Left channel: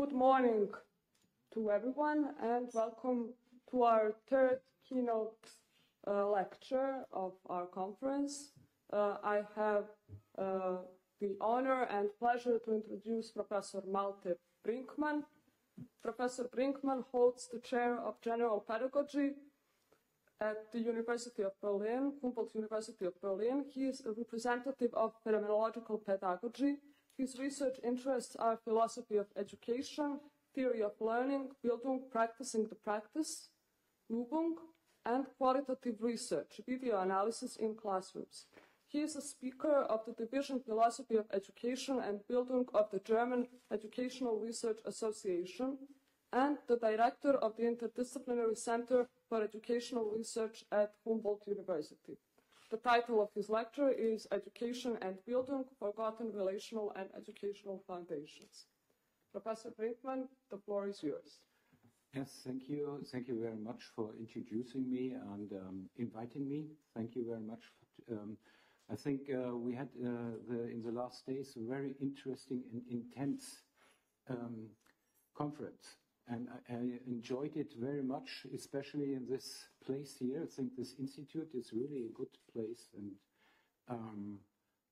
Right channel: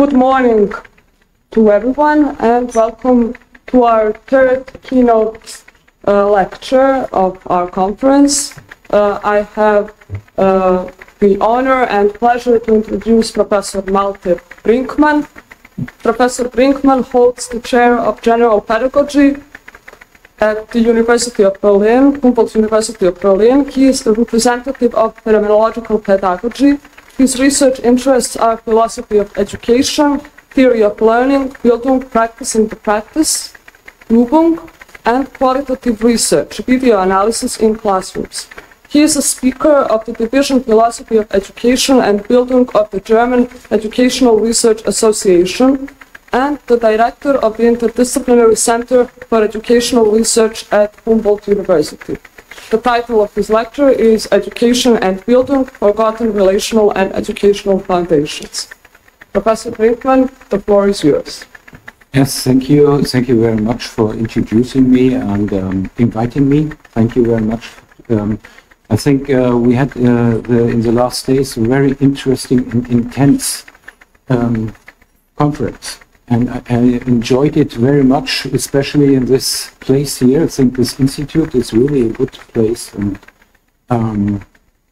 Good morning to everyone and welcome to our third keynote lecture of our conference. I have the honor and pleasure to introduce Professor Malte Brinkmann. Professor Brinkmann holds the chair of General Pedagogy at the University of Berlin, Humboldt University of Berlin. He is the representative of phenomenological pedagogy. His research interests are philosophy of education, theory of learning, Bildung, practice in the practice, Übung, and qualitative research, video analysis in classrooms. He is a speaker of the Division Philosophy of Education and Bildung of the German Educational Research Association and the director of the Interdisciplinary Center for Educational Research at Humboldt University. The title of his lecture is Education and Bildung, Forgotten Relational and Educational Foundations. Professor Brinkmann, the floor is yours. Yes, thank you. Thank you very much for introducing me and inviting me. Thank you very much. I think we had in the last days a very interesting and intense conference. And I enjoyed it very much, especially in this place here. I think this institute is really a good place. And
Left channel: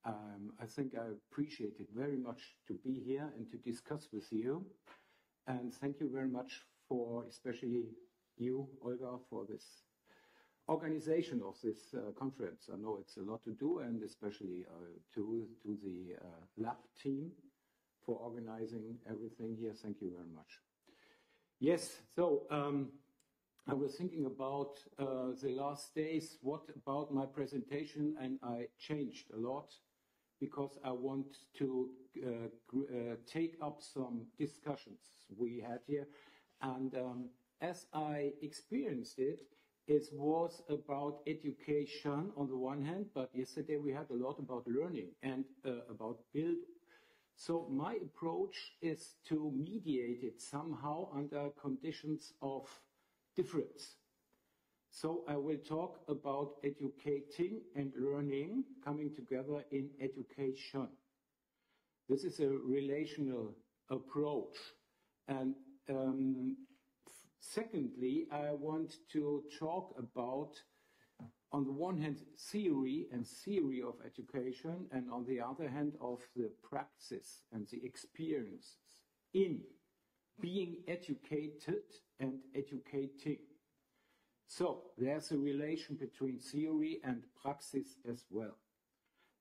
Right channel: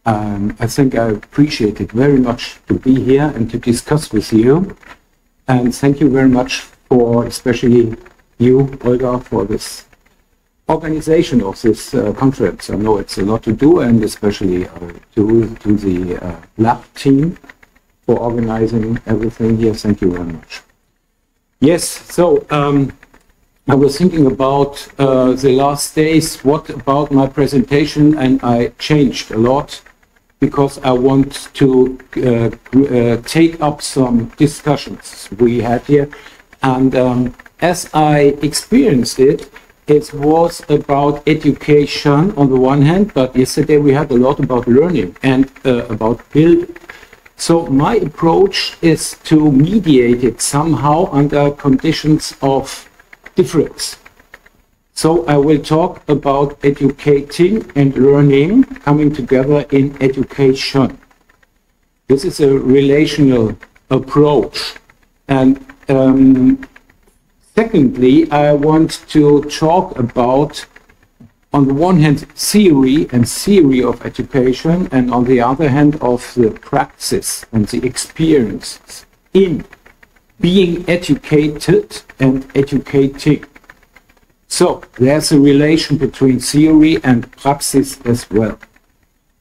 I think I appreciate it very much to be here and to discuss with you. And thank you very much for, especially you, Olga, for this organization of this conference. I know it's a lot to do, and especially to the lab team for organizing everything here. Thank you very much. Yes, so I was thinking about the last days, what about my presentation, and I changed a lot because I want to take up some discussions we had here. And as I experienced it, it was about education on the one hand, but yesterday we had a lot about learning and about building. So my approach is to mediate it somehow under conditions of difference. So I will talk about educating and learning coming together in education. This is a relational approach. And secondly, I want to talk about, on the one hand, theory of education, and on the other hand, of the praxis and the experiences in being educated and educating. So there's a relation between theory and praxis as well.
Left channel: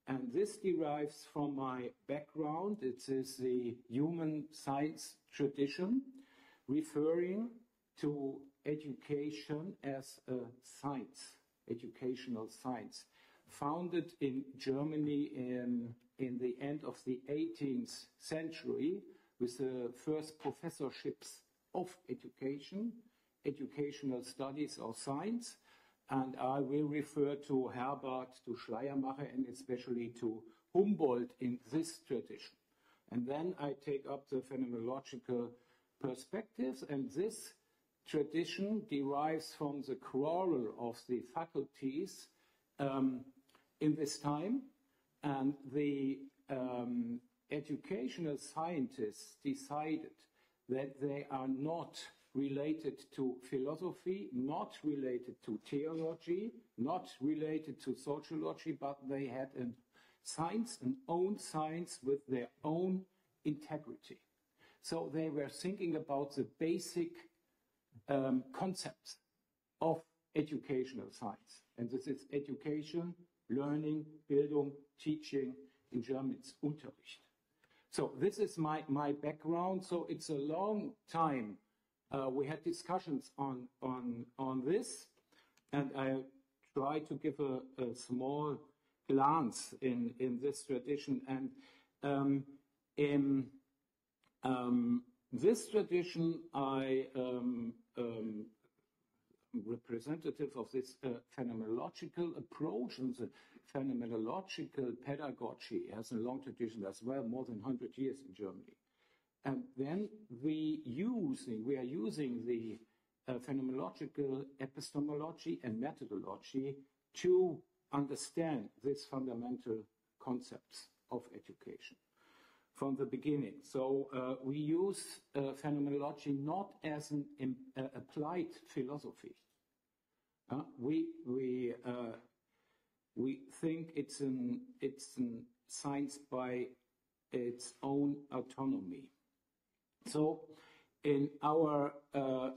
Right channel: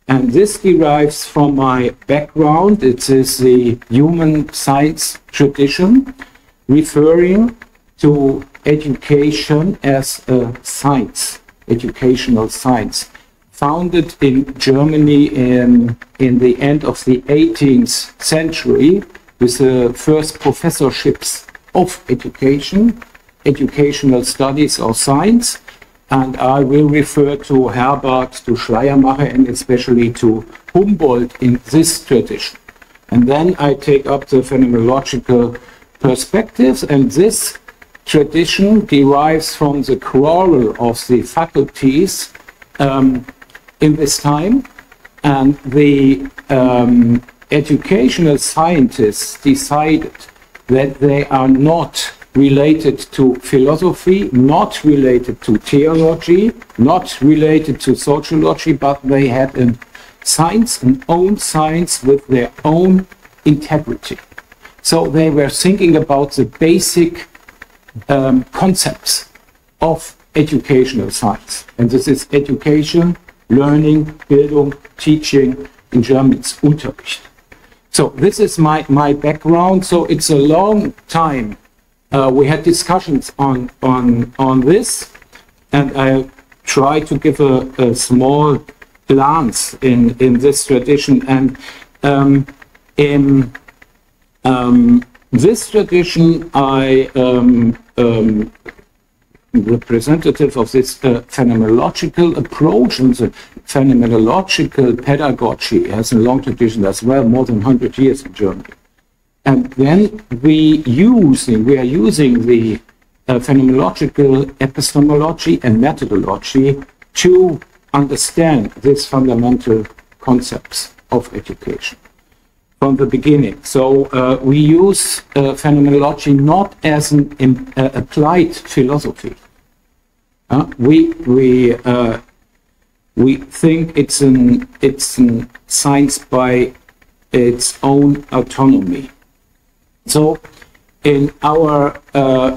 And this derives from my background. It is the human science tradition, referring to education as a science. Educational science, founded in Germany in the end of the 18th century with the first professorships of education, educational studies or science, and I will refer to Herbert, to Schleiermacher, and especially to Humboldt in this tradition. And then I take up the phenomenological perspectives, and this tradition derives from the quarrel of the faculties in this time, and the educational scientists decided that they are not related to philosophy, not related to theology, not related to sociology, but they had a science, an own science with their own integrity. So they were thinking about the basic concepts of educational science. And this is education, learning, Bildung, teaching. In German, it's Unterricht. So this is my background. So it's a long time. We had discussions on this, and I try to give a small glance in this tradition. And in this tradition, I representative of this phenomenological approach, and the phenomenological pedagogy has a long tradition as well, more than 100 years in Germany. And then we are using the phenomenological epistemology and methodology to understand these fundamental concepts of education. from the beginning. So we use phenomenology not as an applied philosophy. We think it's an science by its own autonomy. So in our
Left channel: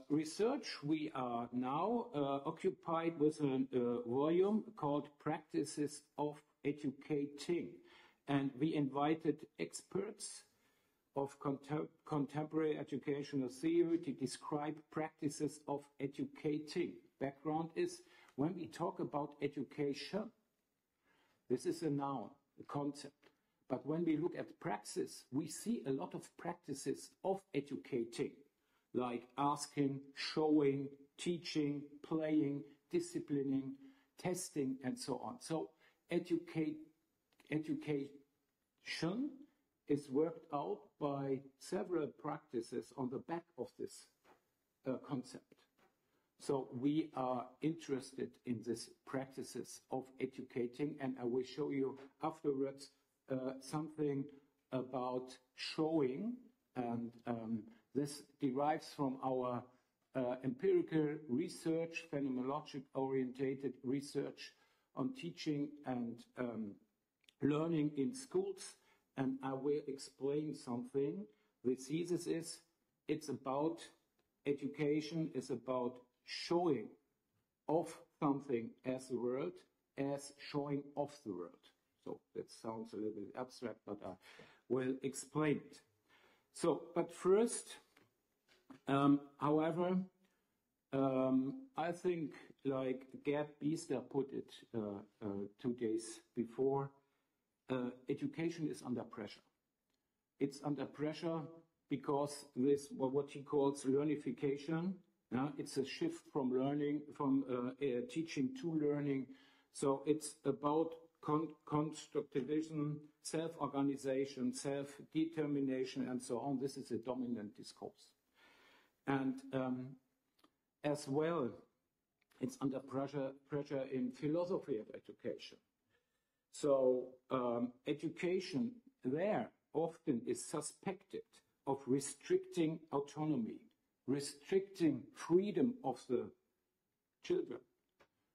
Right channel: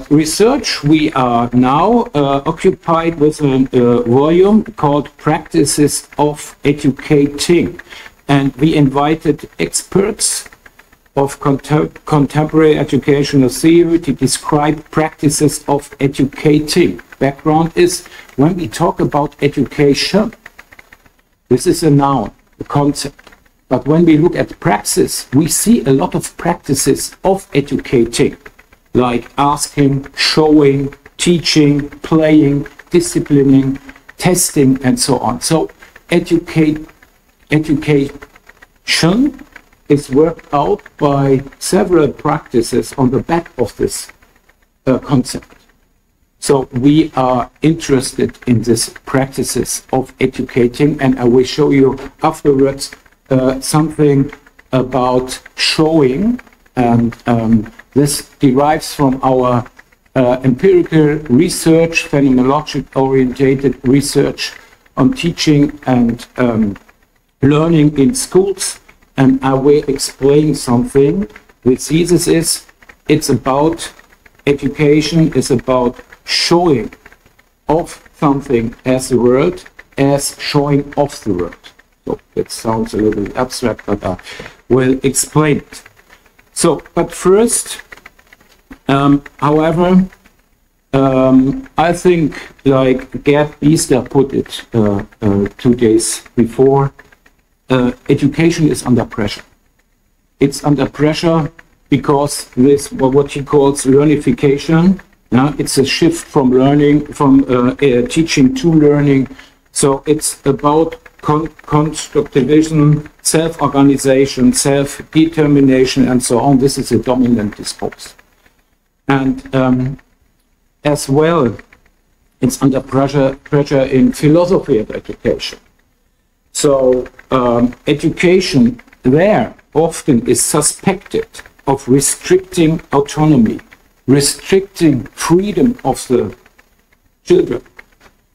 research, we are now occupied with a volume called Practices of Educating. And we invited experts of contemporary educational theory to describe practices of educating. Background is, when we talk about education, this is a noun, a concept. But when we look at praxis, we see a lot of practices of educating, like asking, showing, teaching, playing, disciplining, testing, and so on. So education is worked out by several practices on the back of this concept. So we are interested in these practices of educating, and I will show you afterwards something about showing, and this derives from our empirical research, phenomenologic-orientated research on teaching and learning in schools, and I will explain something. The thesis is, it's about education, is about showing of something as the world, as showing of the world. So that sounds a little abstract, but I will explain it. So, but first, however, I think, like Gerd Biester put it 2 days before, education is under pressure. It's under pressure because this, what he calls learnification, it's a shift from learning, from teaching to learning. So it's about constructivism, self-organization, self-determination, and so on. This is a dominant discourse. And as well, it's under pressure in philosophy of education. So education there often is suspected of restricting autonomy, restricting freedom of the children,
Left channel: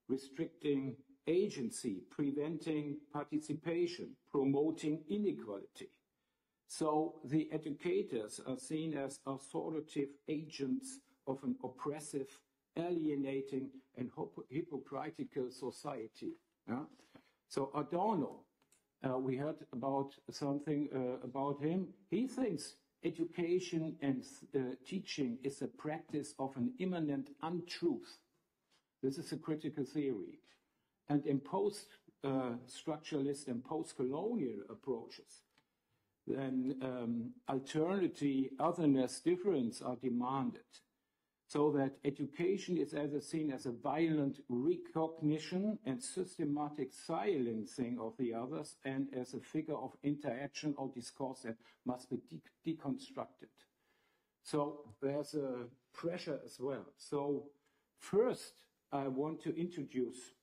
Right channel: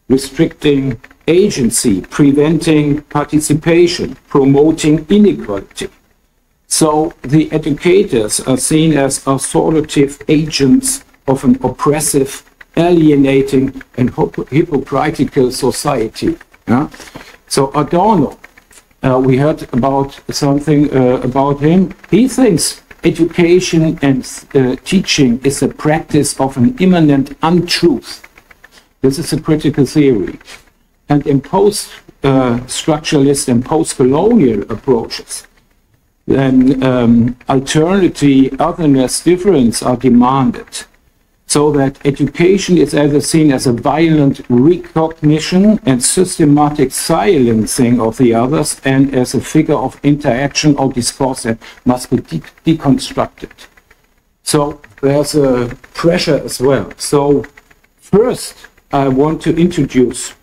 restricting agency, preventing participation, promoting inequality. So the educators are seen as authoritative agents of an oppressive, alienating, and hypocritical society. Yeah? So Adorno, we heard about something about him. He thinks education and teaching is a practice of an immanent untruth. This is a critical theory. And in post-structuralist and post-colonial approaches, then alterity, otherness, difference are demanded. So that education is either seen as a violent recognition and systematic silencing of the others, and as a figure of interaction or discourse that must be deconstructed. So there's a pressure as well. So first, I want to introduce,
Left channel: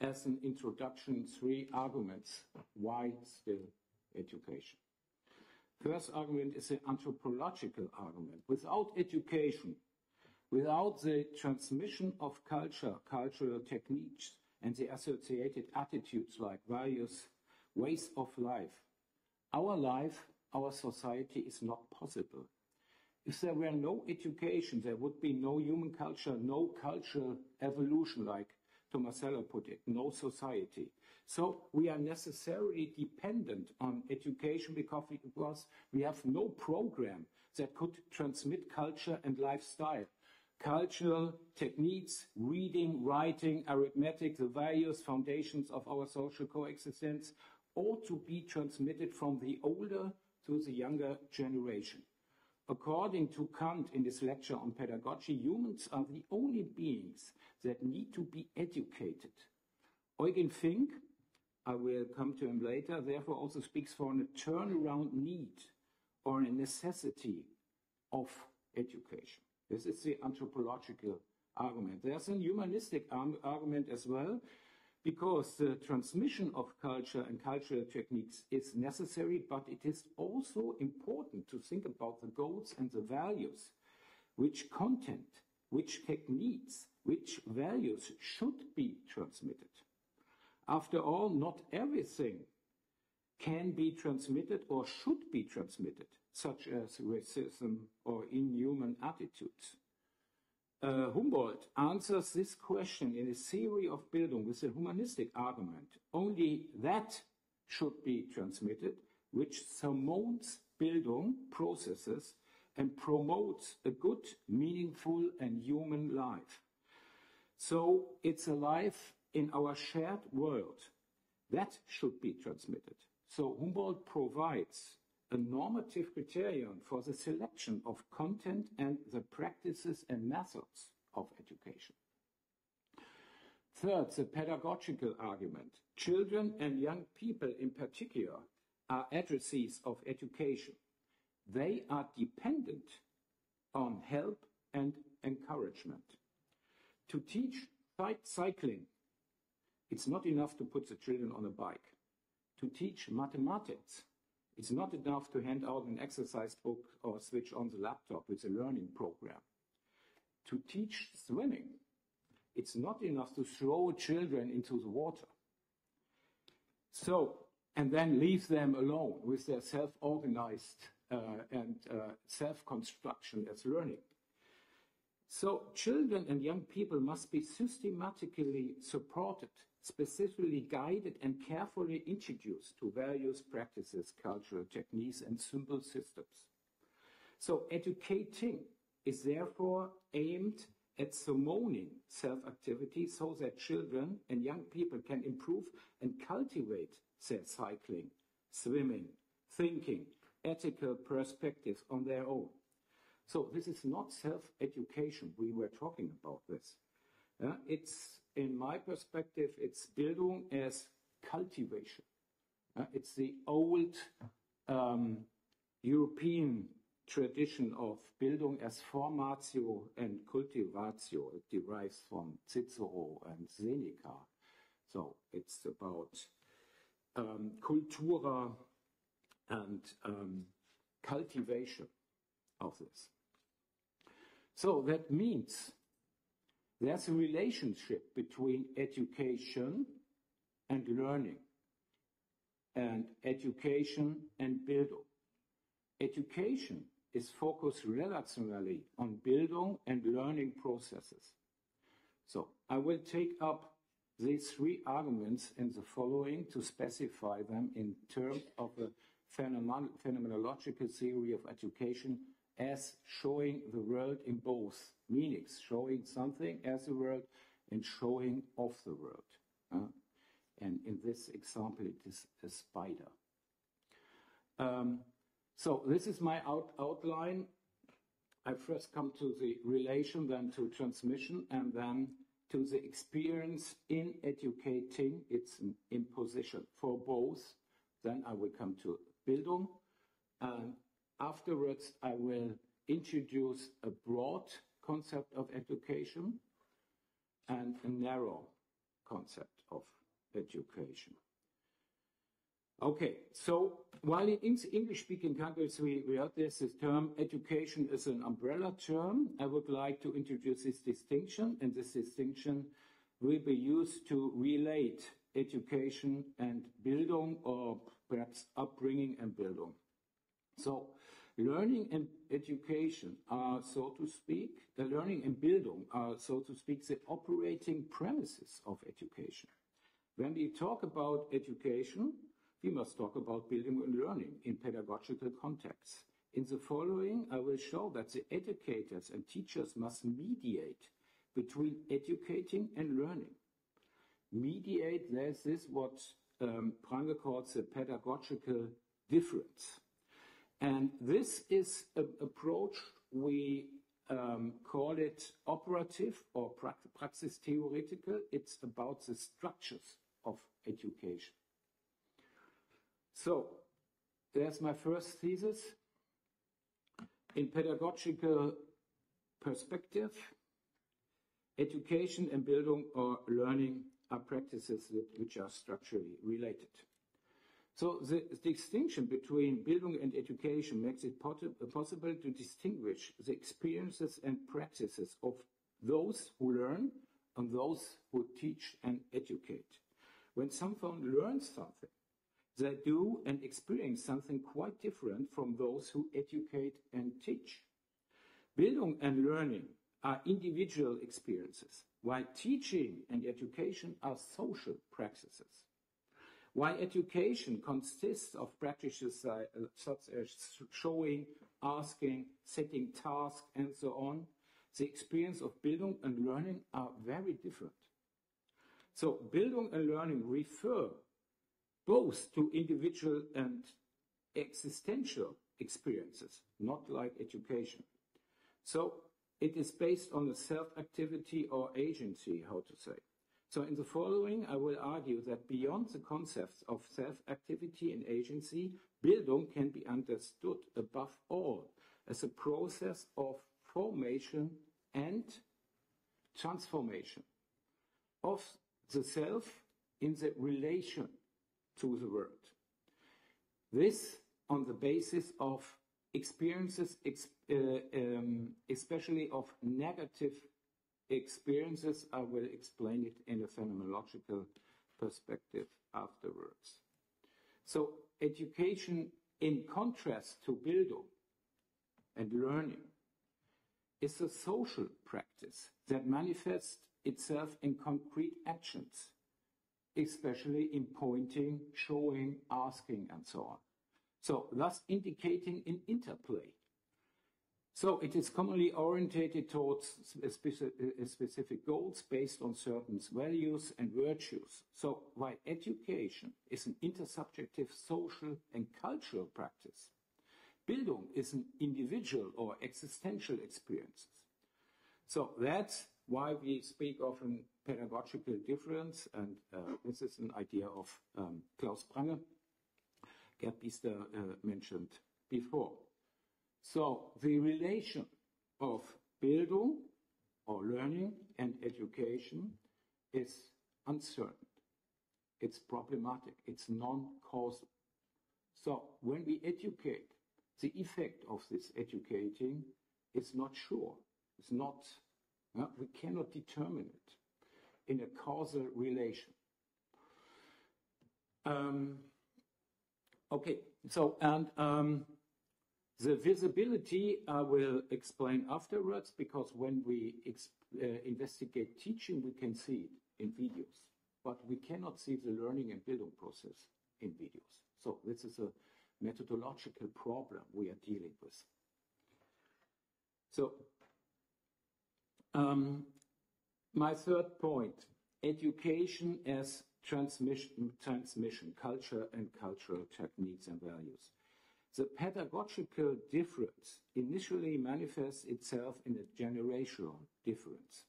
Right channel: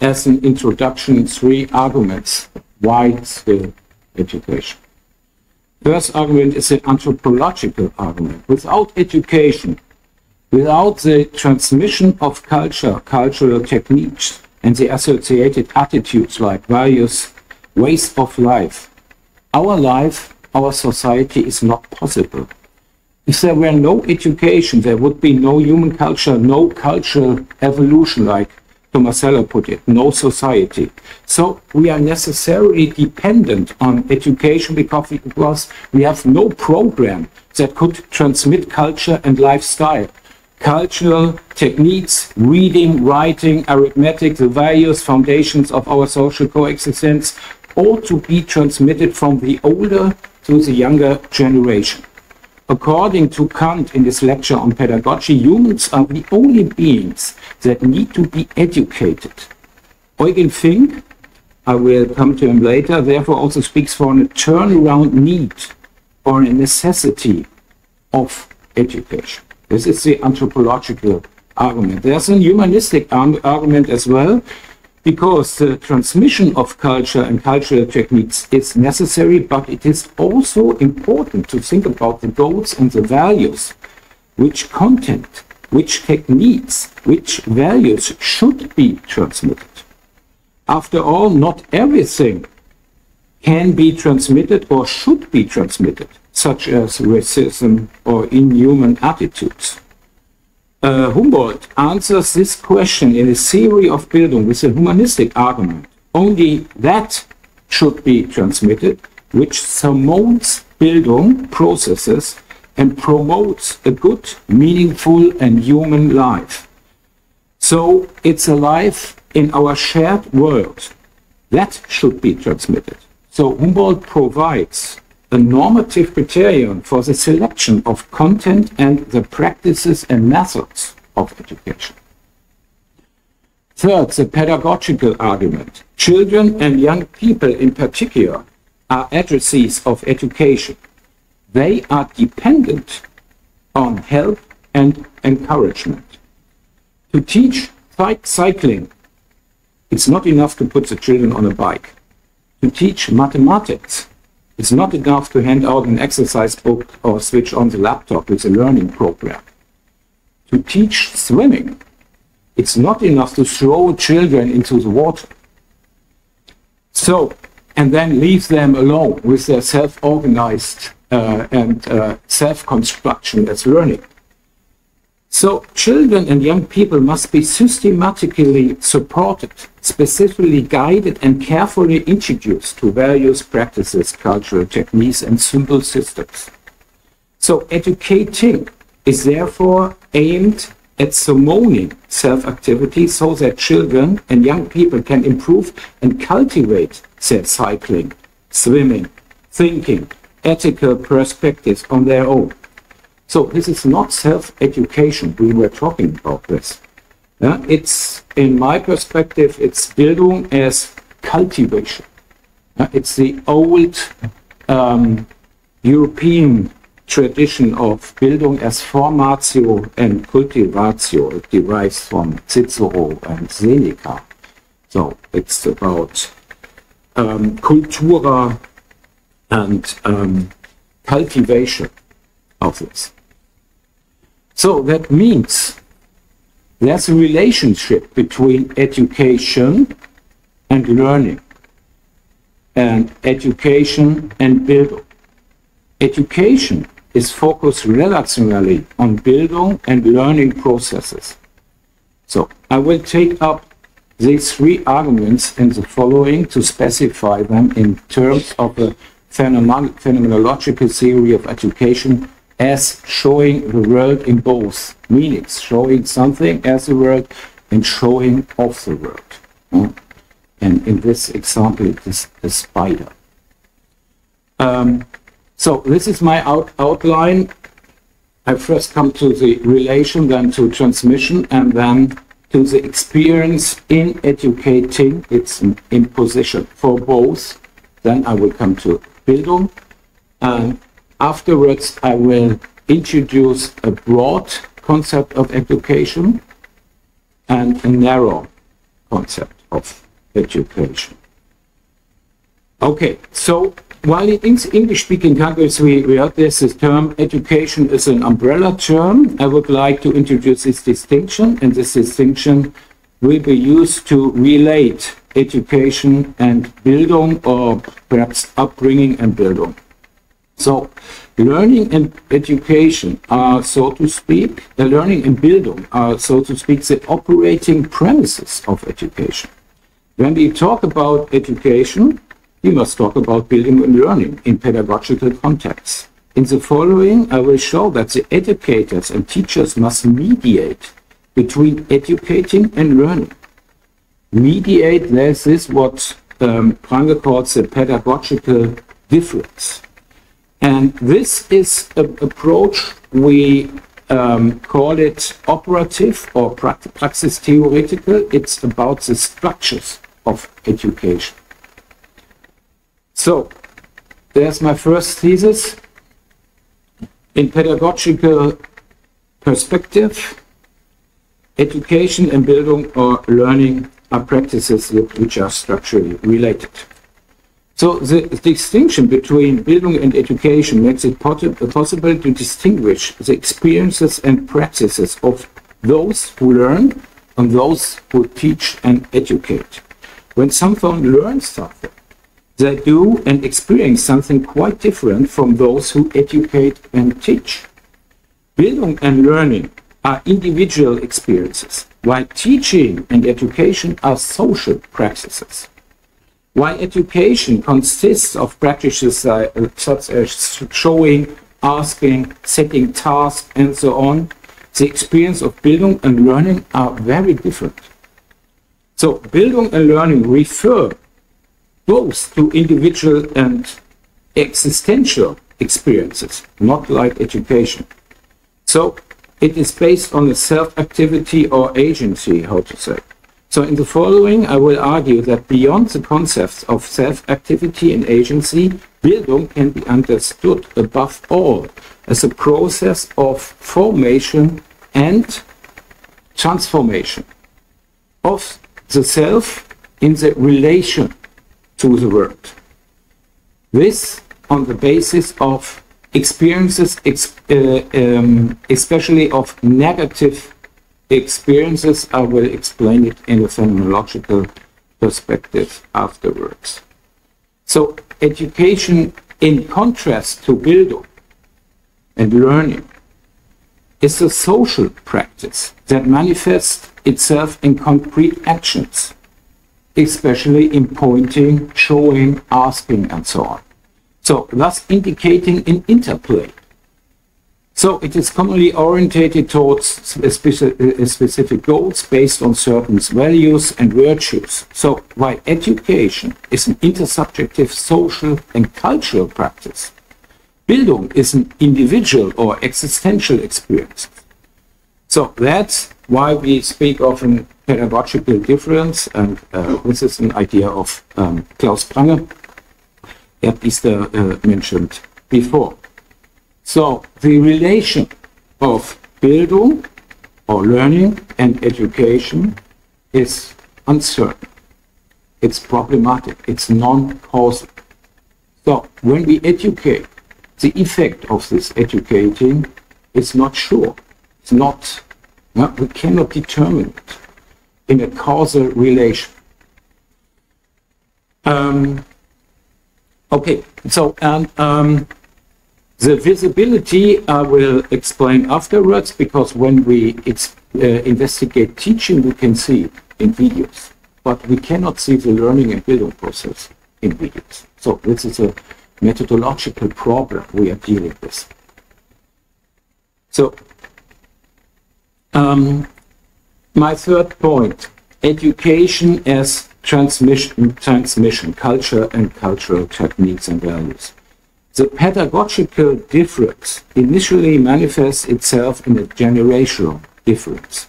as an introduction, 3 arguments why still education. First argument is an anthropological argument. Without education, without the transmission of culture, cultural techniques, and the associated attitudes like values, ways of life, our society is not possible. If there were no education, there would be no human culture, no cultural evolution, like Tomasello put it, no society. So we are necessarily dependent on education because we have no program that could transmit culture and lifestyle. Cultural techniques, reading, writing, arithmetic, the values, foundations of our social coexistence, ought to be transmitted from the older to the younger generation. According to Kant in his lecture on pedagogy, humans are the only beings that need to be educated. Eugen Fink, I will come to him later, therefore also speaks for a turnaround need or a necessity of education. This is the anthropological argument. There's a humanistic argument as well. because the transmission of culture and cultural techniques is necessary, but it is also important to think about the goals and the values, which content, which techniques, which values should be transmitted. After all, not everything can be transmitted or should be transmitted, such as racism or inhuman attitudes. Humboldt answers this question in a theory of Bildung with a humanistic argument. Only that should be transmitted, which surmounts Bildung processes and promotes a good, meaningful, and human life. So it's a life in our shared world. That should be transmitted. So Humboldt provides a normative criterion for the selection of content and the practices and methods of education. Third, the pedagogical argument. Children and young people in particular are addressees of education. They are dependent on help and encouragement. To teach cycling, it's not enough to put the children on a bike. To teach mathematics, it's not enough to hand out an exercise book or switch on the laptop with a learning program. To teach swimming, it's not enough to throw children into the water. So, and then leave them alone with their self-organized and self-construction as learning. So children and young people must be systematically supported, specifically guided and carefully introduced to various practices, cultural techniques and symbol systems. So educating is therefore aimed at summoning self-activity so that children and young people can improve and cultivate their cycling, swimming, thinking, ethical perspectives on their own. So this is not self-education. We were talking about this. It's, in my perspective, it's Bildung as cultivation. It's the old European tradition of Bildung as formatio and cultivatio. It derives from Cicero and Seneca. So it's about cultura and cultivation of this. So that means there's a relationship between education and learning, and education and Bildung. Education is focused relationally on Bildung and learning processes. So I will take up these three arguments in the following to specify them in terms of a phenomenological theory of education as showing the world in both meanings, showing something as the world and showing of the world. And in this example, it is a spider. So this is my outline. I first come to the relation, then to transmission, and then to the experience in educating. It's an imposition for both. Then I will come to Bildung. And afterwards, I will introduce a broad concept of education and a narrow concept of education. Okay, so while in English-speaking countries we heard this term education is an umbrella term, I would like to introduce this distinction, and this distinction will be used to relate education and Bildung, or perhaps upbringing and Bildung. So learning and education are, so to speak, learning and Bildung are, so to speak, the operating premises of education. When we talk about education, we must talk about Bildung and learning in pedagogical contexts. In the following, I will show that the educators and teachers must mediate between educating and learning. Mediate, this is what Prange calls the pedagogical difference. And this is an approach, we call it operative or praxis theoretical. It's about the structures of education. So, there's my first thesis. In pedagogical perspective, education and Bildung or learning are practices which are structurally related. So the distinction between Bildung and education makes it possible to distinguish the experiences and practices of those who learn and those who teach and educate. When someone learns something, they do and experience something quite different from those who educate and teach. Bildung and learning are individual experiences, while teaching and education are social practices. While education consists of practices such as showing, asking, setting tasks, and so on, the experience of Bildung and learning are very different. So Bildung and learning refer both to individual and existential experiences, not like education. So it is based on a self-activity or agency, how to say. So in the following, I will argue that beyond the concepts of self-activity and agency, Bildung can be understood above all as a process of formation and transformation of the self in the relation to the world. This on the basis of experiences, especially of negative experiences. I will explain it in a phenomenological perspective afterwards. So education, in contrast to Bildung and learning, is a social practice that manifests itself in concrete actions, especially in pointing, showing, asking, and so on. So thus indicating an interplay. So it is commonly orientated towards specific goals based on certain values and virtues. So while education is an intersubjective social and cultural practice, Bildung is an individual or existential experience. So that's why we speak of a pedagogical difference, and this is an idea of Klaus Prange, that is mentioned before. So the relation of Bildung or learning and education is uncertain. It's problematic. It's non-causal. So when we educate, the effect of this educating is not sure. It's not, we cannot determine it in a causal relation. Okay, so the visibility I will explain afterwards, because when we investigate teaching, we can see it in videos, but we cannot see the learning and Bildung process in videos. So this is a methodological problem we are dealing with. So my third point, education as transmission, culture and cultural techniques and values. The pedagogical difference initially manifests itself in a generational difference.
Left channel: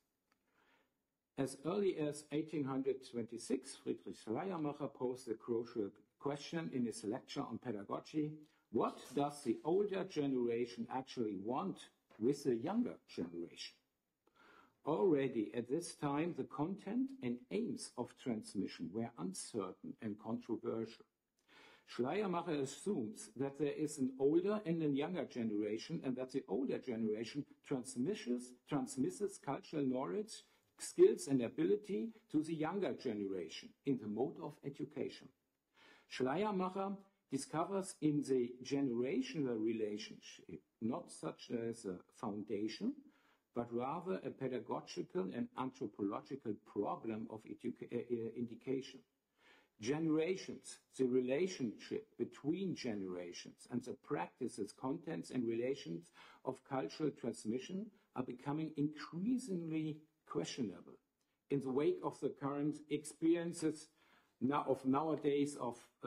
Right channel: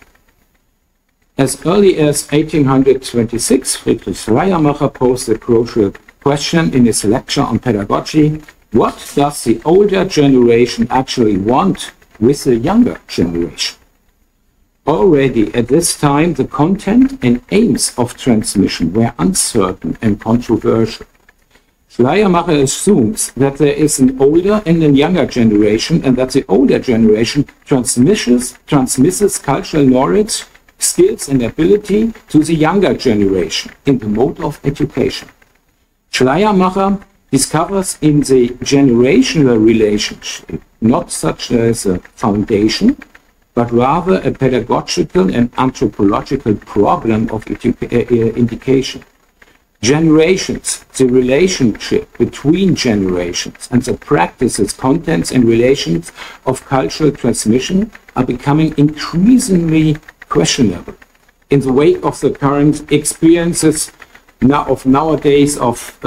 As early as 1826, Friedrich Schleiermacher posed a crucial question in his lecture on pedagogy: what does the older generation actually want with the younger generation? Already at this time, the content and aims of transmission were uncertain and controversial. Schleiermacher assumes that there is an older and a younger generation, and that the older generation transmits cultural knowledge, skills and ability to the younger generation in the mode of education. Schleiermacher discovers in the generational relationship not such as a foundation, but rather a pedagogical and anthropological problem of indication. Generations, the relationship between generations, and the practices, contents, and relations of cultural transmission are becoming increasingly questionable in the wake of the current experiences nowadays of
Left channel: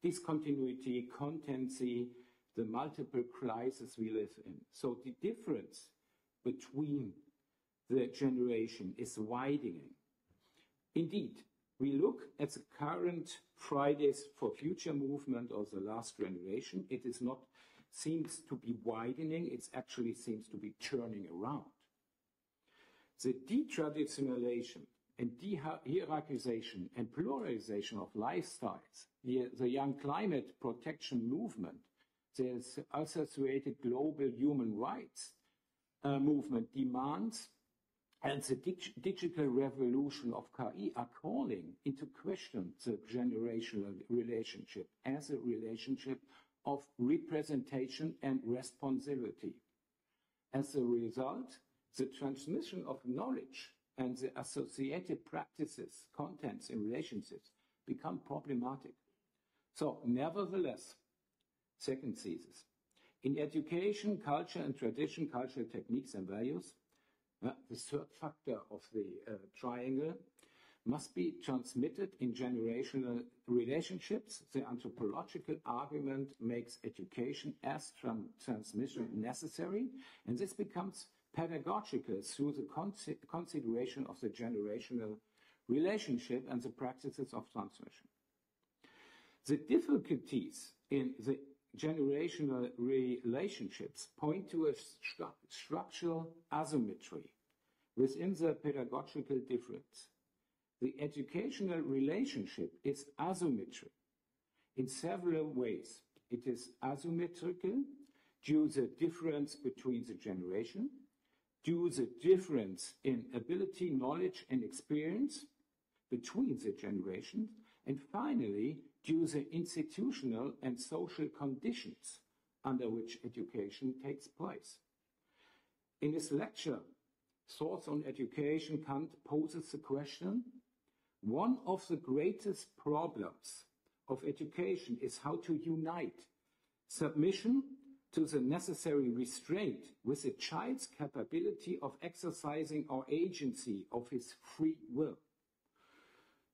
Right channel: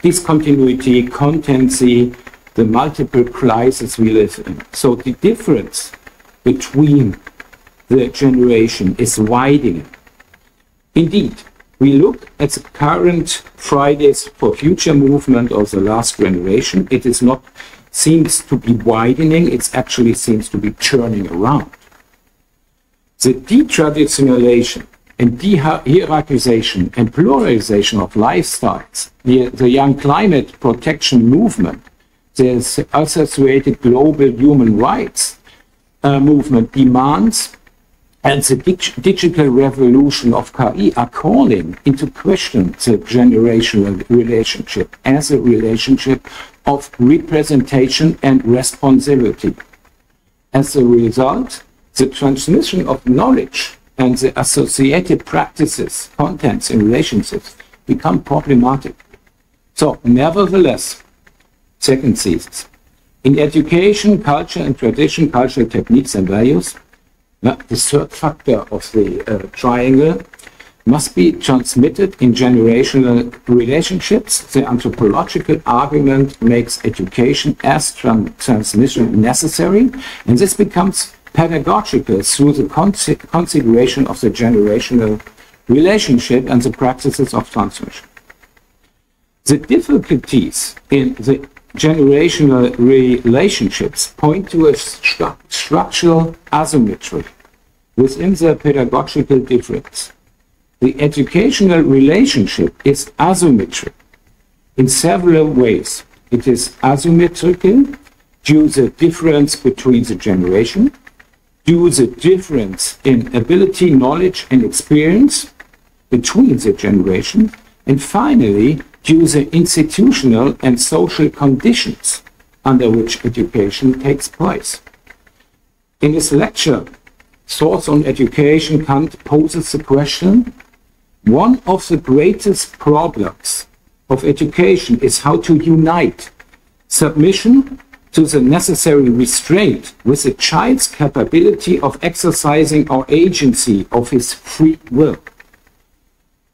discontinuity, contency, the multiple crises we live in. So the difference between the generation is widening. Indeed, we look at the current Fridays for Future movement of the last generation. It is not seems to be widening, it actually seems to be turning around. The detraditionalization and de-hierarchization and pluralization of lifestyles, the young climate protection movement, the associated global human rights movement demands, and the digital revolution of KI are calling into question the generational relationship as a relationship of representation and responsibility. As a result, the transmission of knowledge and the associated practices, contents, and relationships become problematic. So, nevertheless, second thesis, in education, culture and tradition, cultural techniques and values, the third factor of the triangle must be transmitted in generational relationships. The anthropological argument makes education as transmission necessary, and this becomes pedagogical through the consideration of the generational relationship and the practices of transmission. The difficulties in the generational relationships point to a structural asymmetry within the pedagogical difference. The educational relationship is asymmetric in several ways. It is asymmetrical due to the difference between the generation, due to the difference in ability, knowledge, and experience between the generations, and finally, due to the institutional and social conditions under which education takes place. In his lecture, Thoughts on Education, Kant poses the question, one of the greatest problems of education is how to unite submission to the necessary restraint with the child's capability of exercising our agency of his free will.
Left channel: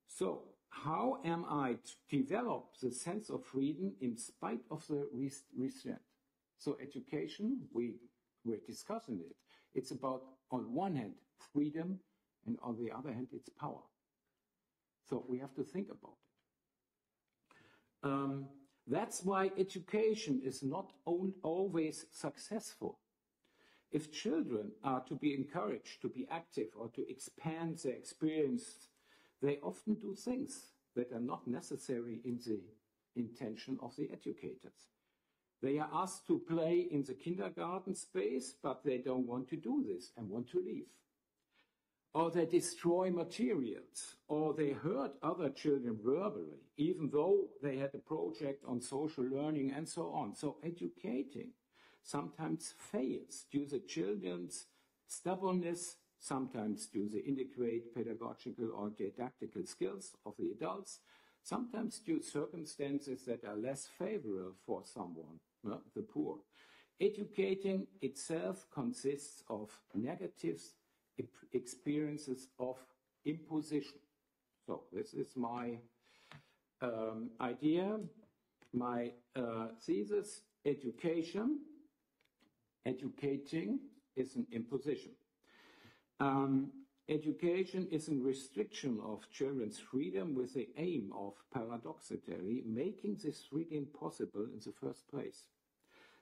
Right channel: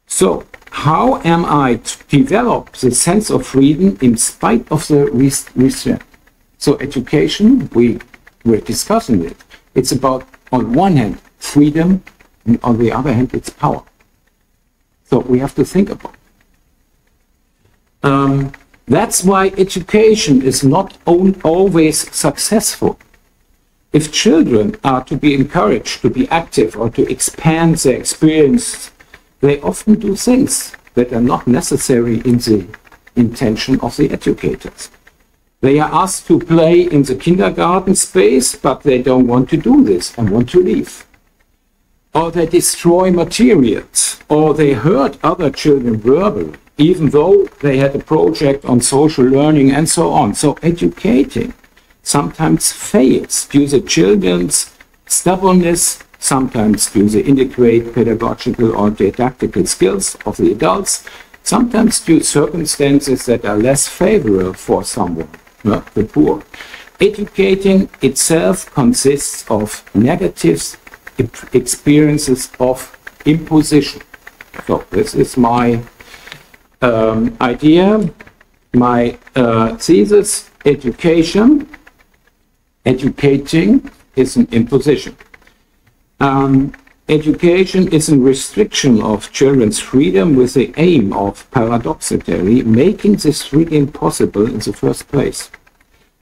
So, how am I to develop the sense of freedom in spite of the restraint? So education, we were discussing it. It's about, on one hand, freedom, and on the other hand, it's power. So we have to think about it. That's why education is not always successful. If children are to be encouraged to be active or to expand their experience, they often do things that are not necessary in the intention of the educators. They are asked to play in the kindergarten space, but they don't want to do this and want to leave. Or they destroy materials, or they hurt other children verbally, even though they had a project on social learning and so on. So educating sometimes fails due to children's stubbornness, sometimes due to inadequate pedagogical or didactical skills of the adults, sometimes due to circumstances that are less favorable for someone, the poor. Educating itself consists of negative experiences of imposition. So this is my idea, my thesis. Educating is an imposition. Education is a restriction of children's freedom with the aim of, paradoxically, making this freedom possible in the first place.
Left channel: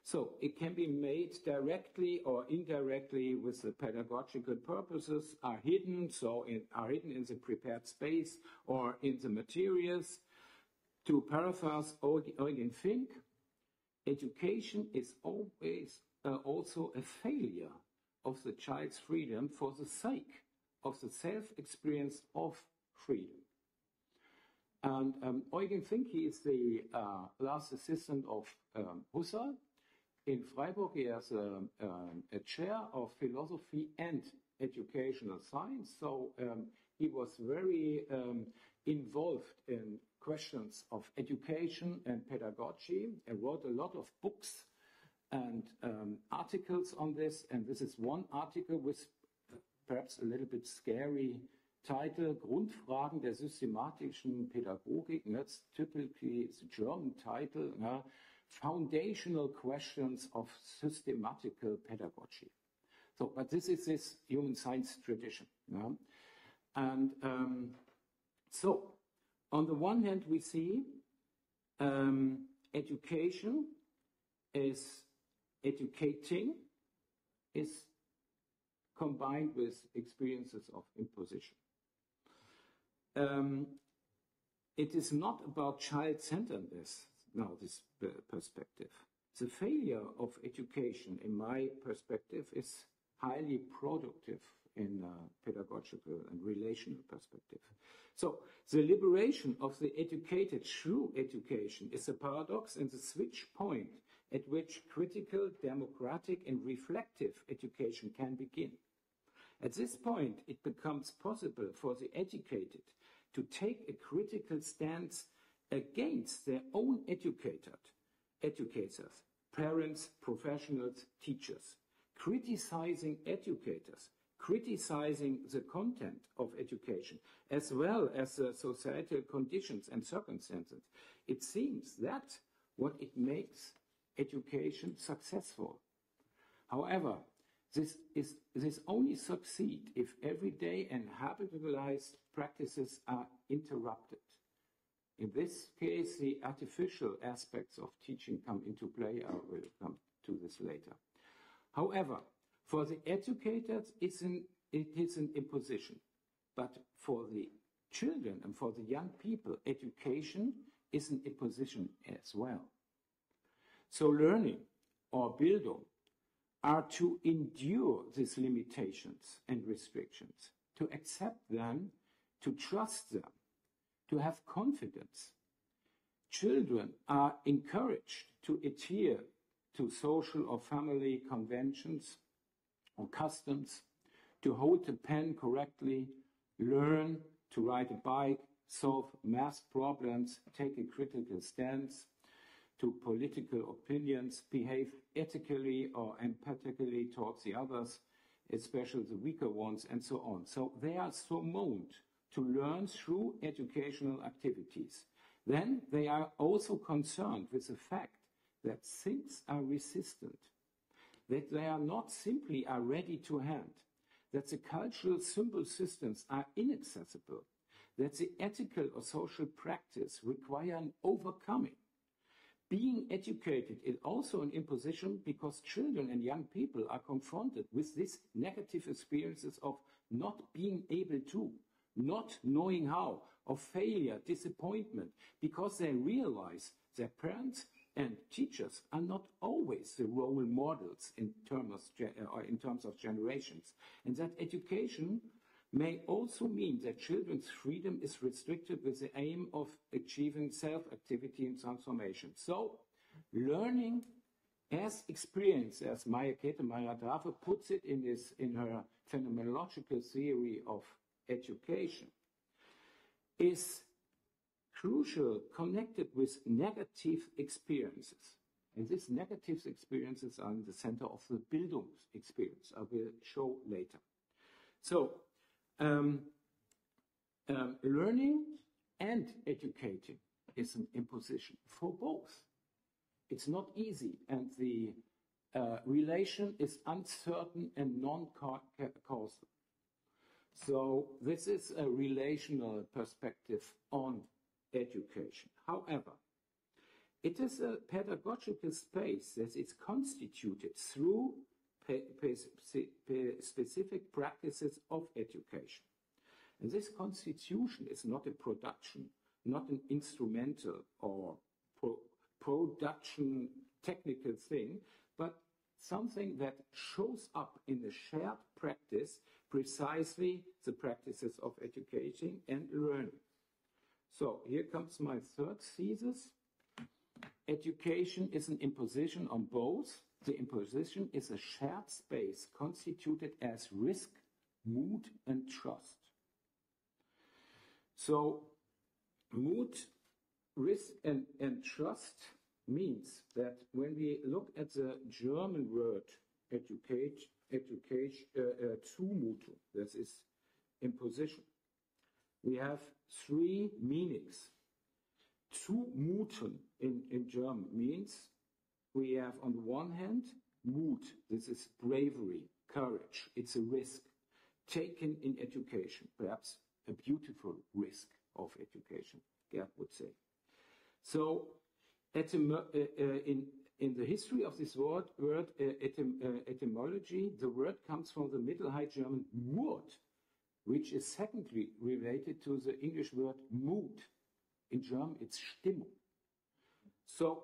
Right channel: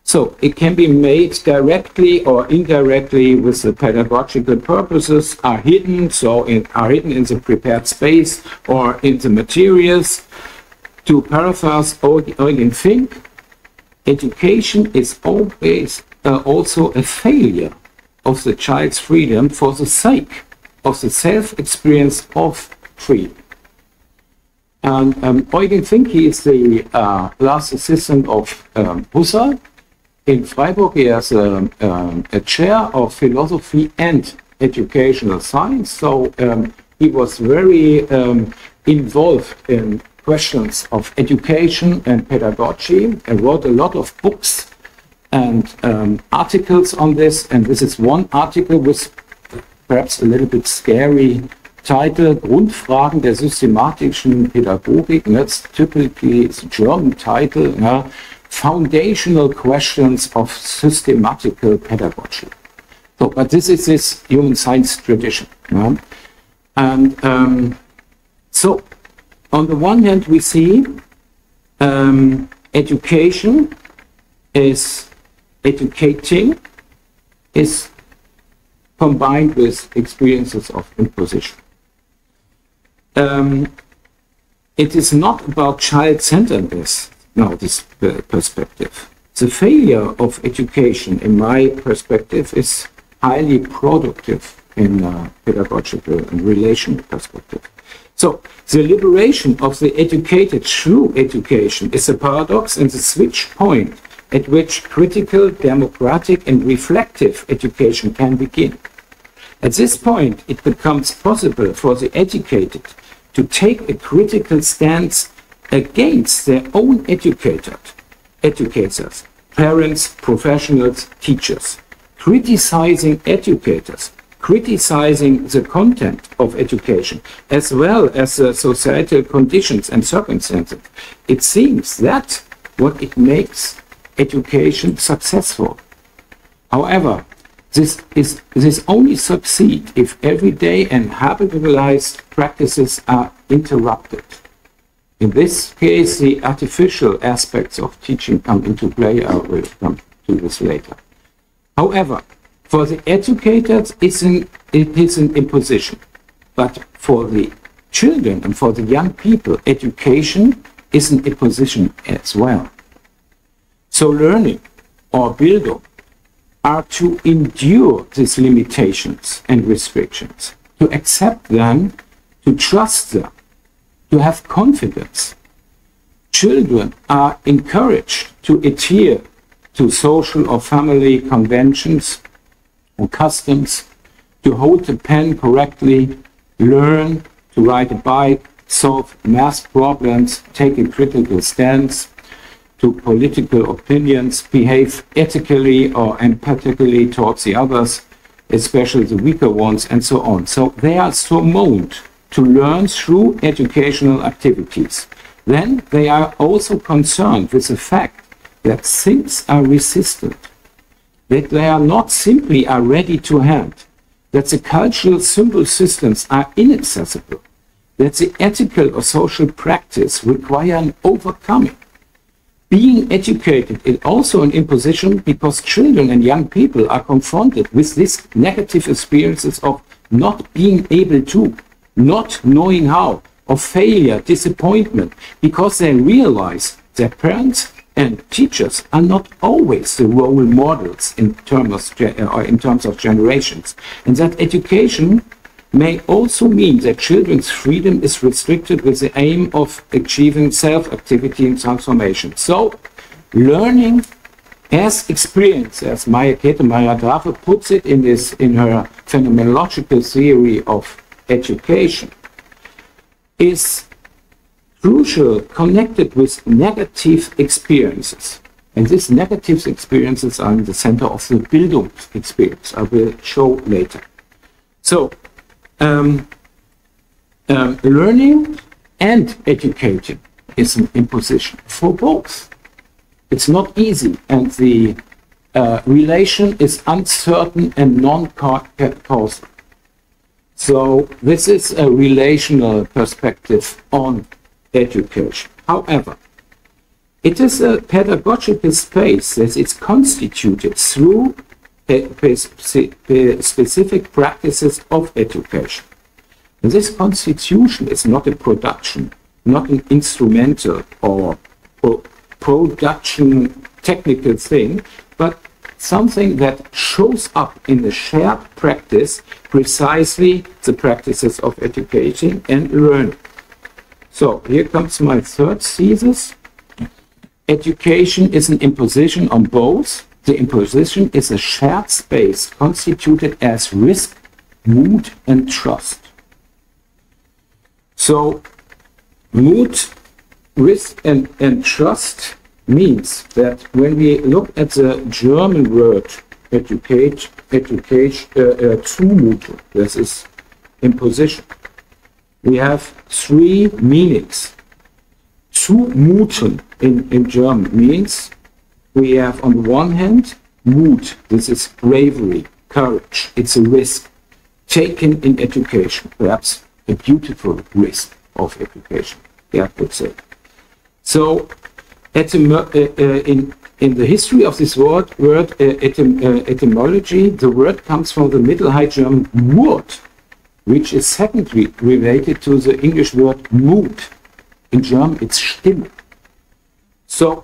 So it can be made directly or indirectly with the pedagogical purposes are hidden, are hidden in the prepared space or in the materials. To paraphrase Eugen Fink, education is always also a failure of the child's freedom for the sake of the self-experience of freedom. And Eugen Fink, he is the last assistant of Husserl. In Freiburg, he has a chair of philosophy and educational science. So he was very involved in questions of education and pedagogy and wrote a lot of books and articles on this. And this is one article with perhaps a little bit scary title, Grundfragen der systematischen Pädagogik. And that's typically its German title, Foundational Questions of Systematical Pedagogy. So, but this is this human science tradition. And so, on the one hand, we see educating is combined with experiences of imposition. it is not about child-centeredness, now this perspective. The failure of education, in my perspective, is highly productive in a pedagogical and relational perspective. So the liberation of the educated through education is a paradox and the switch point at which critical, democratic and reflective education can begin. At this point, it becomes possible for the educated to take a critical stance against their own educators, parents, professionals, teachers, criticizing educators, criticizing the content of education, as well as the societal conditions and circumstances. It seems that what it makes education successful. However, this only succeeds if everyday and habitualized practices are interrupted. In this case, the artificial aspects of teaching come into play. I will come to this later. However, for the educators, it is an imposition. But for the children and for the young people, education is an imposition as well. So learning or Bildung are to endure these limitations and restrictions, to accept them, to trust them, to have confidence. Children are encouraged to adhere to social or family conventions or customs, to hold the pen correctly, learn to ride a bike, solve math problems, take a critical stance to political opinions, behave ethically or empathically towards the others, especially the weaker ones, and so on. So they are summoned to learn through educational activities. Then they are also concerned with the fact that things are resistant, that they are not simply are ready to hand, that the cultural symbol systems are inaccessible, that the ethical or social practice require an overcoming. Being educated is also an imposition because children and young people are confronted with these negative experiences of not being able to, not knowing how, of failure, disappointment, because they realize their parents and teachers are not always the role models in terms of generations, and that education may also mean that children's freedom is restricted with the aim of achieving self-activity and transformation. So, learning as experience, as Käthe Meyer-Grafe puts it in her phenomenological theory of education, is crucial, connected with negative experiences. And these negative experiences are in the center of the Bildung experience. I will show later. So, learning and educating is an imposition for both. It's not easy, and the relation is uncertain and non-causal. So this is a relational perspective on education. However, it is a pedagogical space that is constituted through specific practices of education. And this constitution is not a production, not an instrumental or production technical thing, but something that shows up in the shared practice, precisely the practices of education and learning. So here comes my third thesis. Education is an imposition on both. The imposition is a shared space constituted as risk, mood, and trust. So, mood, risk, and trust means that when we look at the German word Zumutung, this is imposition, we have three meanings. Zumuten in German means we have on the one hand mood, this is bravery, courage, it's a risk taken in education, perhaps a beautiful risk of education, I would say. So in the history of this word etymology, the word comes from the Middle High German Mut, which is secondly related to the English word Mut. In German, it's Stimme. So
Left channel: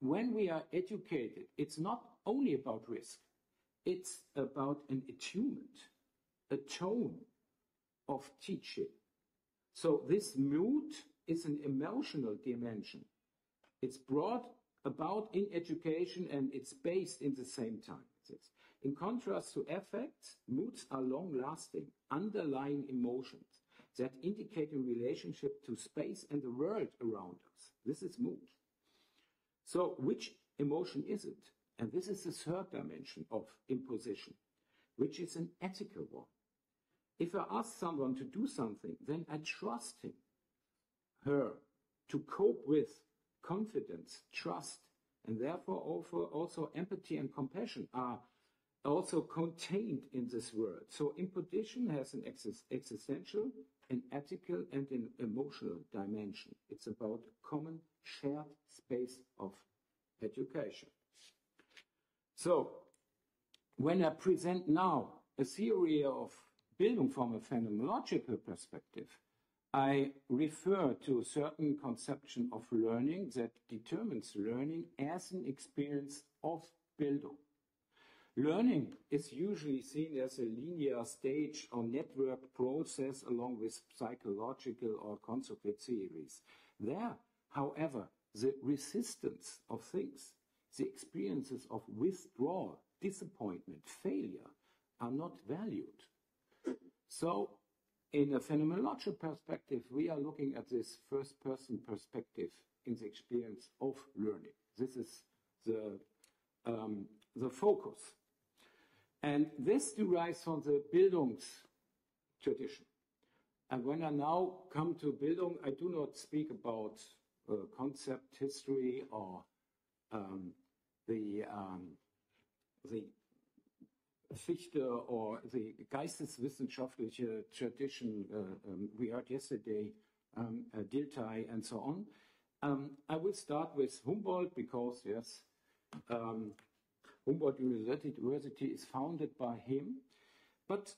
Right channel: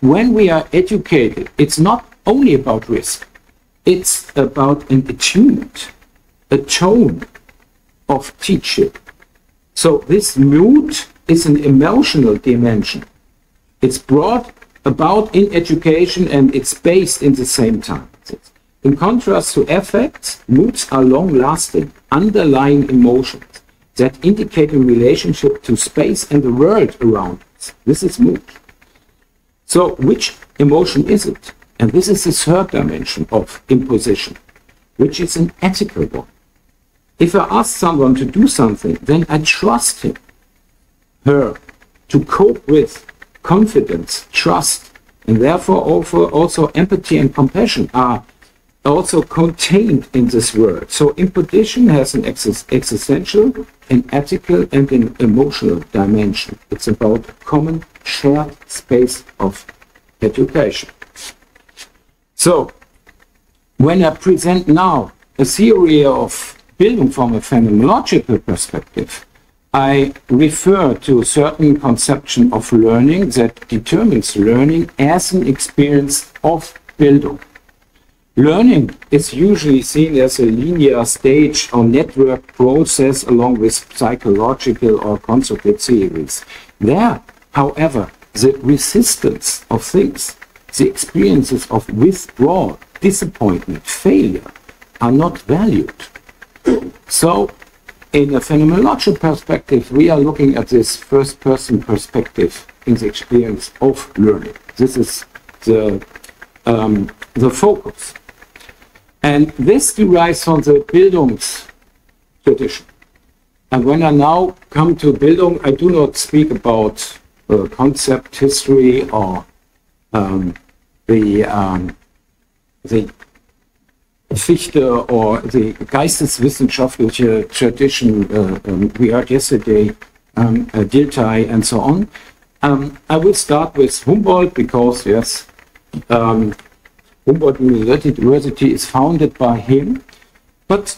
when we are educated, it's not only about risk, it's about an attunement, a tone of teaching. So this Mut is an emotional dimension. It's brought about in education and it's based in the same time. In contrast to affects, moods are long-lasting, underlying emotions that indicate a relationship to space and the world around us. This is mood. So which emotion is it? And this is the third dimension of imposition, which is an ethical one. If I ask someone to do something, then I trust him, her, to cope with confidence, trust, and therefore also empathy and compassion are also contained in this word. So imposition has an existential, an ethical, and an emotional dimension. It's about common shared space of education. So when I present now a theory of Bildung from a phenomenological perspective, I refer to a certain conception of learning that determines learning as an experience of Bildung. Learning is usually seen as a linear stage or network process along with psychological or constructed theories. There, however, the resistance of things, the experiences of withdrawal, disappointment, failure are not valued. So, in a phenomenological perspective, we are looking at this first-person perspective in the experience of learning. This is the focus. And this derives from the Bildungs tradition. And when I now come to Bildung, I do not speak about concept history or the Fichte or the geisteswissenschaftliche tradition we heard yesterday, Dilthey and so on. I will start with Humboldt because, yes, Humboldt University is founded by him. But,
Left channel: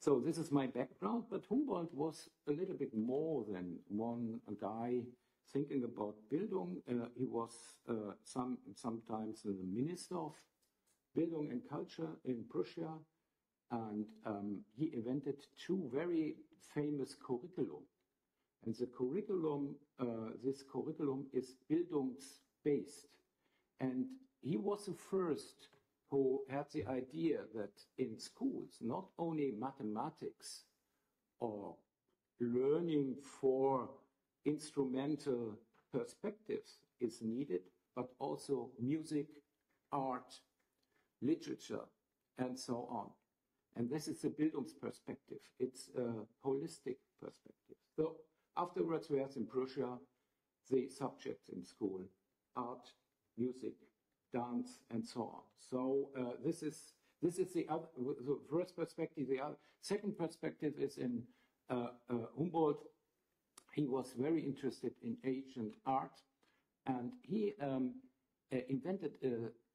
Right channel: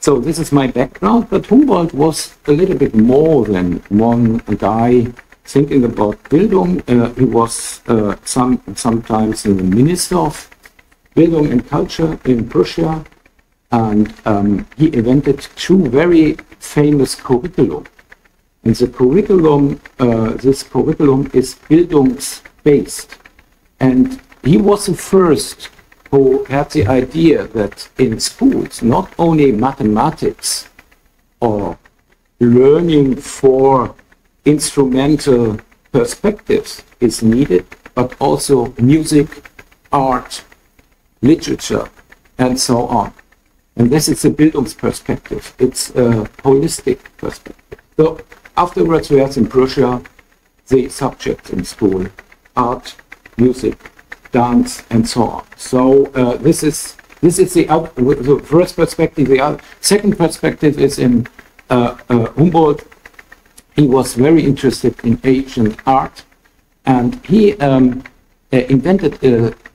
so this is my background, but Humboldt was a little bit more than one guy thinking about Bildung. He was sometimes the minister of Bildung and Culture in Prussia, and he invented two very famous curriculum. And the curriculum, this curriculum is Bildungsbased. And he was the first who had the idea that in schools, not only mathematics or learning for instrumental perspectives is needed, but also music, art, literature, and so on. And this is a Bildungsperspektive. It's a holistic perspective. So afterwards we had in Prussia the subjects in school, art, music, dance, and so on. So this is the first perspective. The second perspective is in Humboldt. He was very interested in ancient art, and he invented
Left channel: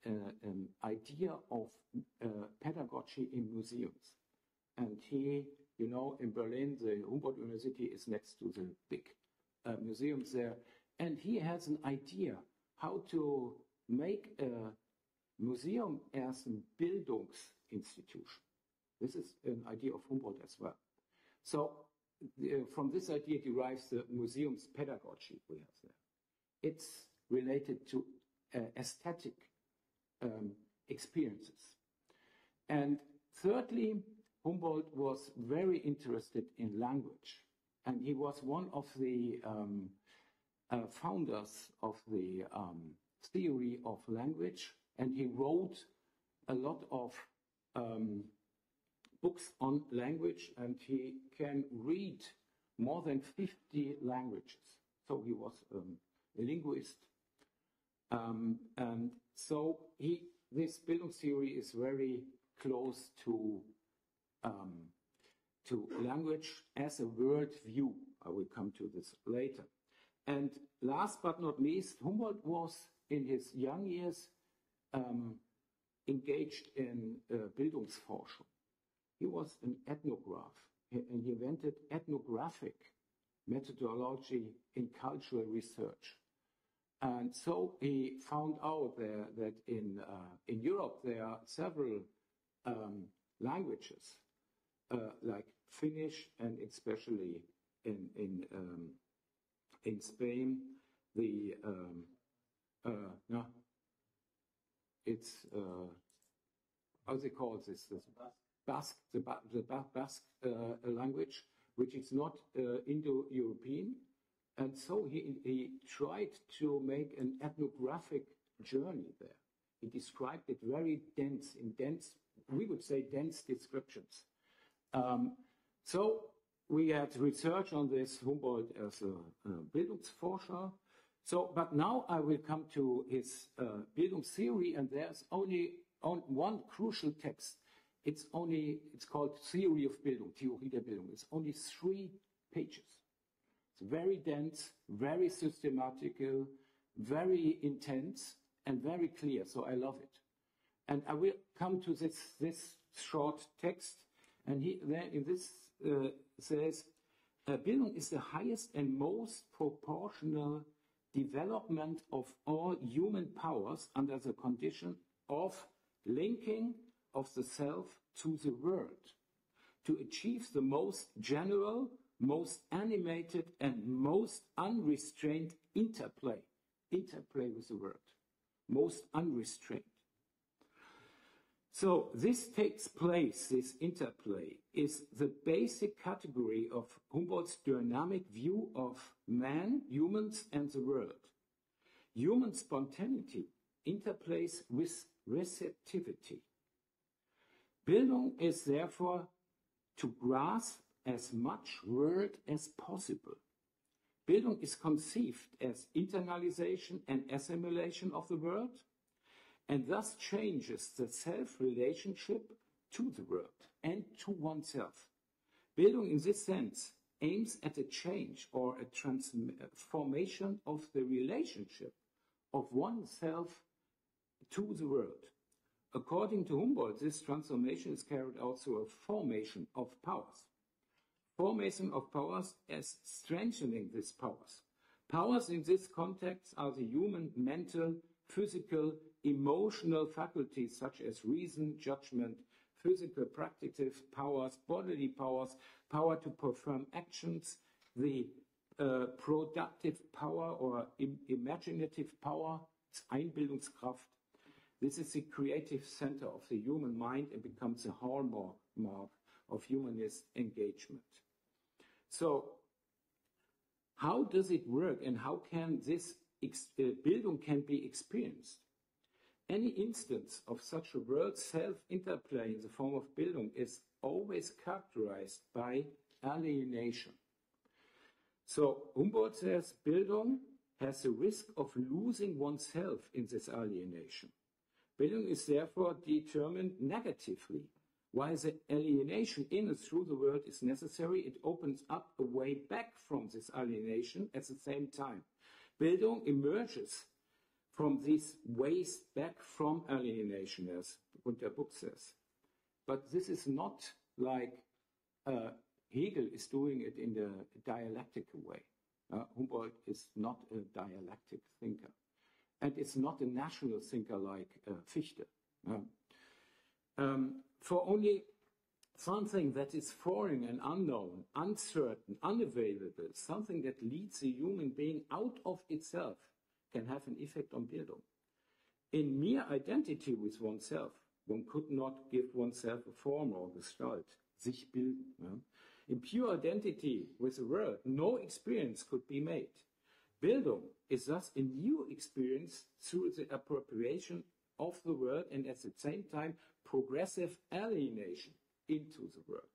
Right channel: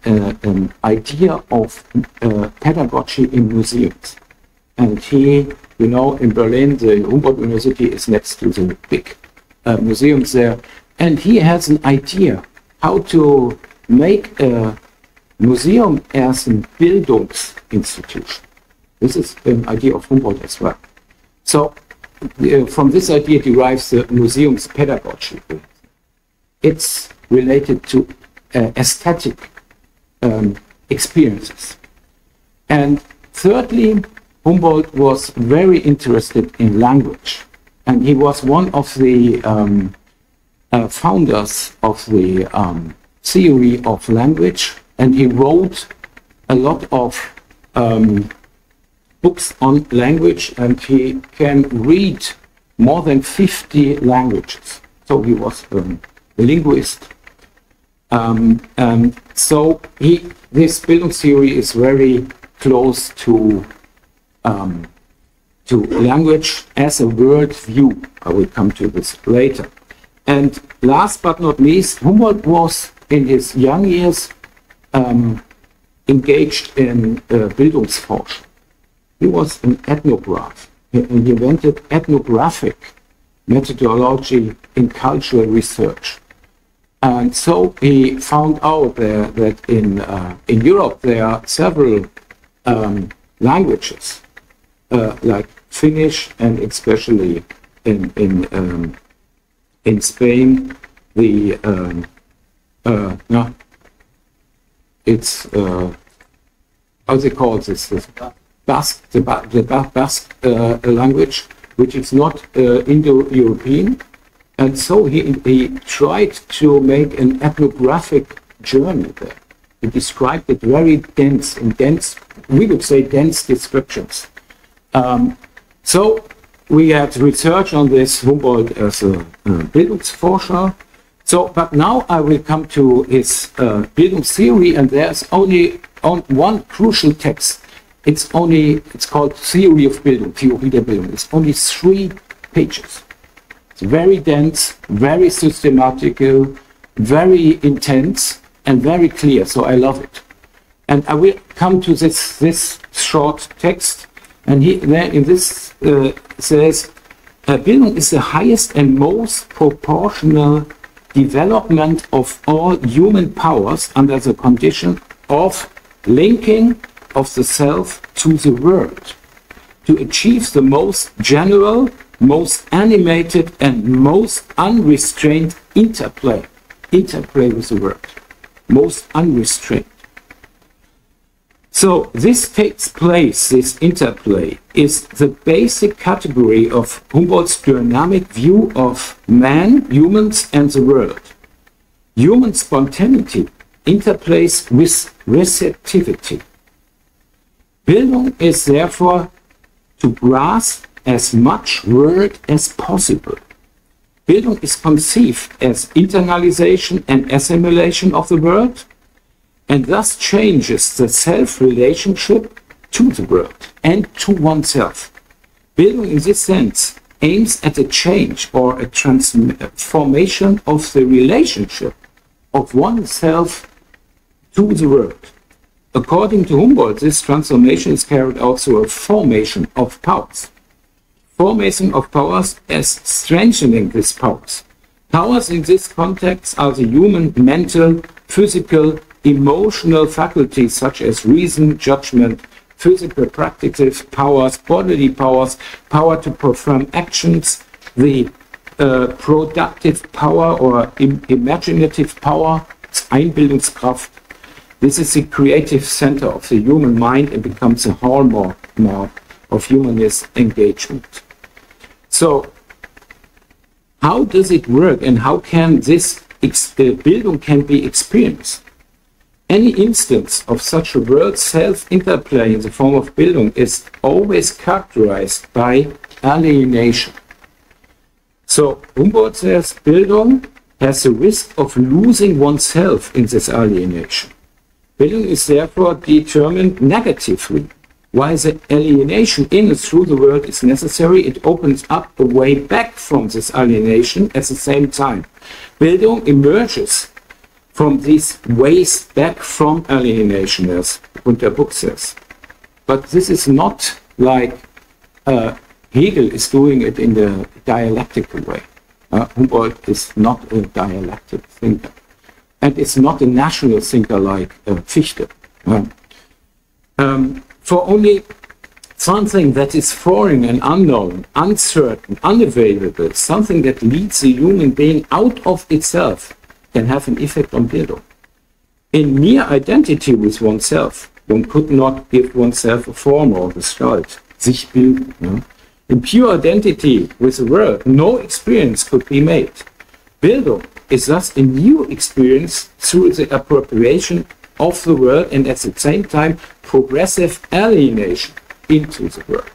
an idea of pedagogy in museums. And he, you know, in Berlin, the Humboldt University is next to the big museums there, and he has an idea how to make a museum as a Bildungsinstitution. This is an idea of Humboldt as well. So from this idea derives the museum's pedagogy. It's related to aesthetic experiences. And thirdly, Humboldt was very interested in language. And he was one of the founders of the theory of language, and he wrote a lot of books on language, and he can read more than 50 languages. So he was a linguist. And so this Bildungstheory is very close to language as a world view. I will come to this later. And last but not least, Humboldt was in his young years engaged in Bildungsforschung. he was an ethnograph. He invented ethnographic methodology in cultural research. And so he found out that in Europe there are several languages, like Finnish, and especially in Spain, it's how they call this Basque, the Basque language, which is not Indo-European. And so he tried to make an ethnographic journey there. He described it very dense, we would say dense descriptions. So we had research on this, Humboldt as a Bildungsforscher. So, but now I will come to his Bildungstheory, and there's only one crucial text. It's called Theory of Bildung, Theorie der Bildung. It's only 3 pages. It's very dense, very systematical, very intense, and very clear, so I love it. And I will come to this short text, and there in this says, Bildung is the highest and most proportional development of all human powers under the condition of linking of the self to the world, to achieve the most general, most animated, and most unrestrained interplay with the world, most unrestrained. So this takes place, this interplay, is the basic category of Humboldt's dynamic view of man, humans, and the world. Human spontaneity interplays with receptivity. Bildung is therefore to grasp as much world as possible. Bildung is conceived as internalization and assimilation of the world, and thus changes the self-relationship to the world and to oneself. Bildung in this sense aims at a change or a transformation of the relationship of oneself to the world. According to Humboldt, this transformation is carried out through a formation of powers. Formation of powers as strengthening these powers. Powers in this context are the human mental, physical, emotional faculties such as reason, judgment, physical practical powers, bodily powers, power to perform actions, the productive power or imaginative power, Einbildungskraft. This is the creative center of the human mind and becomes a hallmark of humanist engagement. So, how does it work, and how can this Bildung can be experienced? Any instance of such a world self-interplay in the form of Bildung is always characterized by alienation. So Humboldt says Bildung has the risk of losing oneself in this alienation. Bildung is therefore determined negatively. While the alienation in and through the world is necessary, it opens up a way back from this alienation at the same time. Bildung emerges from these ways back from alienation, as the book says. But this is not like Hegel is doing it in the dialectical way. Humboldt is not a dialectic thinker. And it's not a national thinker like Fichte. For only something that is foreign and unknown, uncertain, unavailable, something that leads the human being out of itself, can have an effect on Bildung. In mere identity with oneself, one could not give oneself a form or Gestalt, sich bilden. No? In pure identity with the world, no experience could be made. Bildung is thus a new experience through the appropriation of the world and at the same time progressive alienation into the world.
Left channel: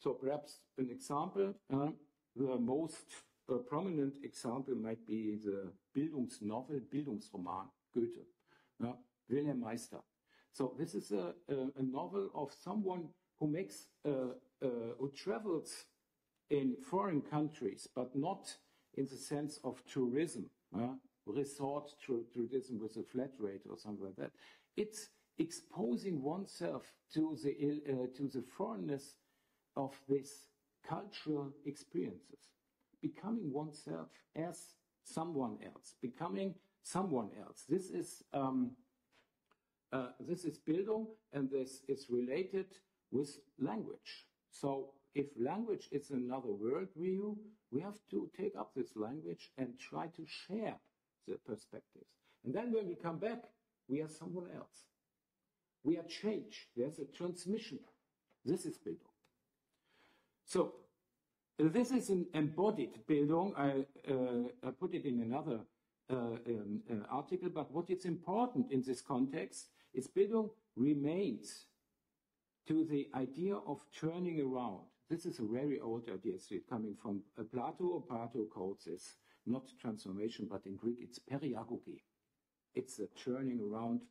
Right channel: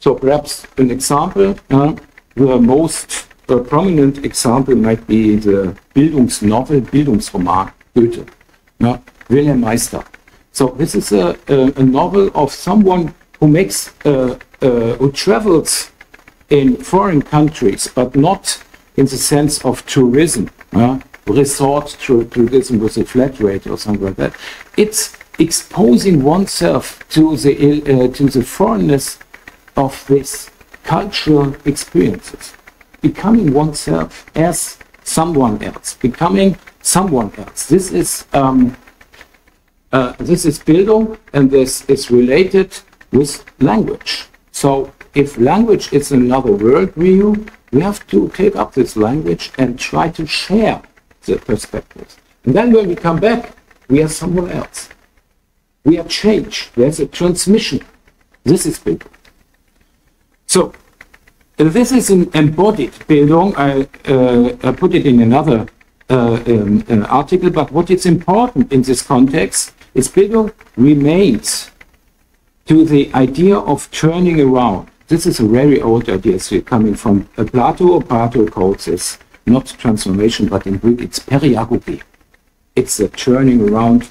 So perhaps an example, the most prominent example might be the Bildungsnovel, Bildungsroman, Goethe, Wilhelm Meister. So this is a novel of someone who makes, who travels in foreign countries, but not in the sense of tourism, resort tourism with a flat rate or something like that. It's exposing oneself to the foreignness of these cultural experiences, becoming oneself as someone else, becoming someone else. This is Bildung, and this is related with language. So if language is another worldview, we have to take up this language and try to share the perspectives. And then when we come back, we are someone else. We are changed. There's a transmission. This is Bildung. So this is an embodied Bildung. I put it in another article, but what is important in this context is Bildung remains to the idea of turning around. This is a very old idea, so coming from Plato. Plato calls this not transformation, but in Greek it's periagogy. It's a turning around.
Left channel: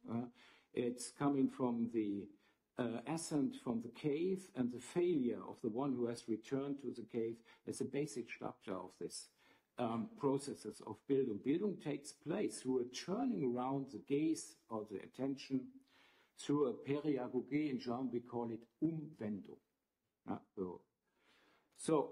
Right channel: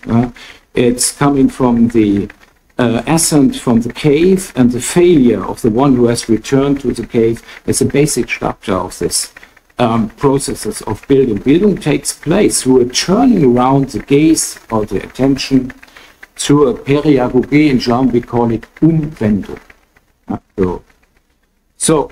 It's coming from the ascent from the cave and the failure of the one who has returned to the cave as a basic structure of this processes of Bildung. Bildung takes place through a turning around the gaze or the attention, through a periagogy. In German we call it Umwendung. So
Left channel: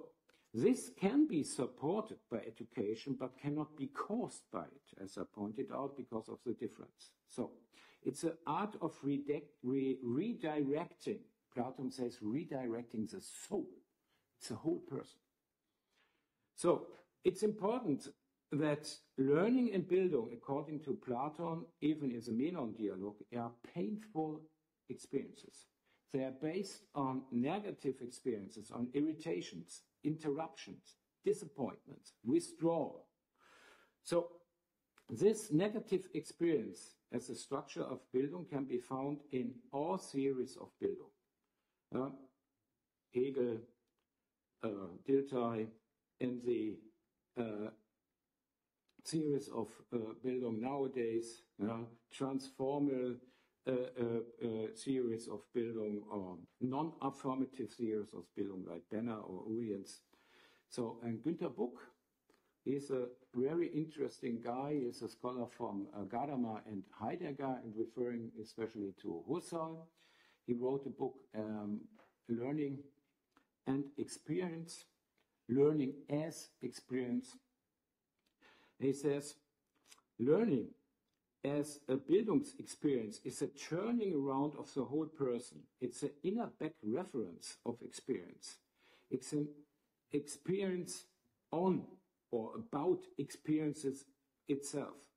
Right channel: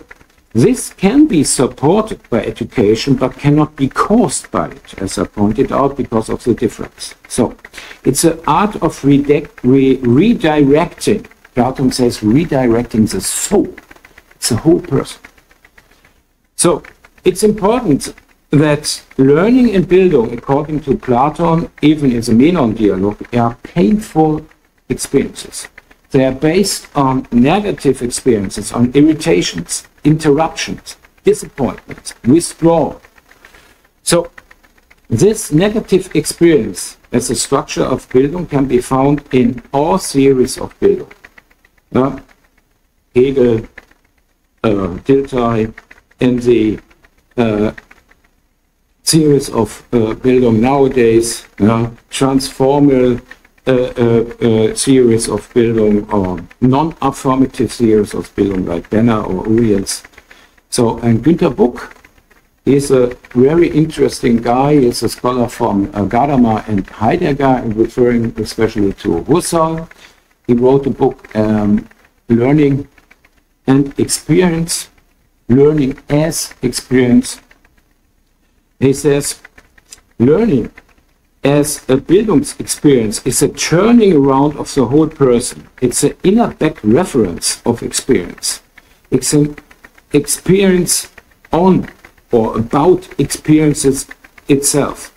this can be supported by education, but cannot be caused by it, as I pointed out, because of the difference. So it's an art of redirecting. Plato says redirecting the soul. It's a whole person. So it's important that learning and Bildung, according to Plato, even in the Menon dialogue, are painful experiences. They are based on negative experiences, on irritations, interruptions, disappointments, withdrawal. So this negative experience as a structure of Bildung can be found in all theories of Bildung. Hegel, Dilthey, in the theories of Bildung nowadays, transformal theories of Bildung, or non-affirmative theories of Bildung like Benner or Uriels. So, and Günter Buck, he's a very interesting guy. He's a scholar from Gadamer and Heidegger, referring especially to Husserl. He wrote a book, Learning and Experience, Learning as Experience. He says, learning as a Bildungsexperience is a turning around of the whole person. It's an inner back reference of experience. It's an experience on or about experiences itself.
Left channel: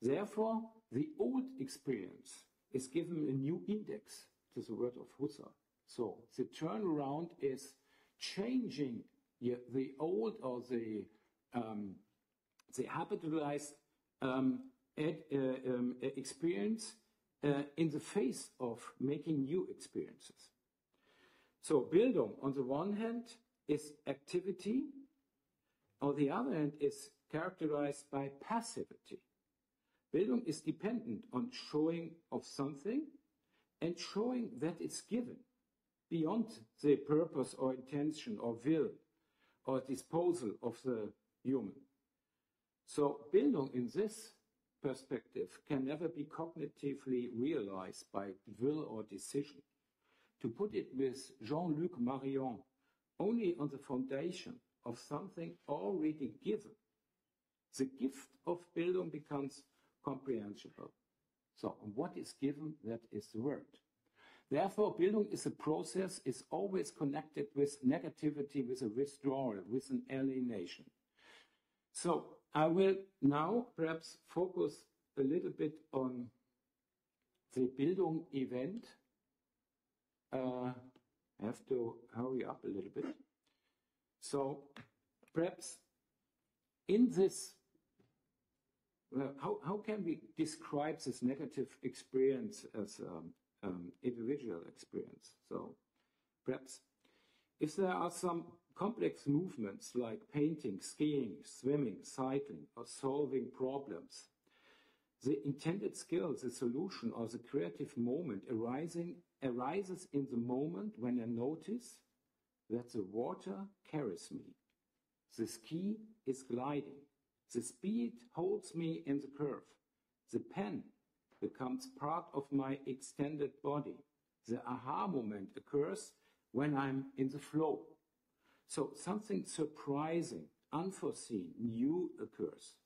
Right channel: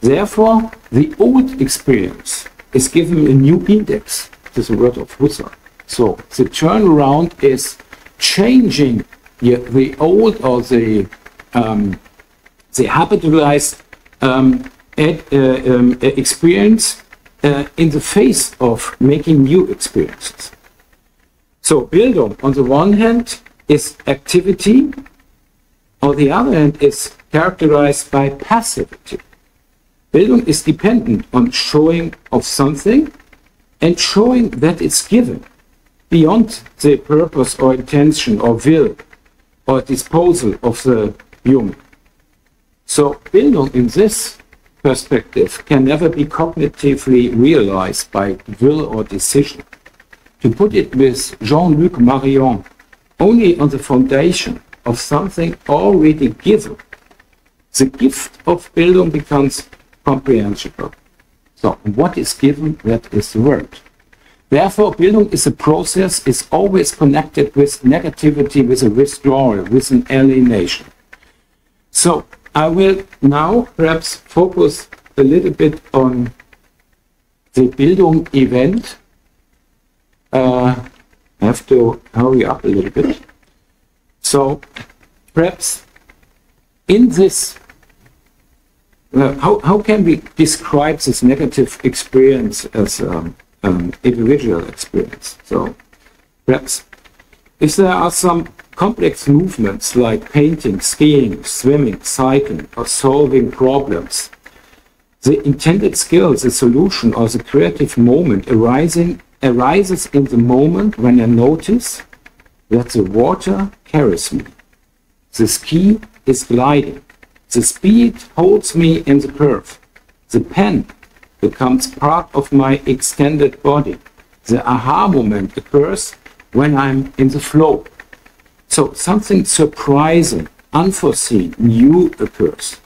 Therefore, the old experience is given a new index. This is a word of Husserl. So the turnaround is changing the old or the habitualized experience in the face of making new experiences. So Bildung, on the one hand, is activity, on the other hand, is characterized by passivity. Bildung is dependent on showing of something and showing that it's given beyond the purpose or intention or will or disposal of the human. So Bildung in this perspective can never be cognitively realized by will or decision. To put it with Jean-Luc Marion, only on the foundation of something already given, the gift of Bildung becomes comprehensible. So what is given, that is the word. Therefore, Bildung is a process, is always connected with negativity, with a withdrawal, with an alienation. So I will now perhaps focus a little bit on the Bildung event. I have to hurry up a little bit. So perhaps in this, how can we describe this negative experience as individual experience? So perhaps if there are some complex movements like painting, skiing, swimming, cycling, or solving problems, the intended skill, the solution, or the creative moment arises in the moment when I notice that the water carries me. The ski is gliding. The speed holds me in the curve. The pen becomes part of my extended body. The aha moment occurs when I'm in the flow. So something surprising, unforeseen, new occurs.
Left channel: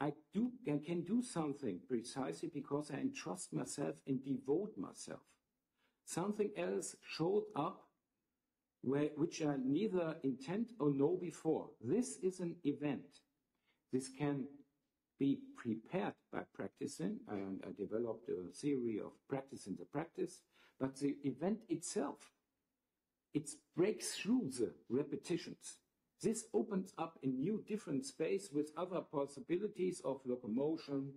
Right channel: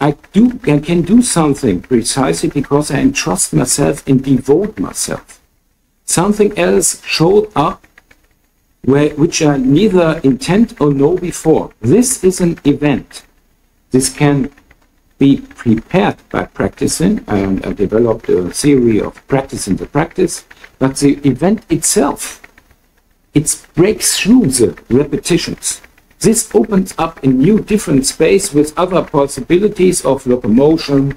I can do something precisely because I entrust myself and devote myself. Something else showed up which I neither intend or know before. This is an event. This can be prepared by practicing. I developed a theory of practice in the practice, but the event itself, it breaks through the repetitions. This opens up a new different space with other possibilities of locomotion,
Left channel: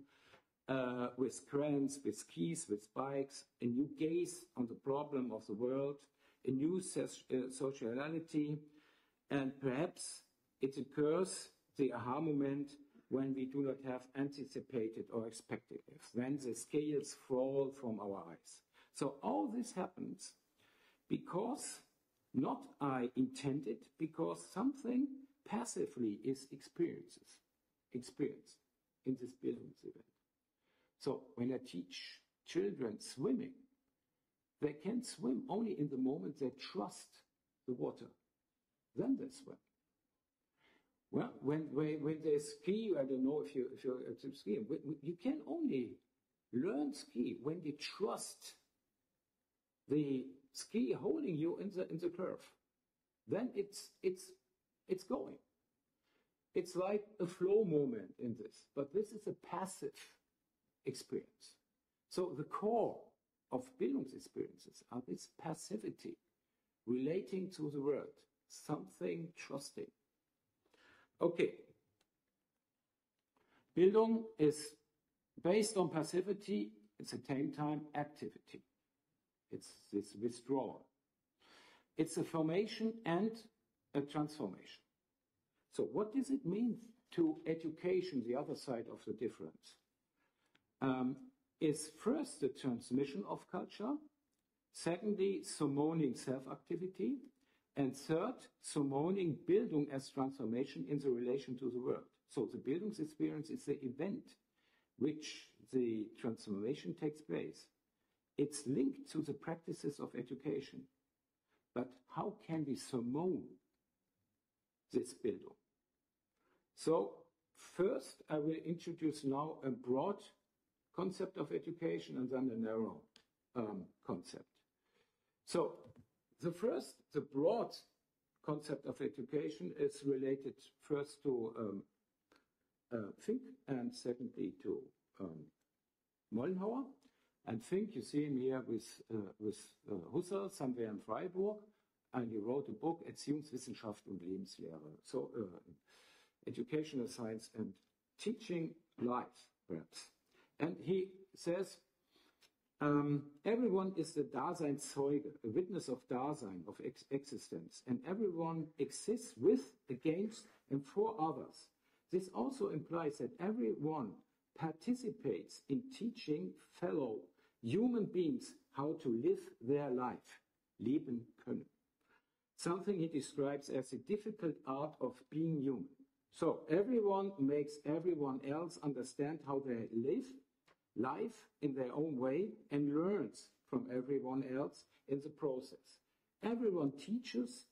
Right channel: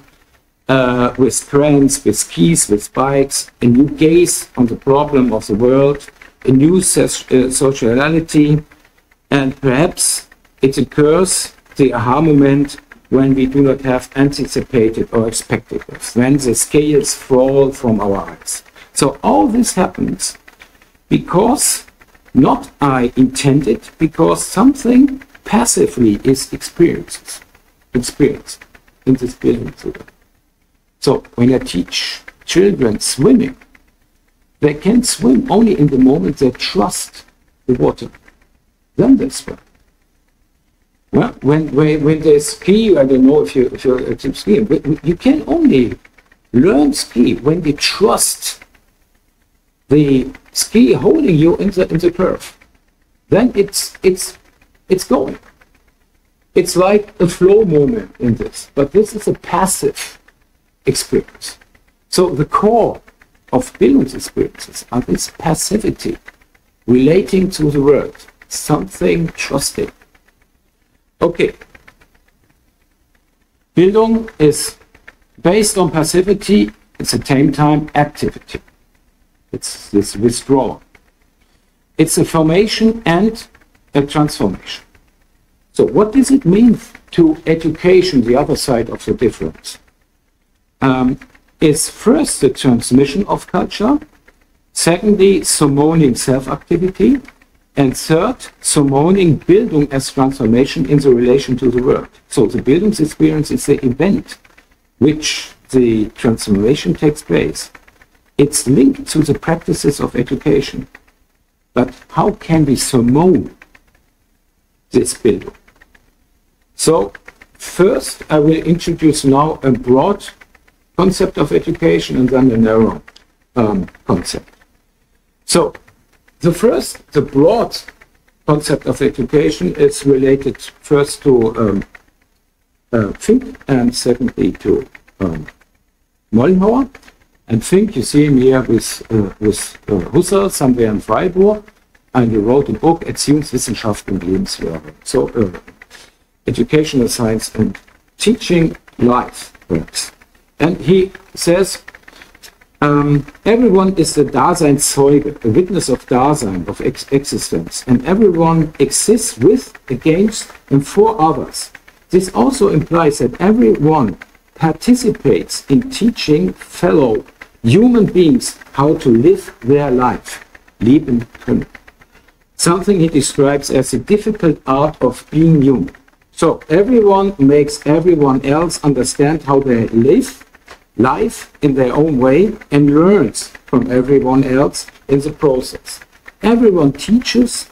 with trams, with skis, with bikes, a new gaze on the problem of the world, a new sociality, and perhaps it occurs, the aha moment, when we do not have anticipated or expected it, when the scales fall from our eyes. So all this happens because not I intended, because something passively is experienced in this building. So when I teach children swimming, they can swim only in the moment they trust the water. Then they swim. Well, when they ski, I don't know if you're skiing, but you can only learn ski when you trust the ski holding you in the curve. Then it's going. It's like a flow moment in this, but this is a passive experience. So the core of Bildung experiences are this passivity, relating to the world, something trusting. Okay. Bildung is based on passivity, at the same time activity. It's this withdrawal. It's a formation and a transformation. So what does it mean to education, the other side of the difference? Is first the transmission of culture, secondly, summoning self-activity, and third, summoning Bildung as transformation in the relation to the world. So the Bildung experience is the event which the transformation takes place. It's linked to the practices of education. But how can we summon this Bildung? So first, I will introduce now a broad concept of education and then a narrow concept. So the broad concept of education is related first to Fink and secondly to Mollenhauer. And Fink, you see him here with Husserl somewhere in Freiburg, and he wrote a book, Erziehungswissenschaft und Lebenslehre. So educational science and teaching life works. And he says, everyone is the Daseinszeuge, a witness of Dasein, of existence, and everyone exists with, against, and for others. This also implies that everyone participates in teaching fellow human beings how to live their life, leben können. Something he describes as the difficult art of being human. So everyone makes everyone else understand how they live life in their own way and learns from everyone else in the process. Everyone teaches,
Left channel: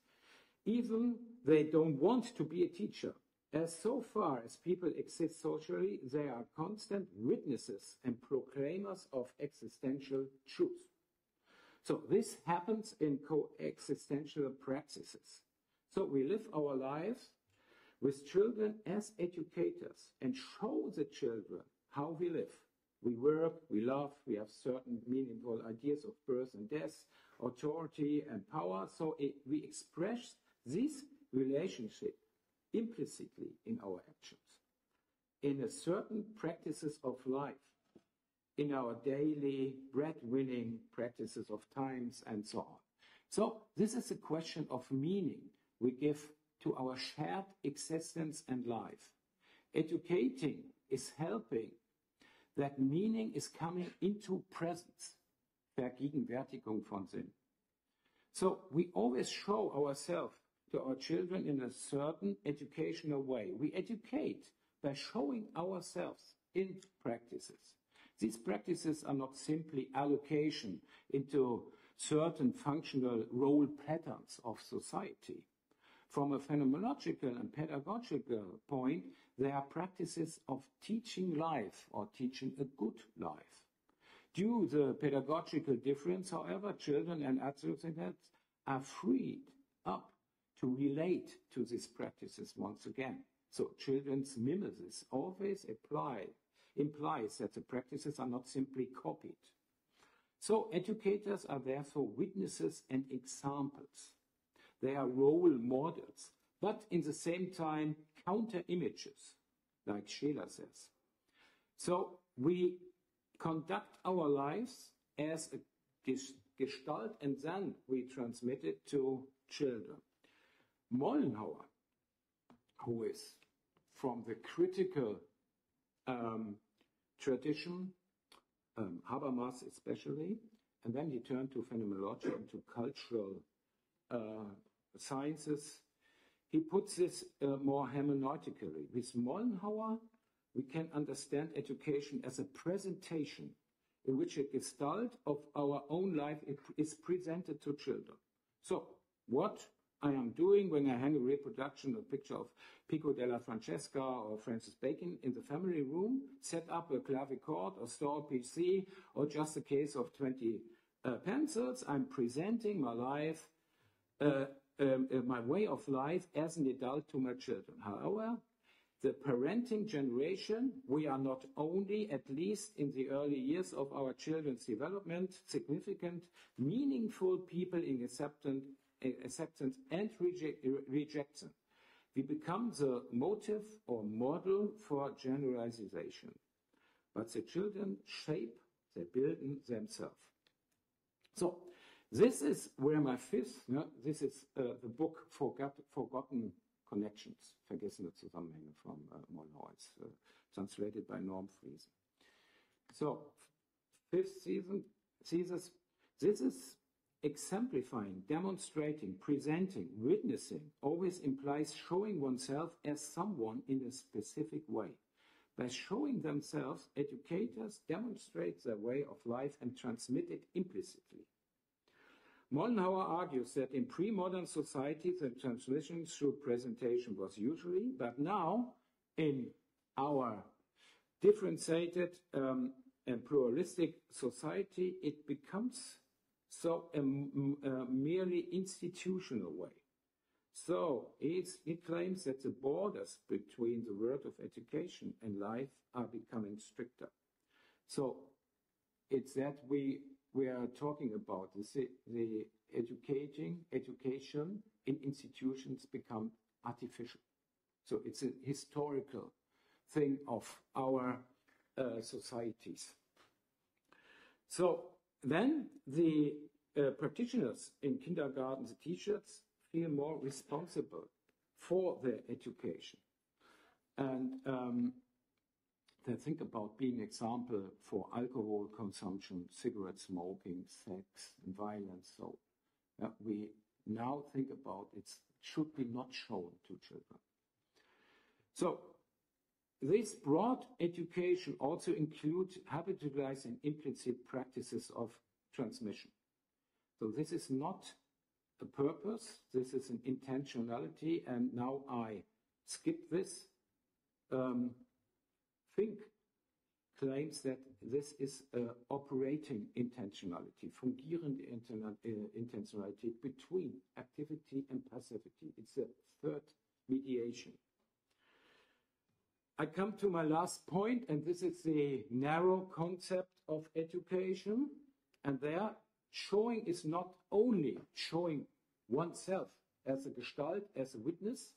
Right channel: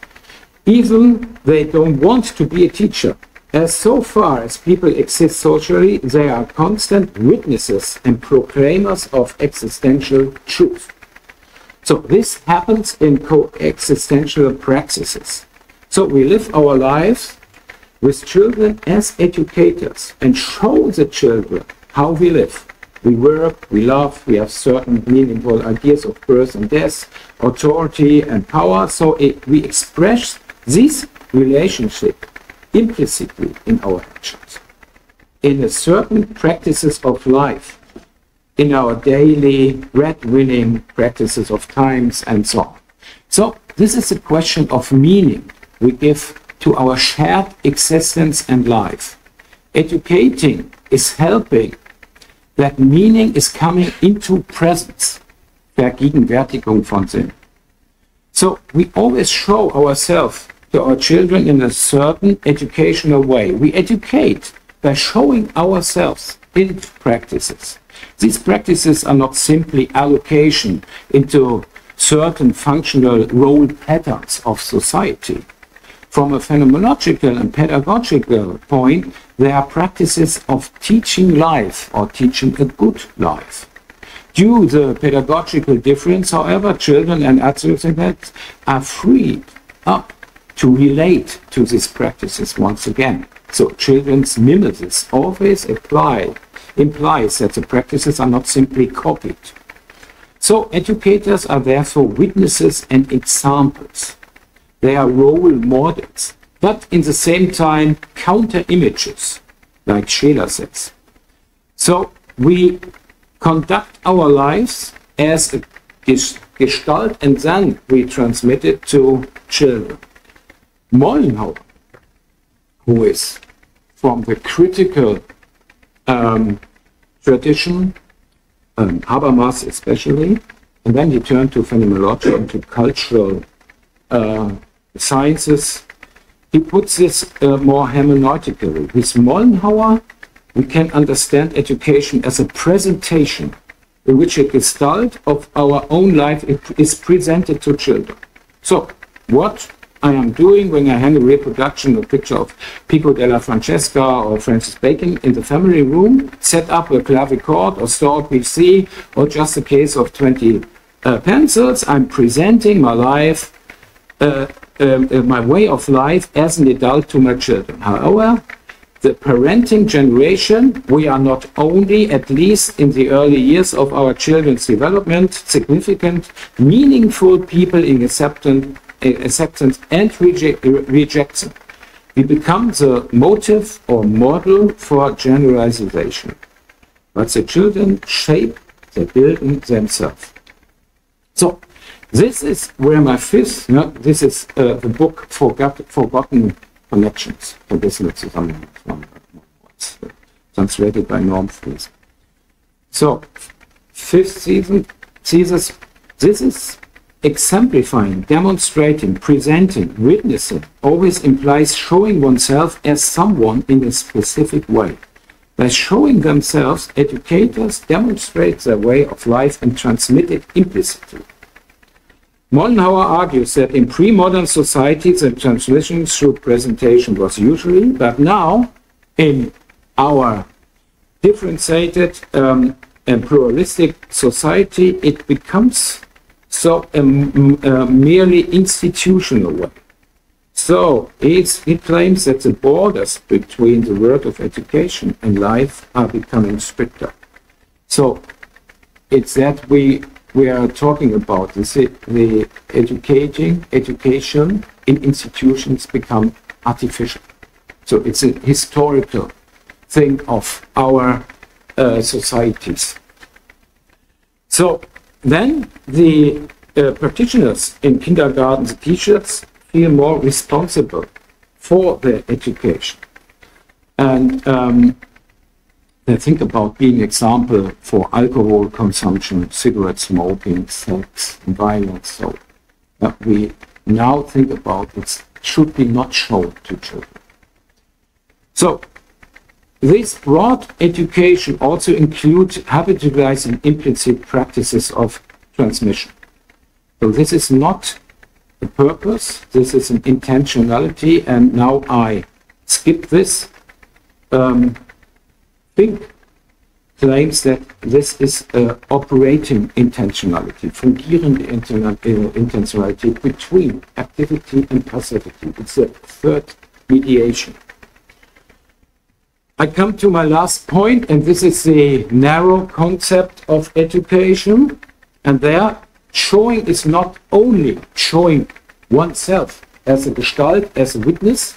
even they don't want to be a teacher. As so far as people exist socially, they are constant witnesses and proclaimers of existential truth. So this happens in coexistential praxis. So we live our lives with children as educators and show the children how we live. We work, we love, we have certain meaningful ideas of birth and death, authority and power. So we express this relationship implicitly in our actions, in a certain practices of life, in our daily bread-winning practices of times and so on. So this is a question of meaning we give to our shared existence and life. Educating is helping that meaning is coming into presence, Vergegenwärtigung von Sinn. So we always show ourselves to our children in a certain educational way. We educate by showing ourselves build practices. These practices are not simply allocation into certain functional role patterns of society. From a phenomenological and pedagogical point, they are practices of teaching life or teaching a good life. Due to the pedagogical difference, however, children and adolescents are freed up to relate to these practices once again. So children's mimesis always implies that the practices are not simply copied. So educators are therefore witnesses and examples. They are role models, but in the same time counter images, like Scheler says. So we conduct our lives as a gestalt and then we transmit it to children. Mollenhauer, who is from the critical tradition, Habermas especially, and then he turned to phenomenology and to cultural sciences. He puts this more hermeneutically. With Mollenhauer, we can understand education as a presentation in which a gestalt of our own life is presented to children. So, what I am doing when I hang a reproduction or picture of Pico della Francesca or Francis Bacon in the family room, set up a clavichord or store a PC or just a case of 20 pencils, I'm presenting my life, my way of life as an adult to my children. However, the parenting generation, we are not only, at least in the early years of our children's development, significant, meaningful people in acceptance and rejection. We become the motive or model for generalization. But the children shape the building themselves. So, this is where my fifth, this is the book Forgotten Connections. Translated by Norm Fries. So, fifth thesis, this is exemplifying, demonstrating, presenting, witnessing, always implies showing oneself as someone in a specific way. By showing themselves, educators demonstrate their way of life and transmit it implicitly. Mollenhauer argues that in pre-modern societies, the transmission through presentation was usually, but now, in our differentiated and pluralistic society, it becomes so merely institutional way. So he claims that the borders between the world of education and life are becoming stricter. So it's that we are talking about the education in institutions become artificial. So it's a historical thing of our societies. So then the practitioners in kindergarten, the teachers, feel more responsible for their education. And they think about being example for alcohol consumption, cigarette smoking, sex, and violence. So we now think about it should be not shown to children. So this broad education also includes habitualizing implicit practices of transmission. So this is not a purpose, this is an intentionality, and now I skip this. Fink claims that this is operating intentionality, fungierende intentionality between activity and passivity. It's a third mediation. I come to my last point, and this is the narrow concept of education. And there, showing is not only showing oneself as a gestalt, as a witness,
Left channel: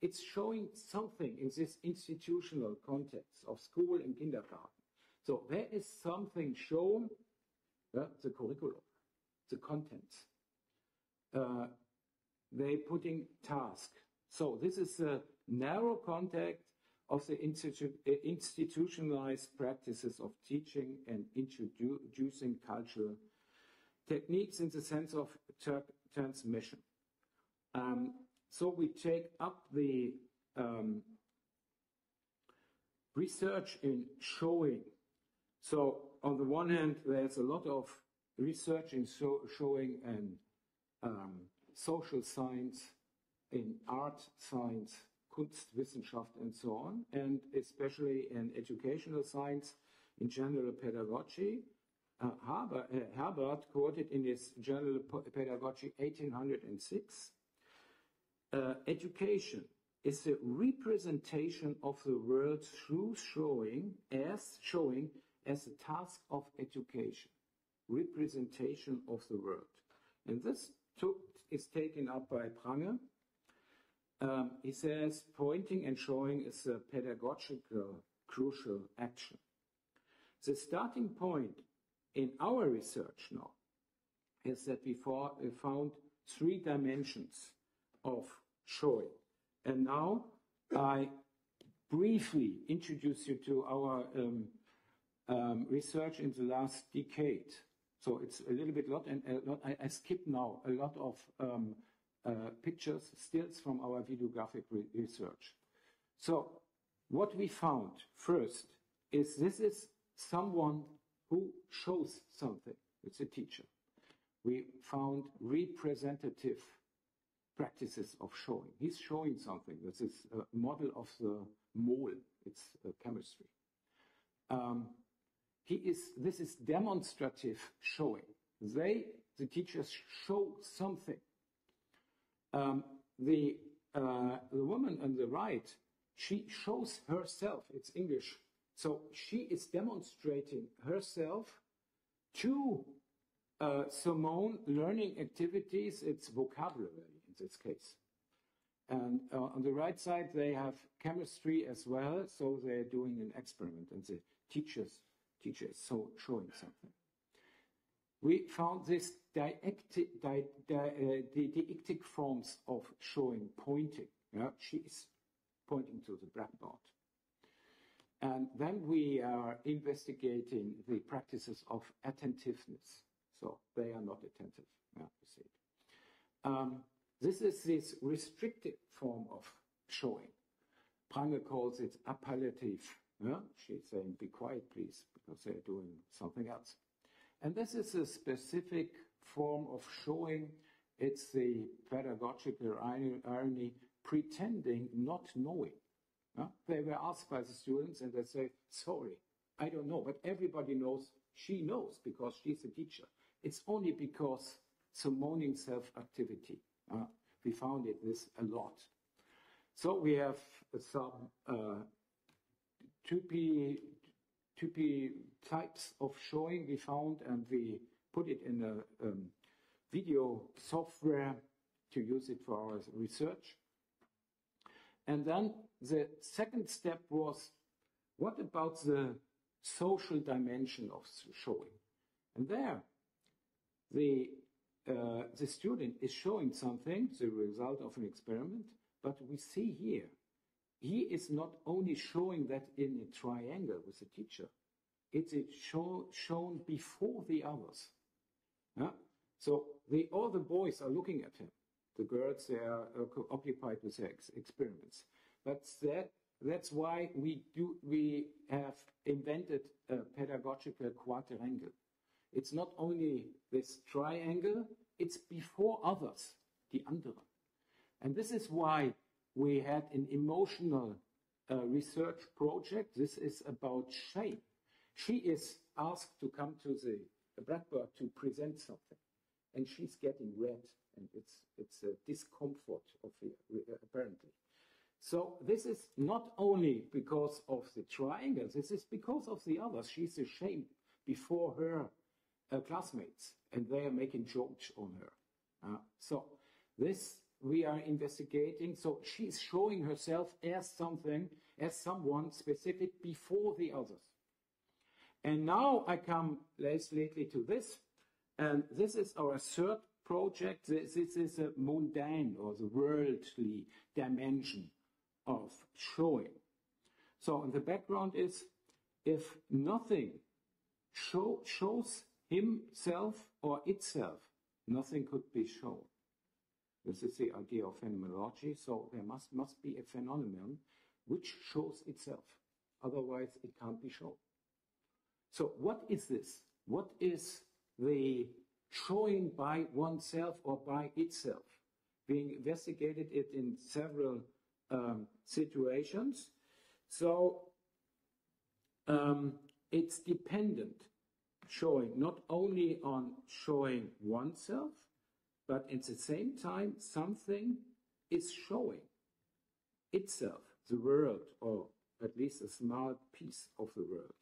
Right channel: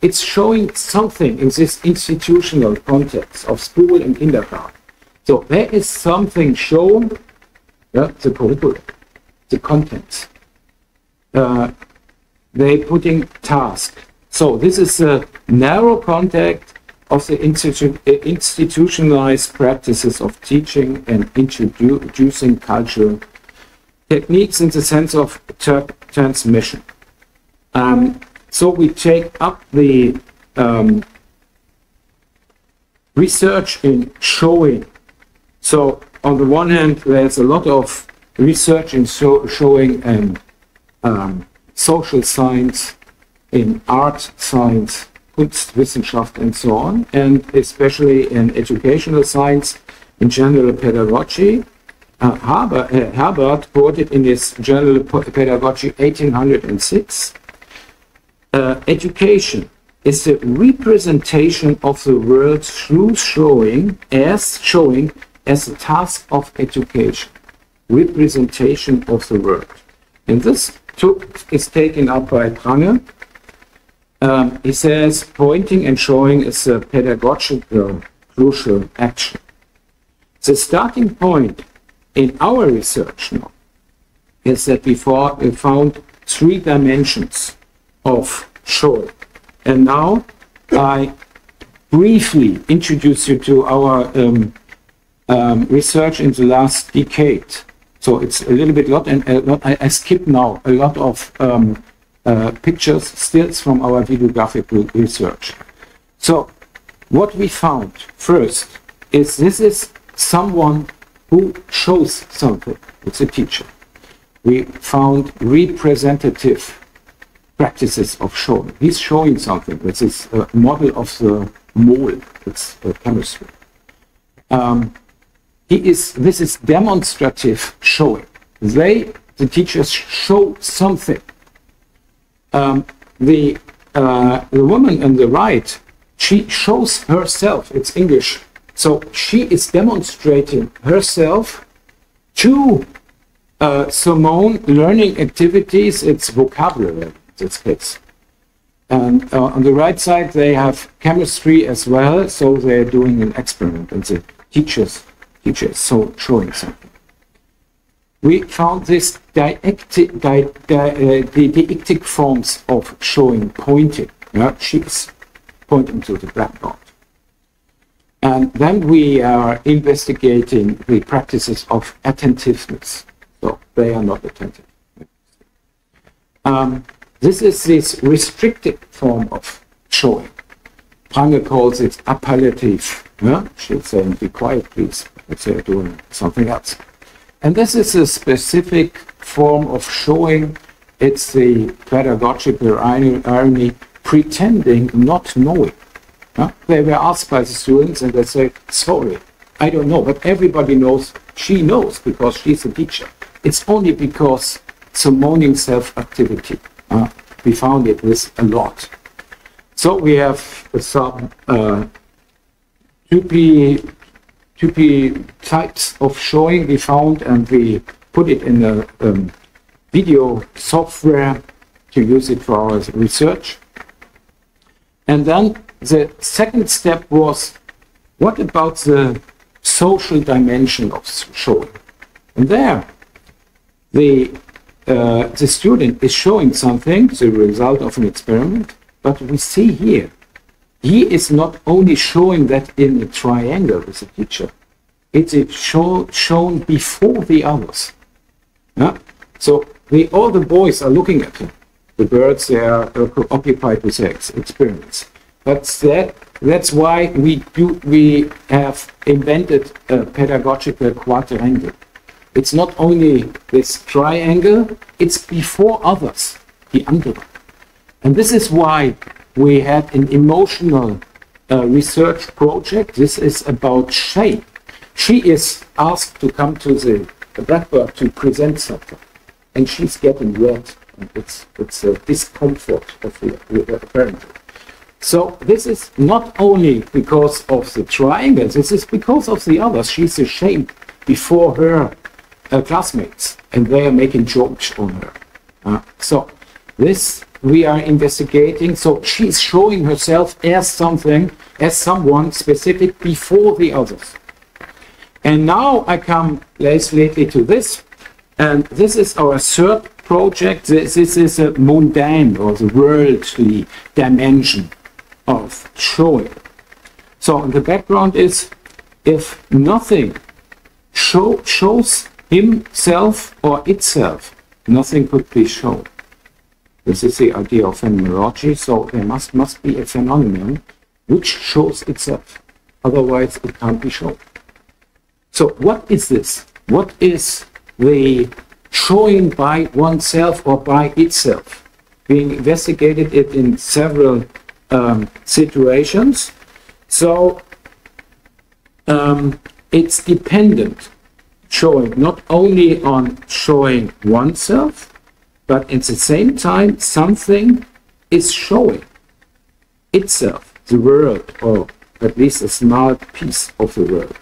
it's showing something in this institutional context of school and kindergarten. So there is something shown, the curriculum, the contents. They putting task. So this is a narrow context of the institutionalized practices of teaching and introducing cultural techniques in the sense of transmission. So we take up the research in showing. So on the one hand, there's a lot of research in showing social science, in art science, Kunstwissenschaft, and so on, and especially in educational science, in general pedagogy. Herbert quoted in his General Pedagogy 1806, education is the representation of the world through showing as a task of education. Representation of the world. And this is taken up by Prange. He says pointing and showing is a pedagogical crucial action. The starting point in our research now is that we found 3 dimensions of showing. And now I briefly introduce you to our research in the last decade. So it's a little bit I skip now a lot of pictures, stills from our videographic research. So what we found first is this is someone who shows something. It's a teacher. We found representative practices of showing. He's showing something. This is a model of the mole. It's chemistry. This is demonstrative showing. The teachers show something. The woman on the right, she shows herself. It's English. So she is demonstrating herself to Simone learning activities. It's vocabulary in this case. And on the right side, they have chemistry as well. So they're doing an experiment, and the teachers so showing something. We found this deictic forms of showing, pointing. Yeah? She's pointing to the blackboard. And then we are investigating the practices of attentiveness. So they are not attentive. This is this restricted form of showing. Prange calls it appellative. Yeah? She's saying, be quiet, please. But they're doing something else. And this is a specific form of showing. It's the pedagogical irony, pretending not knowing. They were asked by the students and they say, sorry, I don't know, but everybody knows, she knows because she's a teacher. It's only because Simoning self-activity. We found it with a lot. So we have some 2P types of showing we found, and we put it in a video software to use it for our research. And then the second step was, what about the social dimension of showing? And there, the student is showing something, the result of an experiment, but we see here, he is not only showing that in a triangle with the teacher, it is shown before the others. Yeah? So all the boys are looking at him. The birds, they are occupied with their experiments. But that's why we have invented a pedagogical quadrangle. It's not only this triangle, it's before others, the andere. And this is why we had an emotional research project. This is about shame. She is asked to come to the blackboard to present something, and she's getting red. And it's a discomfort of the parent. So this is not only because of the triangle, this is because of the others. She's ashamed before her classmates, and they are making jokes on her. So this we are investigating. So she's showing herself as someone specific before the others. And now I come lately to this, and this is our third project. This is a mundane or the worldly dimension of showing. So the background is, if nothing shows himself or itself, nothing could be shown. This is the idea of phenomenology. So there must be a phenomenon which shows itself. otherwise it can't be shown. So what is this? What is the showing by oneself or by itself? Being investigated it in several situations. So it's dependent, showing not only on showing oneself, but at the same time something is showing itself, the world, or at least a small piece of the world.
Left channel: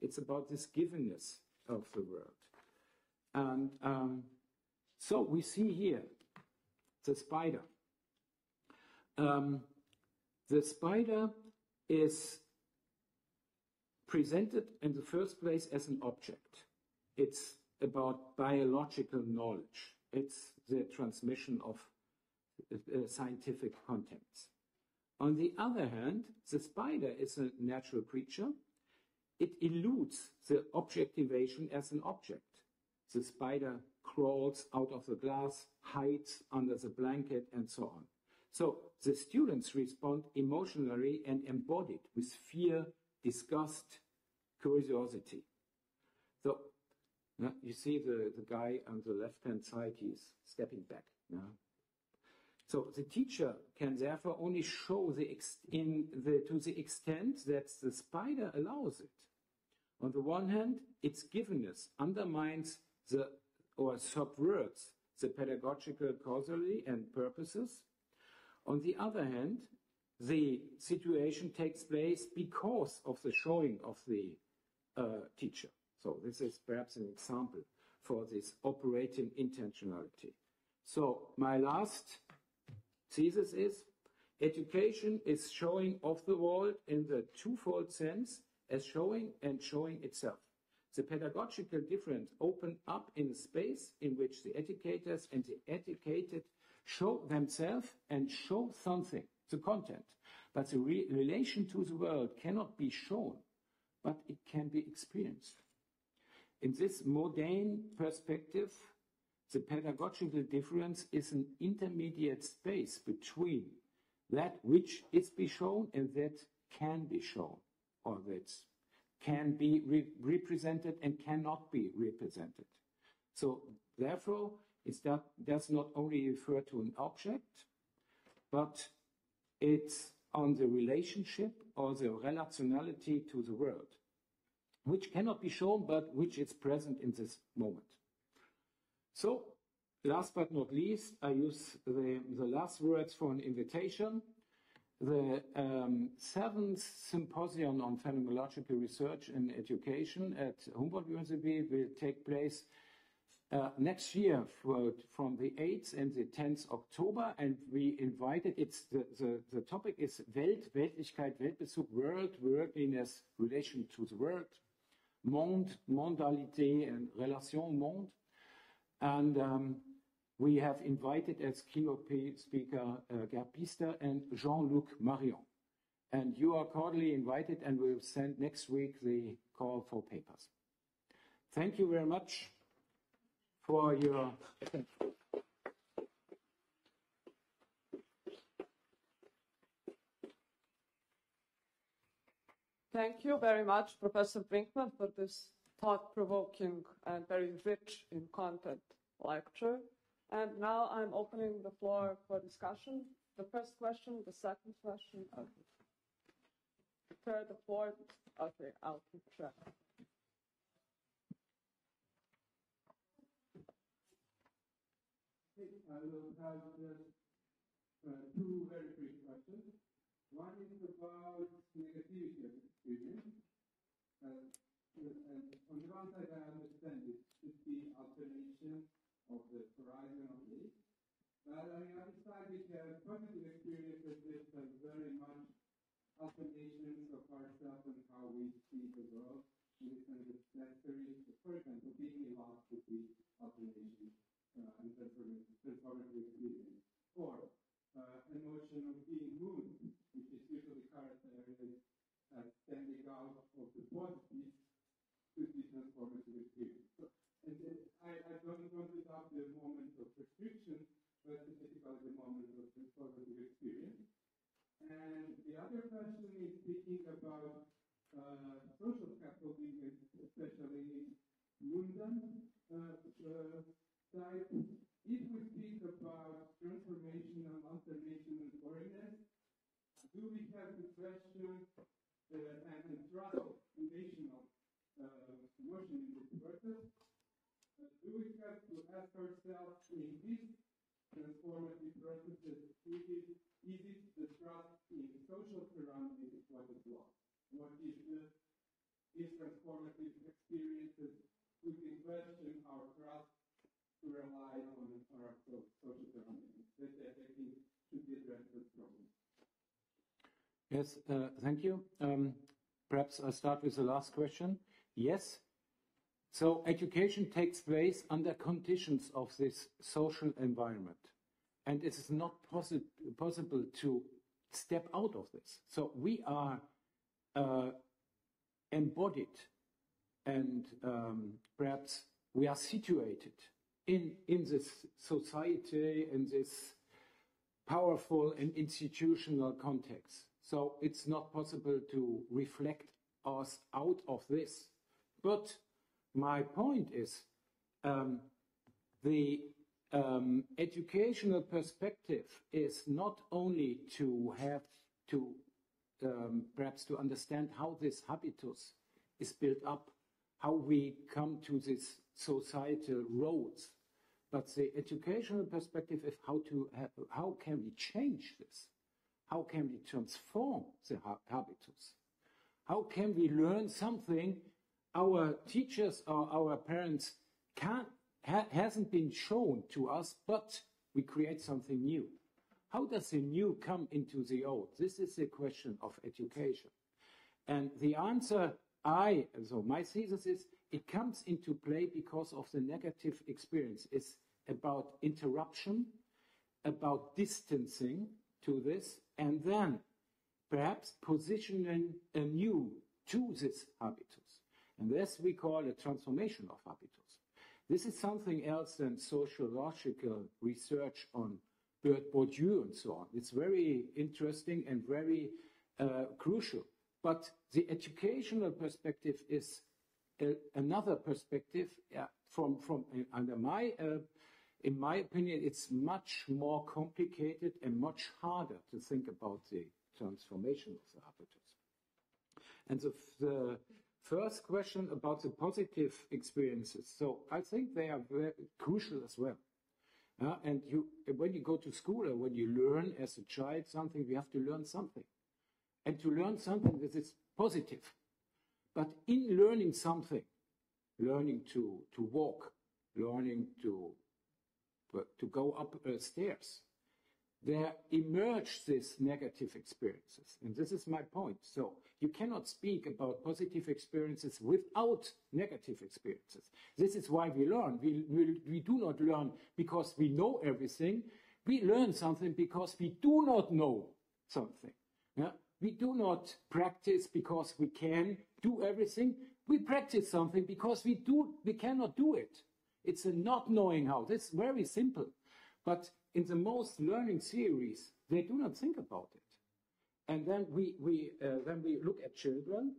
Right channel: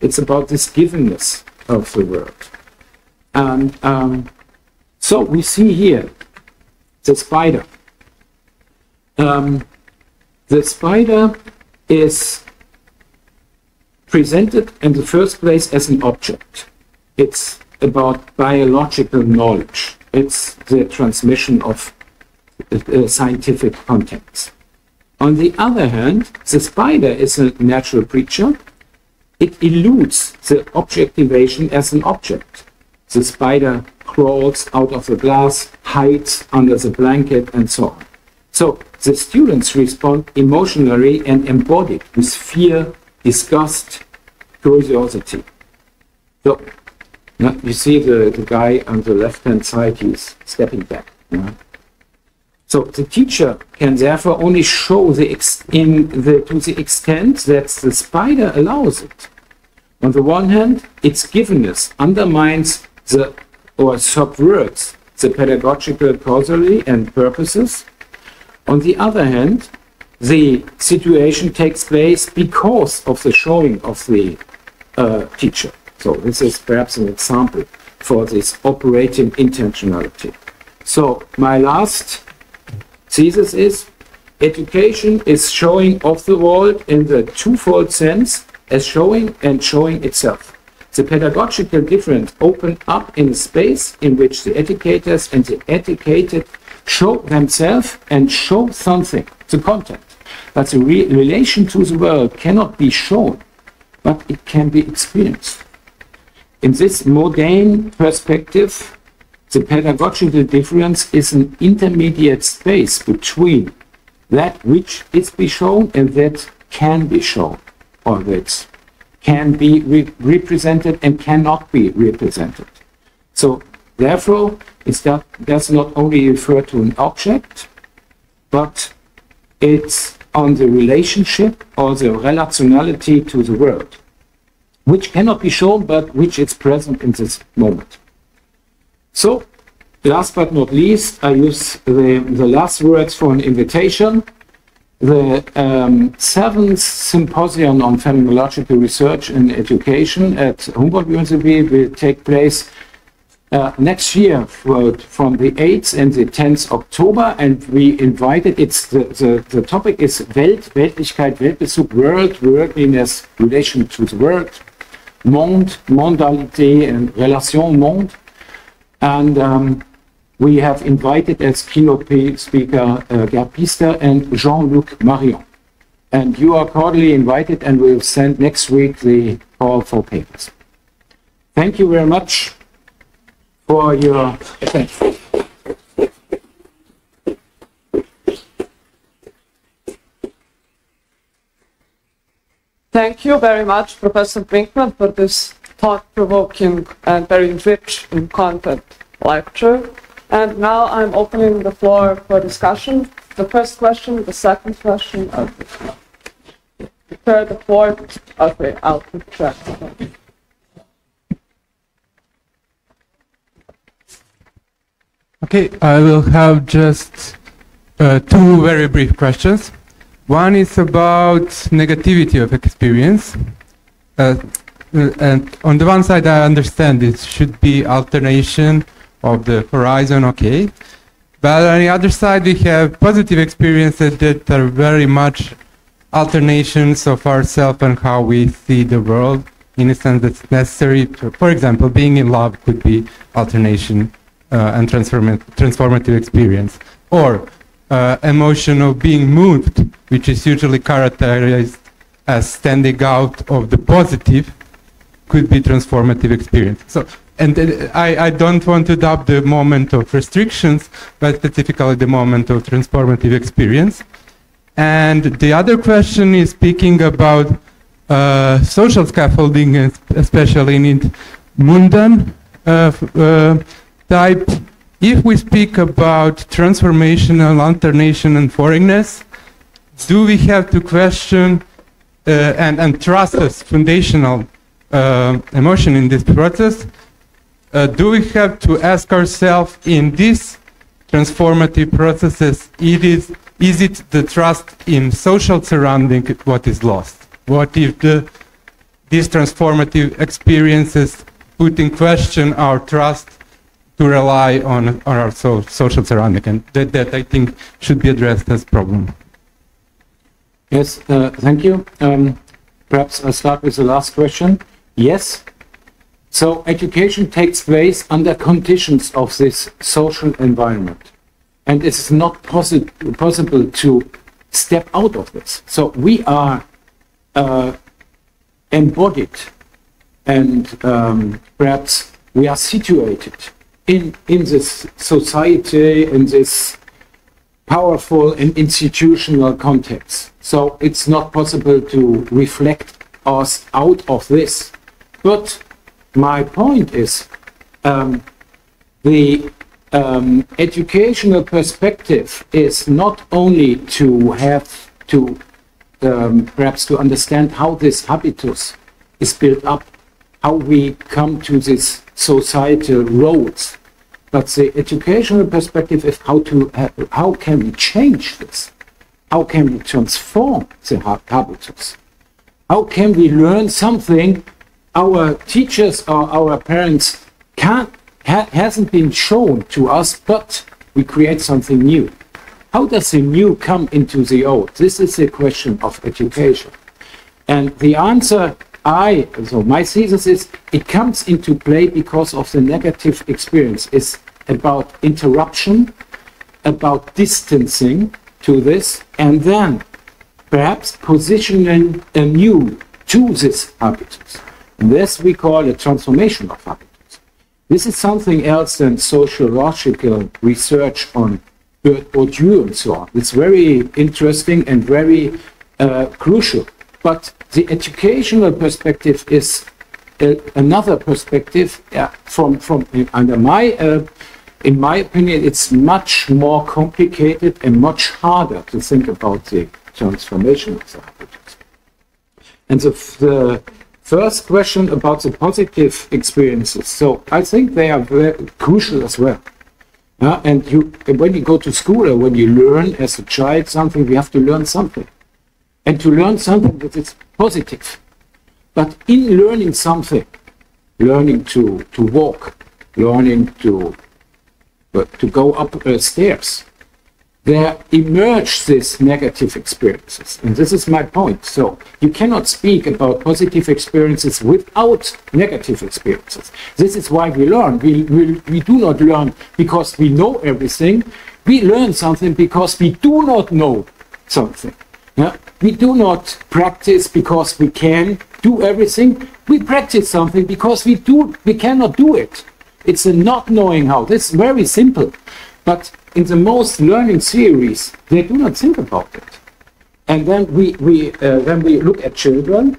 It's about this givenness of the world. And so we see here the spider. The spider is presented in the first place as an object. It's about biological knowledge. It's the transmission of scientific contents. On the other hand, the spider is a natural creature. It eludes the objectivation as an object. The spider crawls out of the glass, hides under the blanket, and so on. So the students respond emotionally and embodied with fear, disgust, curiosity. So you see the guy on the left-hand side, he's stepping back. So the teacher can therefore only show to the extent that the spider allows it. On the one hand, its givenness undermines or subverts the pedagogical causality and purposes. On the other hand, the situation takes place because of the showing of the teacher. So this is perhaps an example for this operating intentionality. So my last thesis is, education is showing of the world in the twofold sense as showing and showing itself. The pedagogical difference open up in a space in which the educators and the educated show themselves and show something, the content. But the relation to the world cannot be shown, but it can be experienced. In this modern perspective, the pedagogical difference is an intermediate space between that which is be shown and that can be shown, or that can be represented and cannot be represented. So therefore, it does not only refer to an object, but it's on the relationship or the relationality to the world, which cannot be shown, but which is present in this moment. So, last but not least, I use the last words for an invitation. The 7th Symposium on Phenomenological Research in Education at Humboldt University will take place next year from the 8th and the 10th October, and we invited, the topic is Weltlichkeit, Weltbezug, world, worldliness, relation to the world, monde, mondalité, and relation monde. And we have invited as keynote speaker Gerd Pister and Jean-Luc Marion. And you are cordially invited, and we'll send next week the call for papers. Thank you very much for your attention. Thank you very much, Professor Brinkmann, for this thought-provoking and very rich in content lecture. And now I'm opening the floor for discussion. The first question, the second question, the third, the fourth. Okay, I'll keep track. Okay, I will have just two very brief questions. One is about negativity of experience. And on the one side, I understand it should be alternation of the horizon, okay. But on the other side, we have positive experiences that are very much alternations of ourselves and how we see the world, in a sense that's necessary. For example, being in love could be alternation and transformative experience. Or emotion of being moved, which is usually characterized as standing out of the positive, could be transformative experience. So, and I don't want to doubt the moment of restrictions, but specifically the moment of transformative experience. And the other question is speaking about social scaffolding, especially in Mundan type. If we speak about transformational alternation and foreignness, do we have to question and trust as foundational emotion in this process? Do we have to ask ourselves in these transformative processes, is it the trust in social surrounding what is lost? What if these transformative experiences put in question our trust to rely on our social surrounding? And that I think should be addressed as a problem. Yes, thank you. Perhaps I'll start with the last question. Yes. So education takes place under conditions of this social environment. And it's not possible to step out of this. So we are embodied and perhaps we are situated in this society, in this powerful and institutional context. So it's not possible to reflect us out of this. But my point is the educational perspective is not only to have to perhaps to understand how this habitus is built up, how we come to these societal roles, but the educational perspective is how can we change this? How can we transform the habitus? How can we learn something our teachers or our parents hasn't been shown to us, but we create something new? How does the new come into the old? This is the question of education. And the answer so my thesis is, it comes into play because of the negative experience. It's about interruption, about distancing to this, and then perhaps positioning anew to this habitus. And this we call a transformation of habitus. This is something else than sociological research on Bourdieu and so on. It's very interesting and very crucial. But the educational perspective is another perspective. In my opinion, it's much more complicated and much harder to think about the transformation of the habitus. And the first question about the positive experiences. So I think they are very crucial as well. And when you go to school or when you learn as a child something, we have to learn something. And to learn something that is positive. But in learning something, learning to walk, learning to go up stairs, there emerge these negative experiences. And this is my point. So you cannot speak about positive experiences without negative experiences. This is why we learn. We do not learn because we know everything. We learn something because we do not know something. Yeah? We do not practice because we can do everything. We practice something because we cannot do it. It's a not knowing how. This is very simple. But in the most learning theories, they do not think about it. And then when we look at children,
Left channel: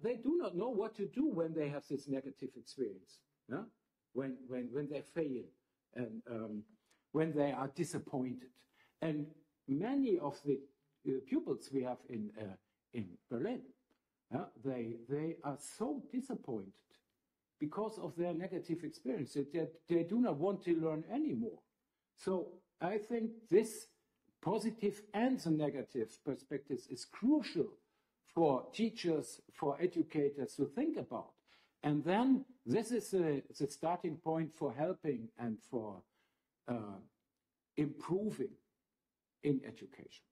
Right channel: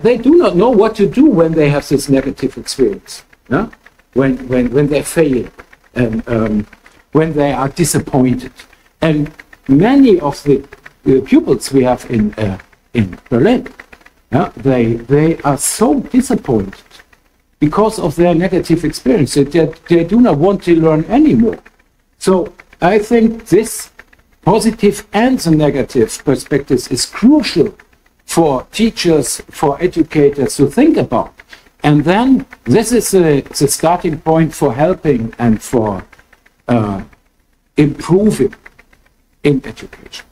they do not know what to do when they have this negative experience. Yeah? When they fail and when they are disappointed. And many of the pupils we have in Berlin, they are so disappointed because of their negative experience that they do not want to learn anymore. So I think this positive and the negative perspectives is crucial for teachers, for educators to think about. And then this is the starting point for helping and for improving in education.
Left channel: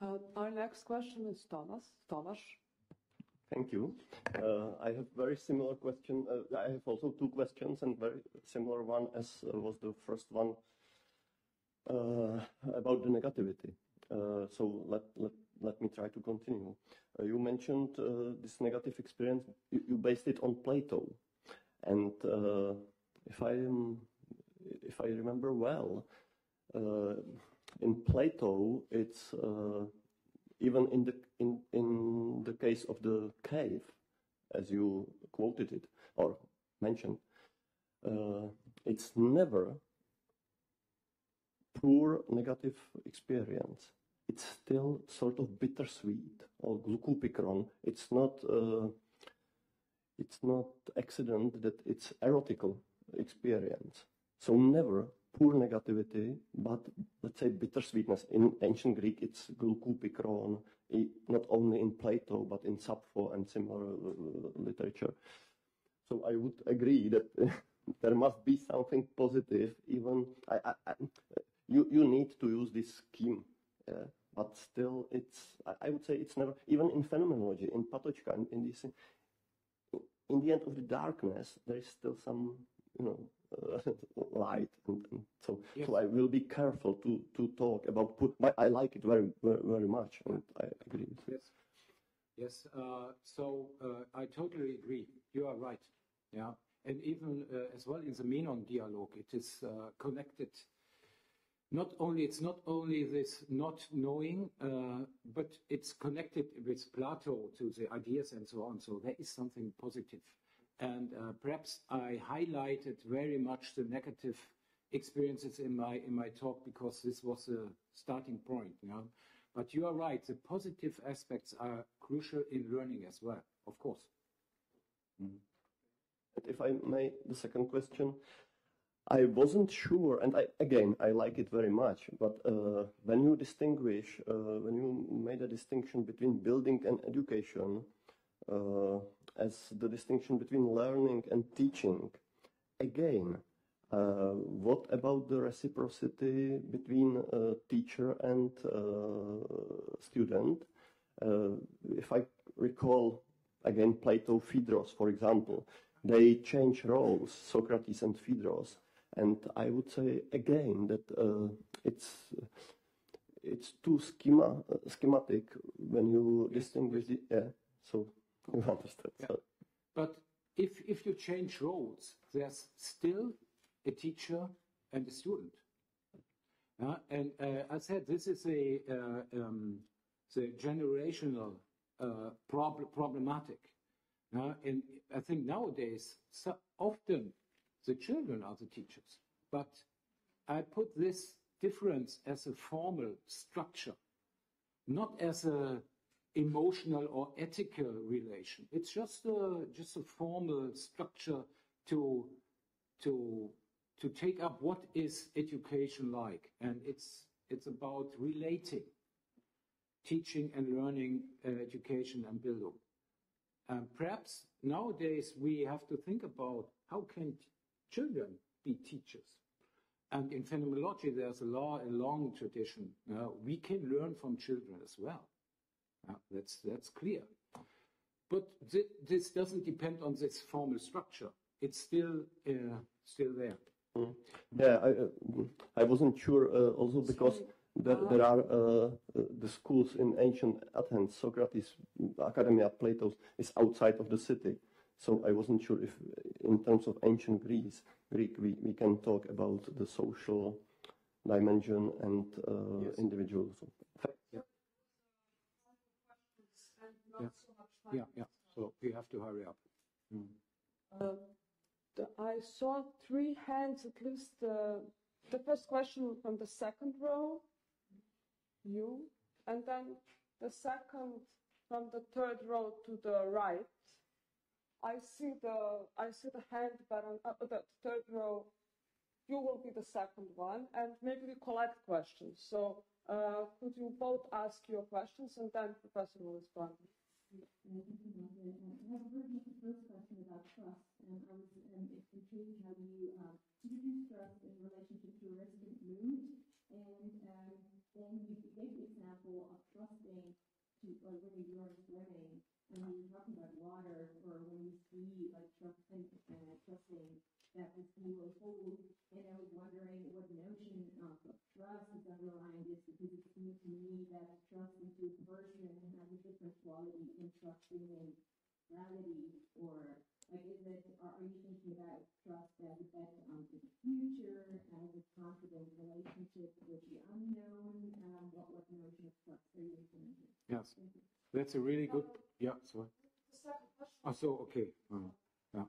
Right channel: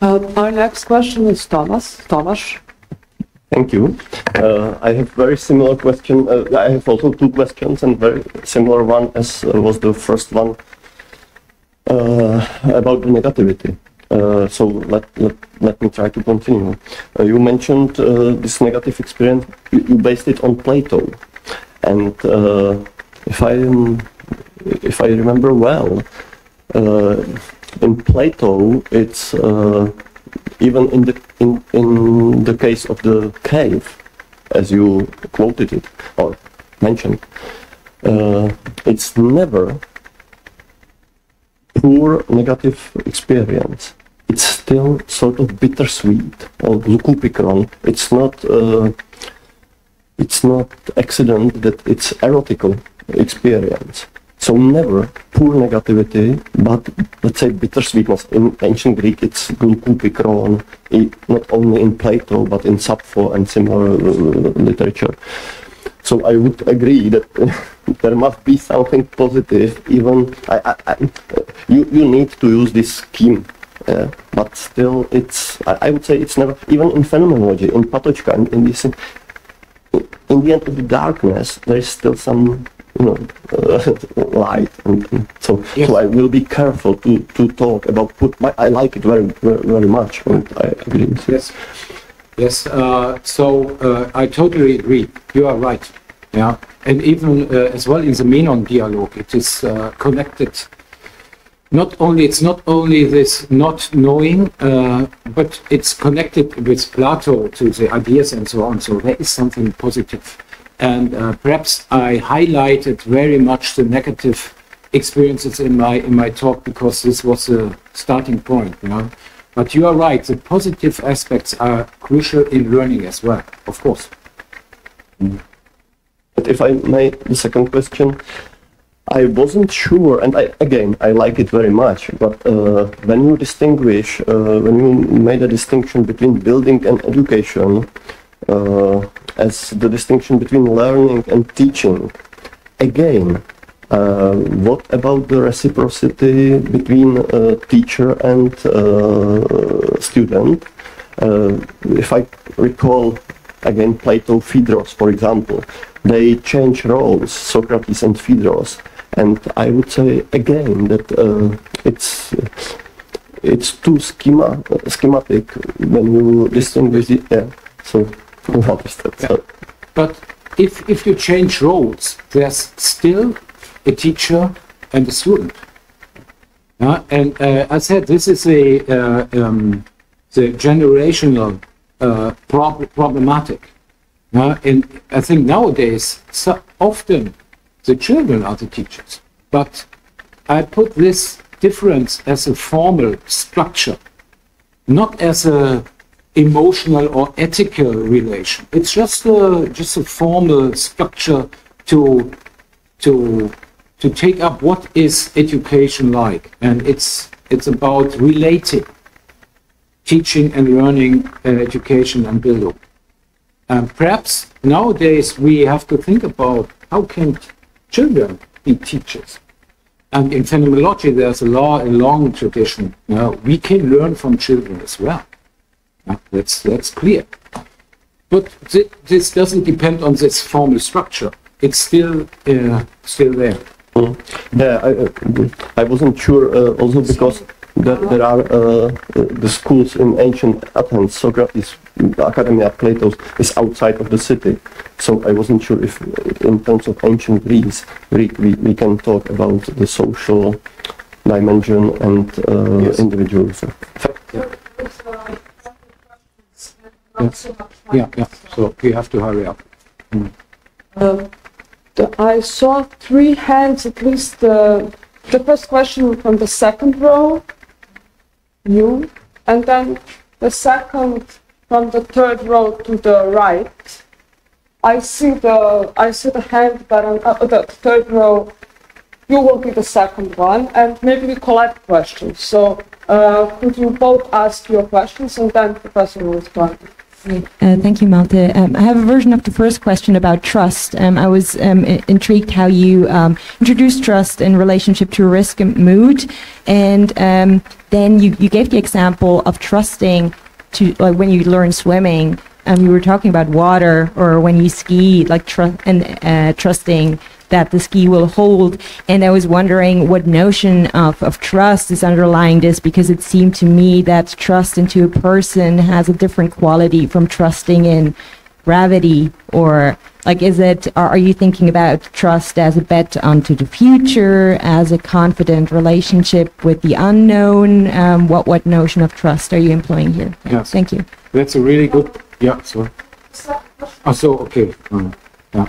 Our next question is Thomas. Thank you. I have very similar question. I have also two questions and very similar one as was the first one about the negativity. So let me try to continue. You mentioned this negative experience. You based it on Plato, and if I remember well, in Plato, it's even in the case of the cave, as you quoted it or mentioned, it's never poor negative experience. It's still sort of bittersweet or lukupikron. It's not accident that it's erotical experience. So never poor negativity, but let's say bittersweetness. In ancient Greek, it's glucupikron, not only in Plato, but in Sappho and similar literature. So I would agree that there must be something positive, even, you need to use this scheme, but still I would say it's never, even in phenomenology, in Patočka, in this, in the end of the darkness, there is still some, light, and so I will be careful to talk about I like it very, very, very much, and I agree with this. Yes, I totally agree. You are right. Yeah, and even as well in the Menon dialogue, it is connected. It's not only this not knowing, but it's connected with Plato to the ideas and so on. So there is something positive. And perhaps I highlighted very much the negative experiences in my talk because this was a starting point, But you are right, the positive aspects are crucial in learning as well, of course. But if I may, the second question, I wasn't sure, and I like it very much, but when you made a distinction between building and education, as the distinction between learning and teaching, again, what about the reciprocity between teacher and student? If I recall, again, Plato, Phaedrus, for example, they change roles, Socrates and Phaedrus, and I would say again that it's too schematic when you distinguish it. Yeah, so what is that? Yeah. But if you change roles, there's still a teacher and a student. And I said this is the generational problematic. And I think nowadays, so often the children are the teachers. But I put this difference as a formal structure, not as a emotional or ethical relation. It's just a formal structure to take up what is education like, and it's about relating teaching and learning, education and Bildung. Perhaps nowadays we have to think about how can children be teachers. And in phenomenology there's a long tradition. We can learn from children as well. That's clear. But this doesn't depend on this formal structure. It's still there. Yeah, I wasn't sure also because there are the schools in ancient Athens, Socrates, Academia, Plato's is outside of the city. So I wasn't sure if in terms of ancient Greek we can talk about the social dimension and individualism. Yeah. So we have to hurry up. I saw 3 hands, at least the first question from the second row, you, and then the second from the third row to the right. I see the hand, but on the third row, you will be the second one, and maybe we collect questions. So could you both ask your questions, and then Professor will respond. Thank you, Malte. I have a version of the first question about trust. I was intrigued how you introduced trust in relationship to risk and mood, and then you gave the example of trusting to, like, when you learn swimming. You were talking about water, or when you ski, like trusting that the ski will hold. And I was wondering what notion of trust is underlying this, because it seemed to me that trust into a person has a different quality from trusting in gravity, or like, are you thinking about trust as a bet onto the future, as a confident relationship with the unknown? What notion of trust are you employing here? Yes. Thank you. That's a really good, yeah, so. Oh, so, okay. Yeah.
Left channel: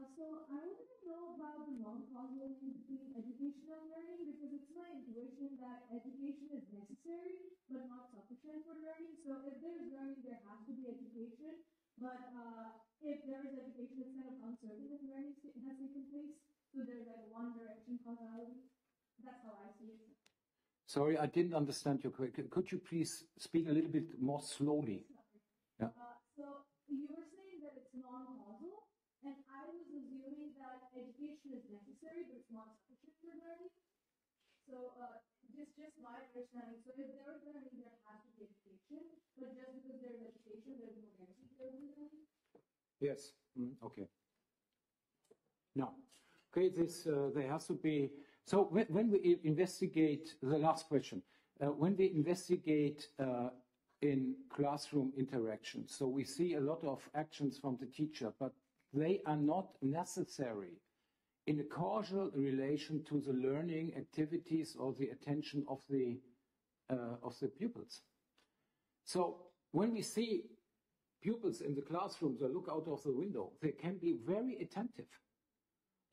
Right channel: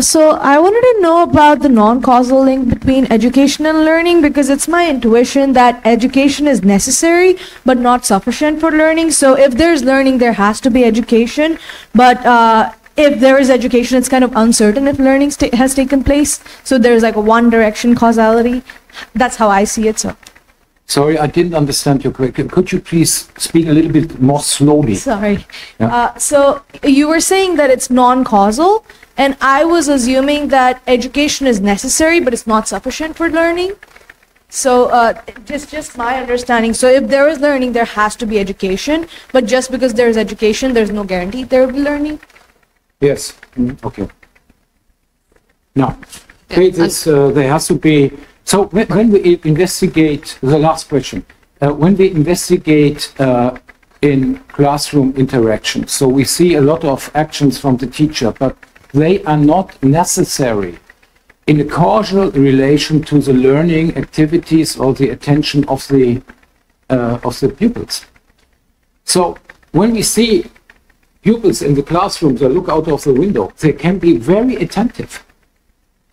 So I wanted to know about the non-causal link between education and learning, because it's my intuition that education is necessary but not sufficient for learning. So if there's learning, there has to be education. But if there is education, it's kind of uncertain if learning has taken place. So there's like a one direction causality. That's how I see it. So. Sorry, I didn't understand your question. Could you please speak a little bit more slowly? Sorry. Yeah. So you were saying that it's non-causal, and I was assuming that education is necessary, but it's not sufficient for learning. So just my understanding. So if there is learning, there has to be education. But just because there is education, there's no guarantee there will be learning. Yes. Okay. Now, okay, there has to be. So when we investigate the last question, when we investigate in classroom interaction, so we see a lot of actions from the teacher, but they are not necessary in a causal relation to the learning activities or the attention of the pupils. So when we see pupils in the classroom, they look out of the window, they can be very attentive.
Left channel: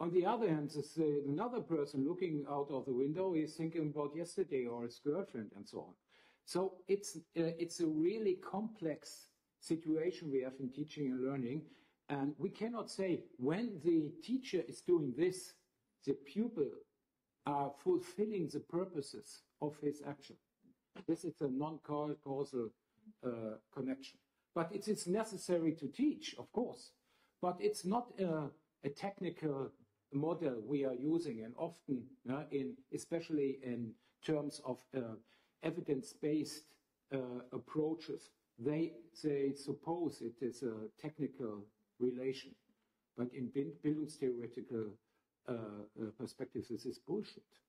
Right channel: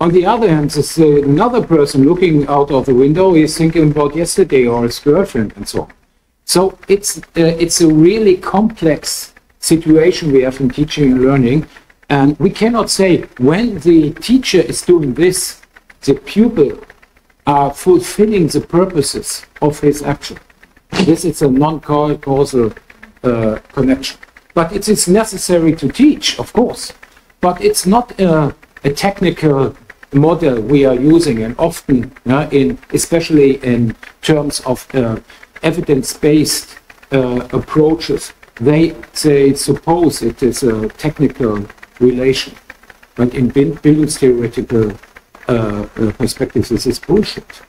On the other hand, there's another person looking out of the window, he's thinking about yesterday or his girlfriend and so on. So it's a really complex situation we have in teaching and learning. And we cannot say when the teacher is doing this, the pupil are fulfilling the purposes of his action. This is a non-causal connection. But it is necessary to teach, of course. But it's not a technical model we are using, and often, especially in terms of evidence-based approaches, they suppose it is a technical relation. But in Bildungstheoretical perspective, this is bullshit.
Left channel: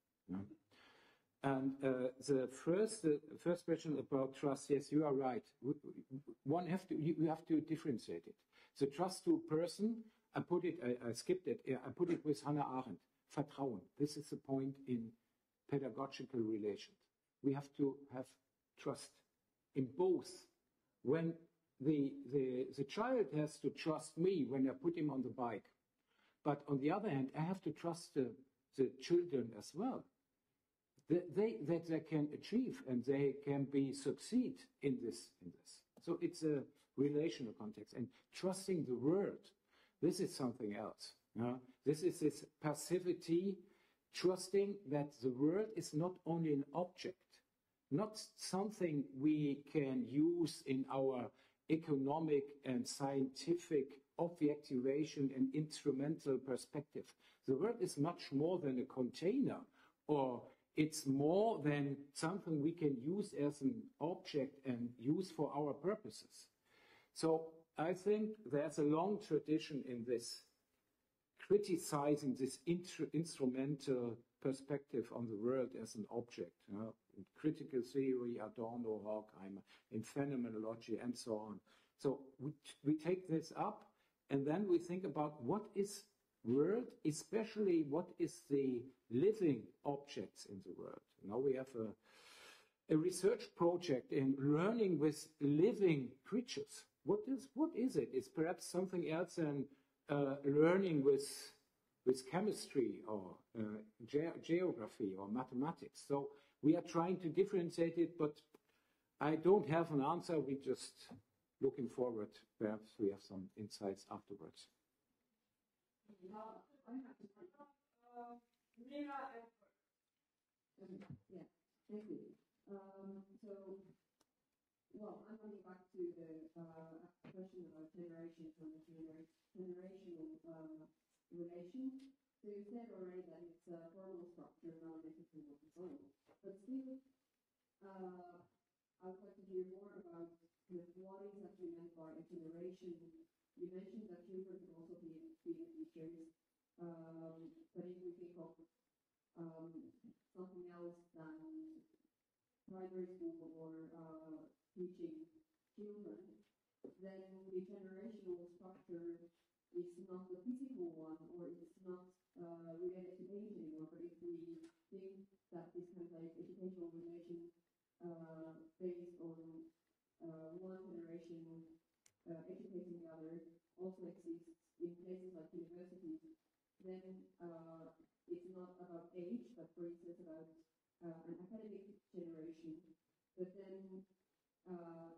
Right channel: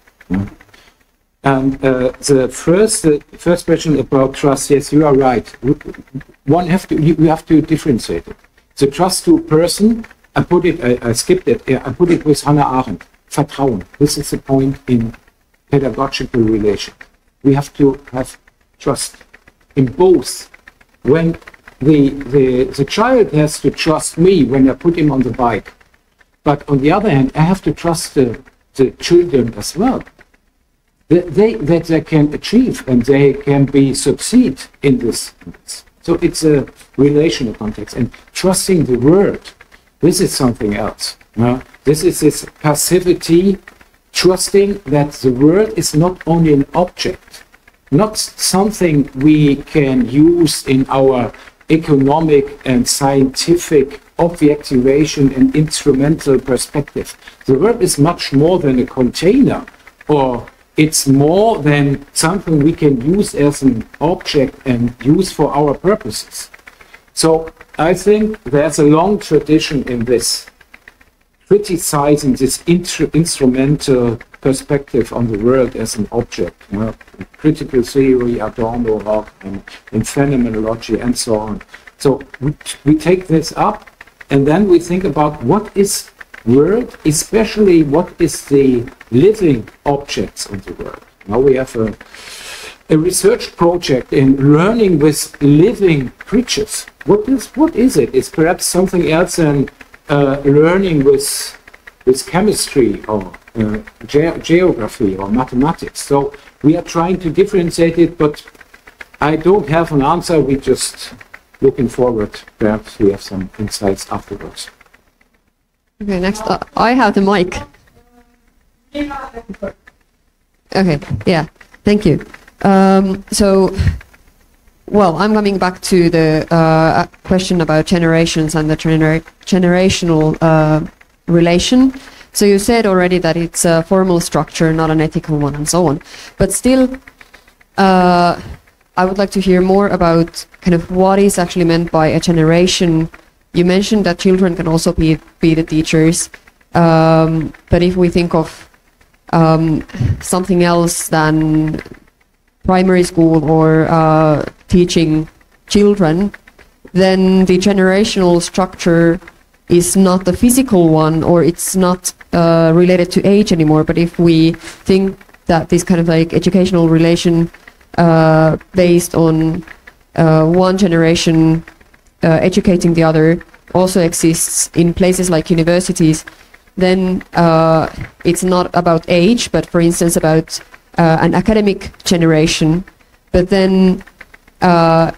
And the first question about trust, yes, you are right. You have to differentiate it. The trust to a person, I skipped it. I put it with Hannah Arendt. Vertrauen. This is the point in pedagogical relation. We have to have trust in both. When the child has to trust me when I put him on the bike, but on the other hand, I have to trust the children as well. That they can achieve and they can succeed in this. So it's a relational context, and trusting the word. This is something else. This is this passivity, trusting that the world is not only an object, not something we can use in our economic and scientific objectivation and instrumental perspective. The world is much more than a container, or it's more than something we can use as an object and use for our purposes. So I think there's a long tradition in this, criticizing this instrumental perspective on the world as an object. Critical theory, Adorno, Locke, and phenomenology, and so on. So we take this up, and then we think about what is world, especially what is the living objects in the world. Now we have a research project in learning with living creatures. What is it? It's perhaps something else than learning with chemistry or geography or mathematics. So we are trying to differentiate it, but I don't have an answer. We're just looking forward. Perhaps we have some insights afterwards. Okay, next I have the mic. Okay, yeah, thank you. Well, I'm coming back to the question about generations and the generational relation. So you said already that it's a formal structure, not an ethical one, and so on. But still, I would like to hear more about kind of what is actually meant by a generation. You mentioned that children can also be the teachers, but if we think of something else than primary school or teaching children, then the generational structure is not the physical one, or it's not related to age anymore. But if we think that this kind of like educational relation based on one generation educating the other also exists in places like universities, then it's not about age, but for instance about an academic generation. But then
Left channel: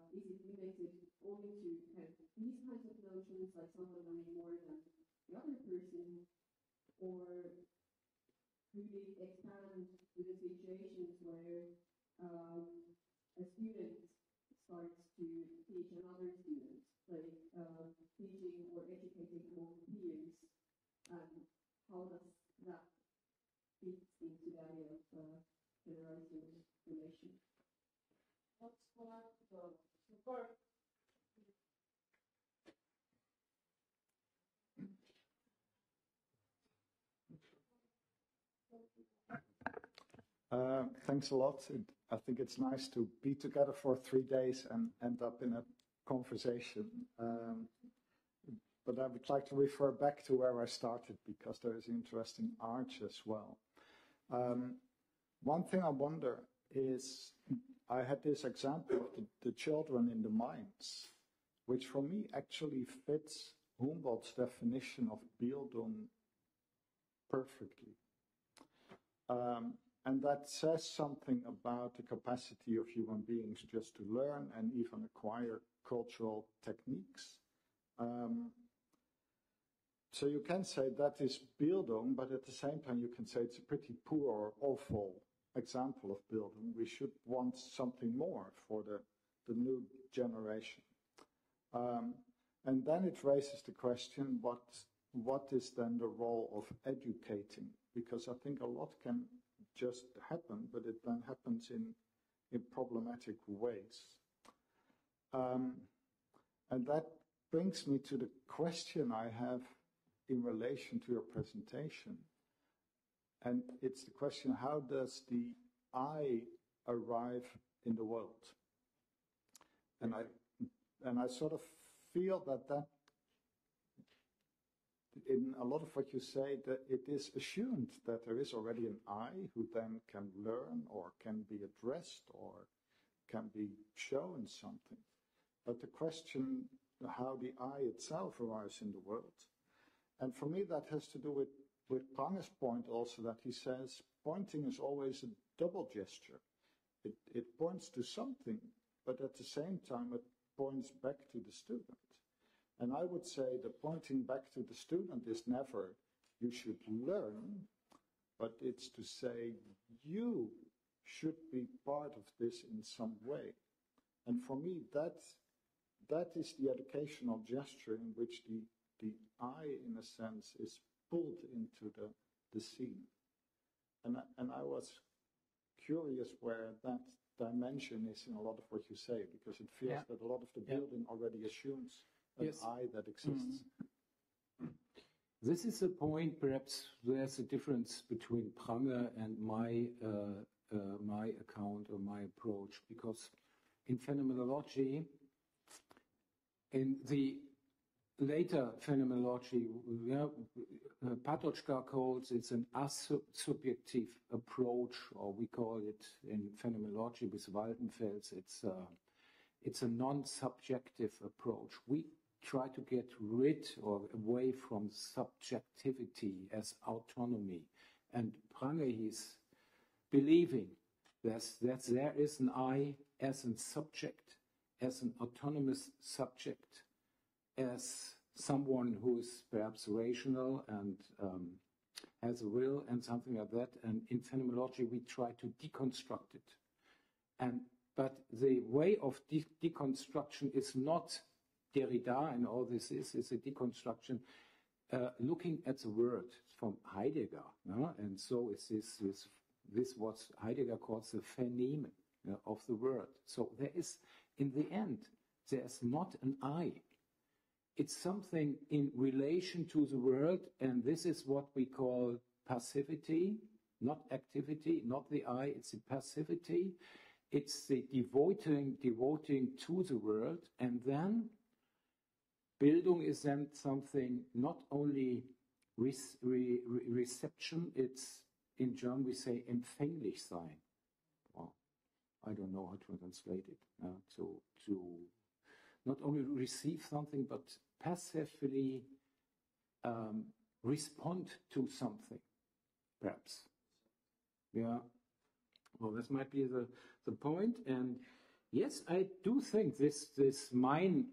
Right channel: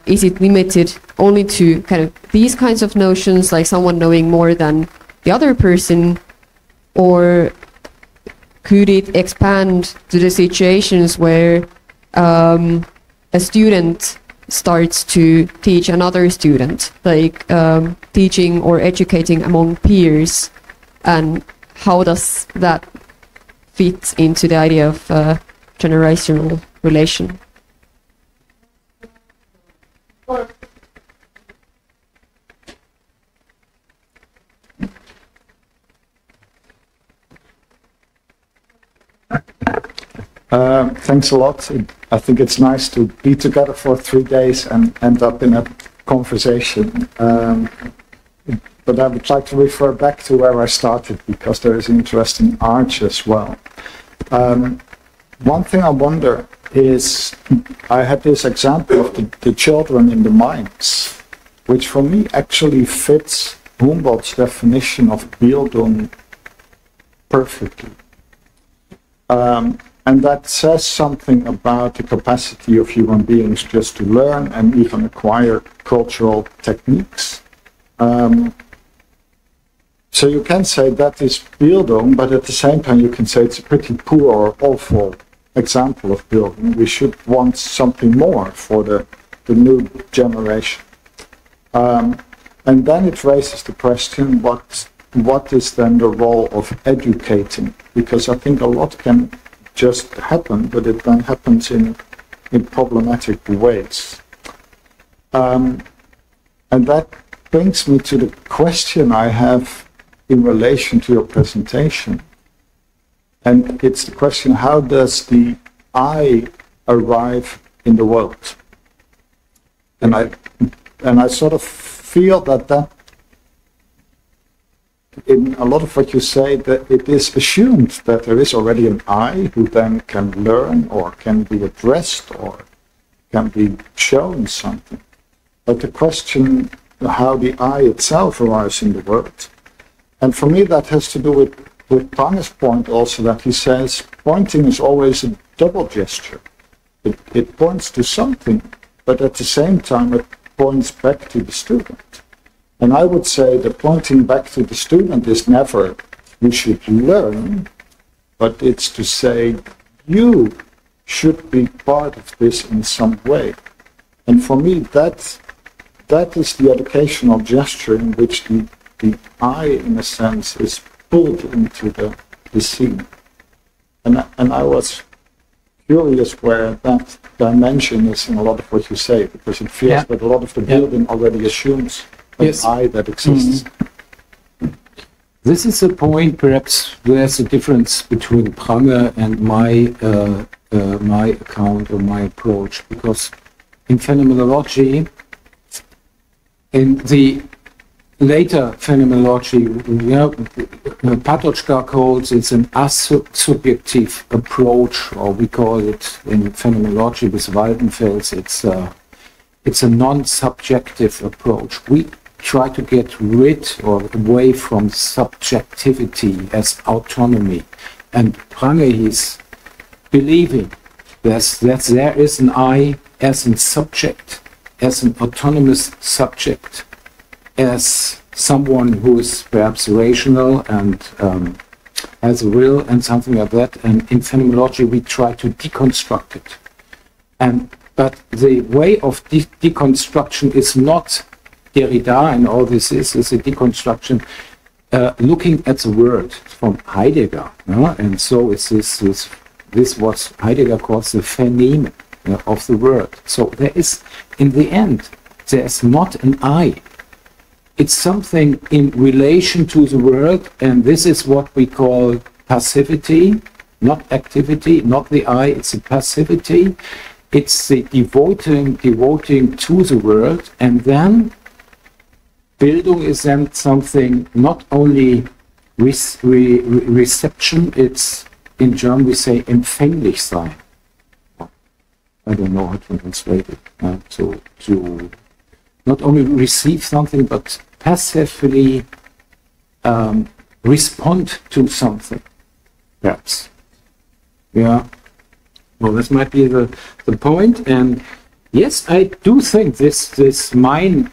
is it limited only to kind of these kinds of notions, like someone knowing more than the other person, or could it expand to the situations where a student starts to teach another student, like teaching or educating among peers, and how does that fit into the idea of generational relation? Thanks a lot. I think it's nice to be together for 3 days and end up in a conversation. But I would like to refer back to where I started, because there is an interesting arch as well. One thing I wonder is, I had this example of the children in the mines, which for me actually fits Humboldt's definition of Bildung perfectly. And that says something about the capacity of human beings just to learn and even acquire cultural techniques. So you can say that is Bildung, but at the same time you can say it's a pretty poor or awful example of Bildung. We should want something more for the new generation. And then it raises the question, what is then the role of educating? Because I think a lot can just happen, but it then happens in problematic ways. And that brings me to the question I have in relation to your presentation. And it's the question, how does the I arrive in the world? And I sort of feel that in a lot of what you say, that it is assumed that there is already an I who then can learn or can be addressed or can be shown something. But the question, how the I itself arrives in the world. And for me that has to do with Prange's point also, that he says pointing is always a double gesture. It points to something, but at the same time it points back to the student. And I would say that pointing back to the student is never, you should learn, but it's to say, you should be part of this in some way. And for me, that is the educational gesture in which the I, in a sense, is pulled into the scene. And I was curious where that dimension is in a lot of what you say, because it feels that a lot of the building already assumes an I that exists. This is a point, perhaps, there's a difference between Prange and my account or my approach, because in phenomenology, in the later phenomenology, Patočka calls it an asubjective approach, or we call it in phenomenology with Waldenfels, it's a non-subjective approach. We try to get rid or away from subjectivity as autonomy. And Prange is believing that there is an I as a subject, as an autonomous subject, as someone who is perhaps rational and has a will and something like that. And in phenomenology, we try to deconstruct it. But the way of deconstruction is not Derrida, and all this is a deconstruction looking at the word from Heidegger. And so it's this what Heidegger calls the Vernehmen of the word. So there is, in the end, there's not an I. It's something in relation to the world, and this is what we call passivity, not activity, not the I, it's a passivity. It's the devoting to the world, and then Bildung is then something not only reception, it's in German we say empfänglich sein. I don't know how to translate it. To not only receive something, but passively respond to something, perhaps. Yeah. Well, this might be the point. And yes, I do think this mine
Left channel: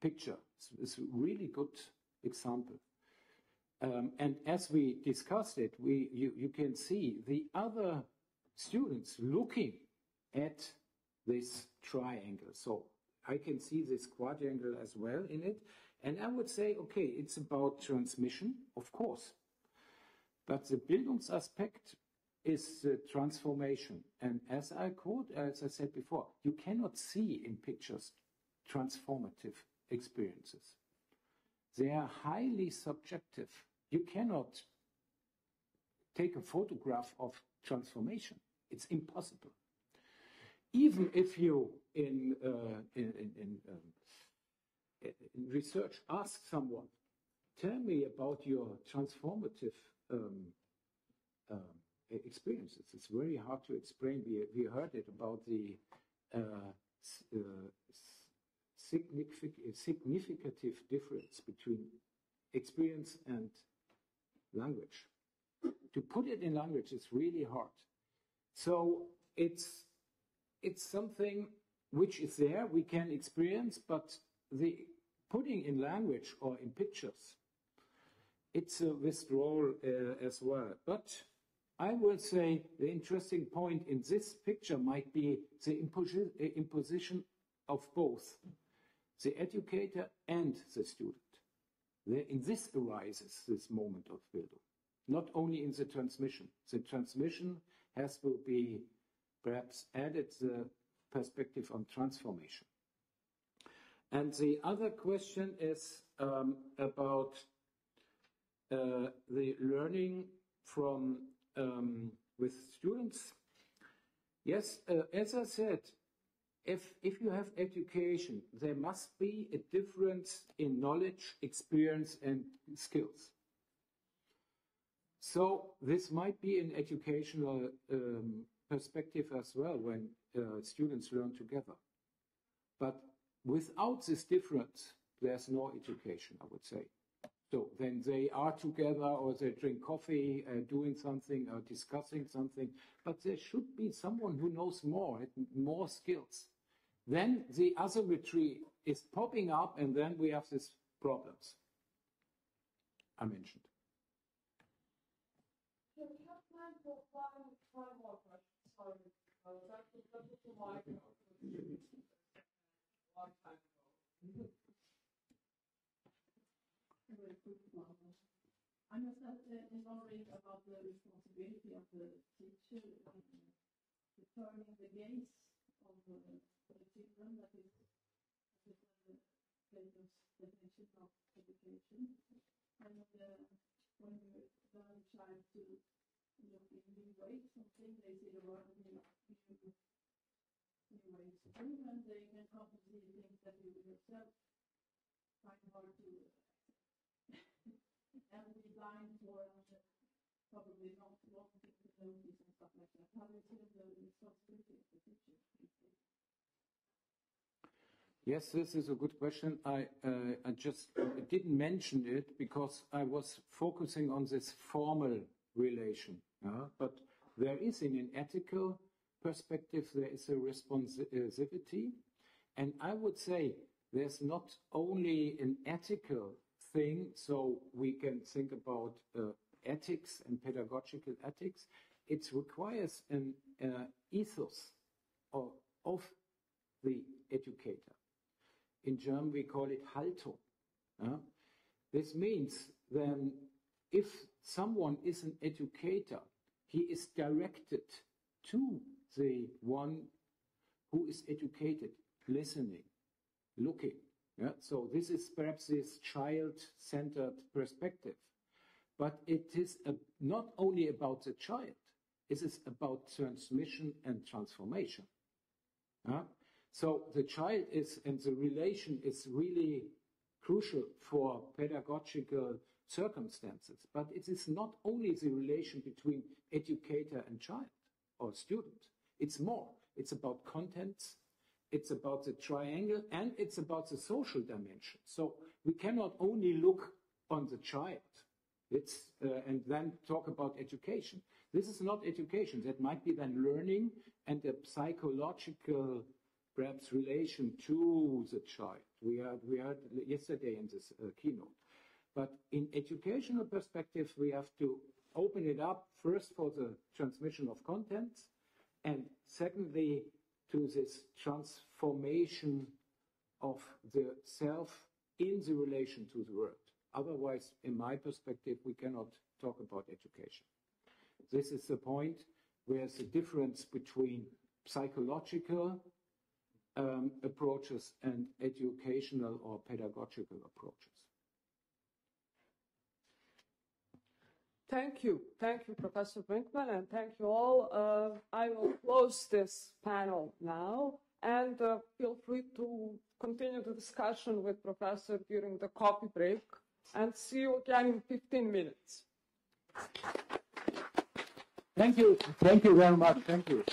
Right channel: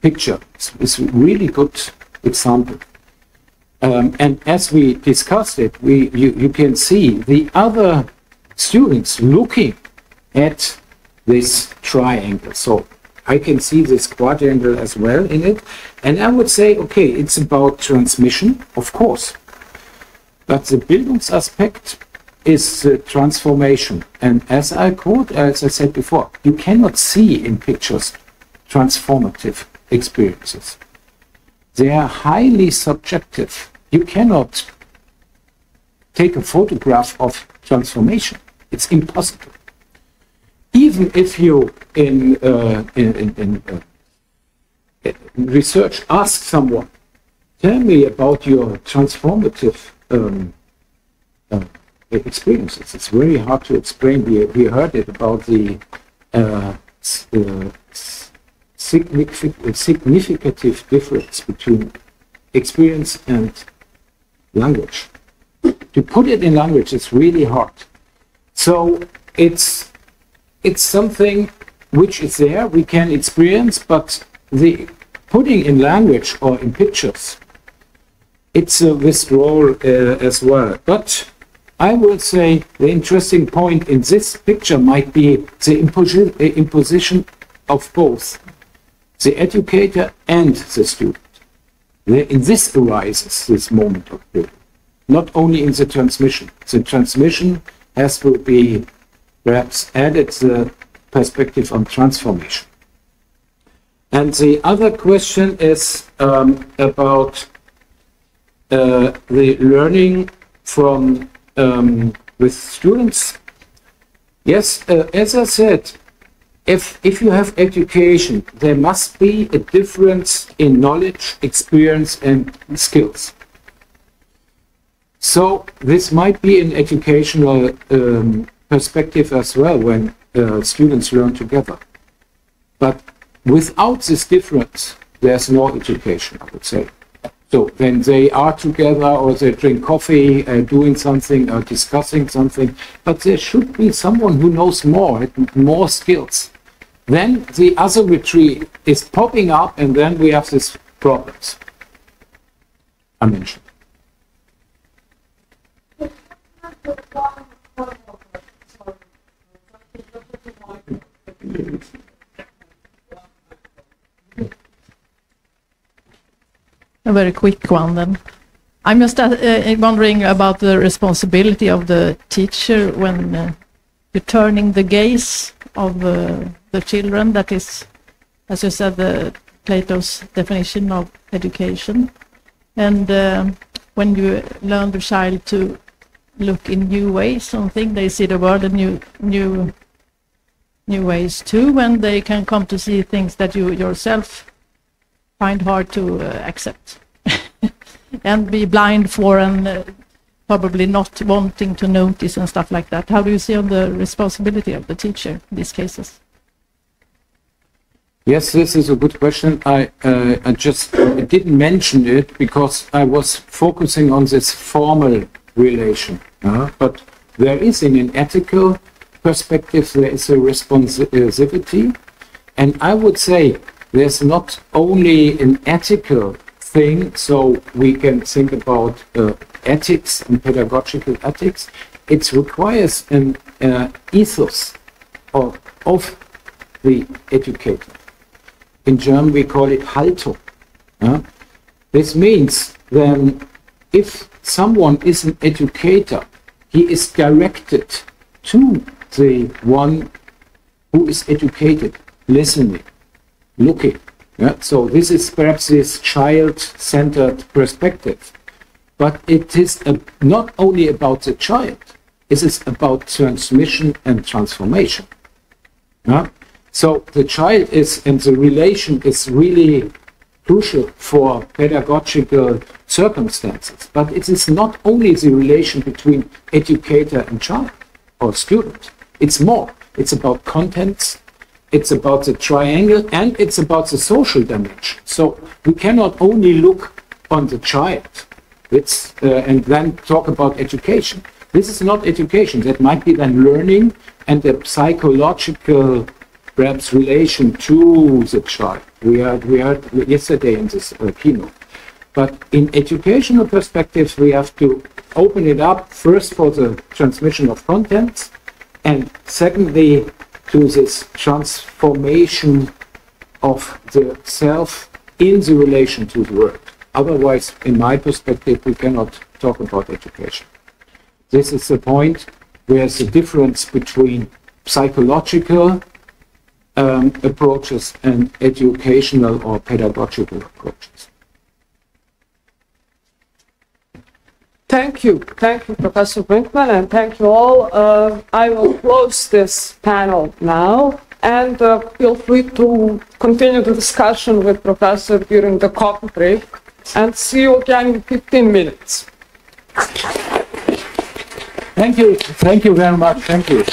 picture is a really good example. And as we discussed it, you can see the other students looking at this triangle. So I can see this quadrangle as well in it. And I would say, okay, it's about transmission, of course. But the Bildungsaspekt is transformation. And as I said before, you cannot see in pictures transformative experiences. They are highly subjective. You cannot take a photograph of transformation. It's impossible. Even if you in research ask someone, tell me about your transformative experiences. It's very hard to explain. We heard it about the significant difference between experience and language. To put it in language is really hard. So it's something which is there, we can experience, but the putting in language or in pictures, it's a withdrawal as well. But I would say the interesting point in this picture might be the imposition of both the educator and the student. In this arises this moment of building, not only in the transmission. The transmission has to be perhaps added the perspective on transformation. And the other question is about the learning from with students. Yes, as I said, if you have education, there must be a difference in knowledge, experience, and skills. So this might be an educational perspective as well when students learn together. But without this difference, there's no education, I would say. So when they are together or they drink coffee, doing something or discussing something, but there should be someone who knows more skills. Then the asymmetry is popping up and then we have these problems I mentioned. A very quick one then. I'm just wondering about the responsibility of the teacher when you're turning the gaze of the children. That is, as you said, Plato's definition of education. And when you learn the child to look in new ways, something they see the world in new ways too, when they can come to see things that you yourself find hard to accept and be blind for and probably not wanting to notice and stuff like that. How do you see on the responsibility of the teacher in these cases? Yes, this is a good question. I just didn't mention it because I was focusing on this formal relation. But there is in an ethical perspective, there is a responsivity. And I would say there's not only an ethical thing, so we can think about ethics and pedagogical ethics. It requires an ethos of the educator. In German, we call it Haltung. This means then if someone is an educator, he is directed to the one who is educated, listening, looking. So this is perhaps this child-centered perspective. But it is not only about the child, it is about transmission and transformation. So the child is, and the relation is really crucial for pedagogical circumstances. But it is not only the relation between educator and child or student. It's more. It's about contents, it's about the triangle, and it's about the social dimension. So we cannot only look on the child and then talk about education. This is not education. That might be then learning and the psychological, perhaps, relation to the child. We heard yesterday in this keynote. But in educational perspectives, we have to open it up first for the transmission of contents, and secondly, to this transformation of the self in the relation to the world. Otherwise, in my perspective, we cannot talk about education. This is the point where the difference between psychological approaches and educational or pedagogical approaches. Thank you, Professor Brinkmann, and thank you all. I will close this panel now, and feel free to continue the discussion with Professor during the coffee break, and see you again in 15 minutes. Thank you very much. Thank you.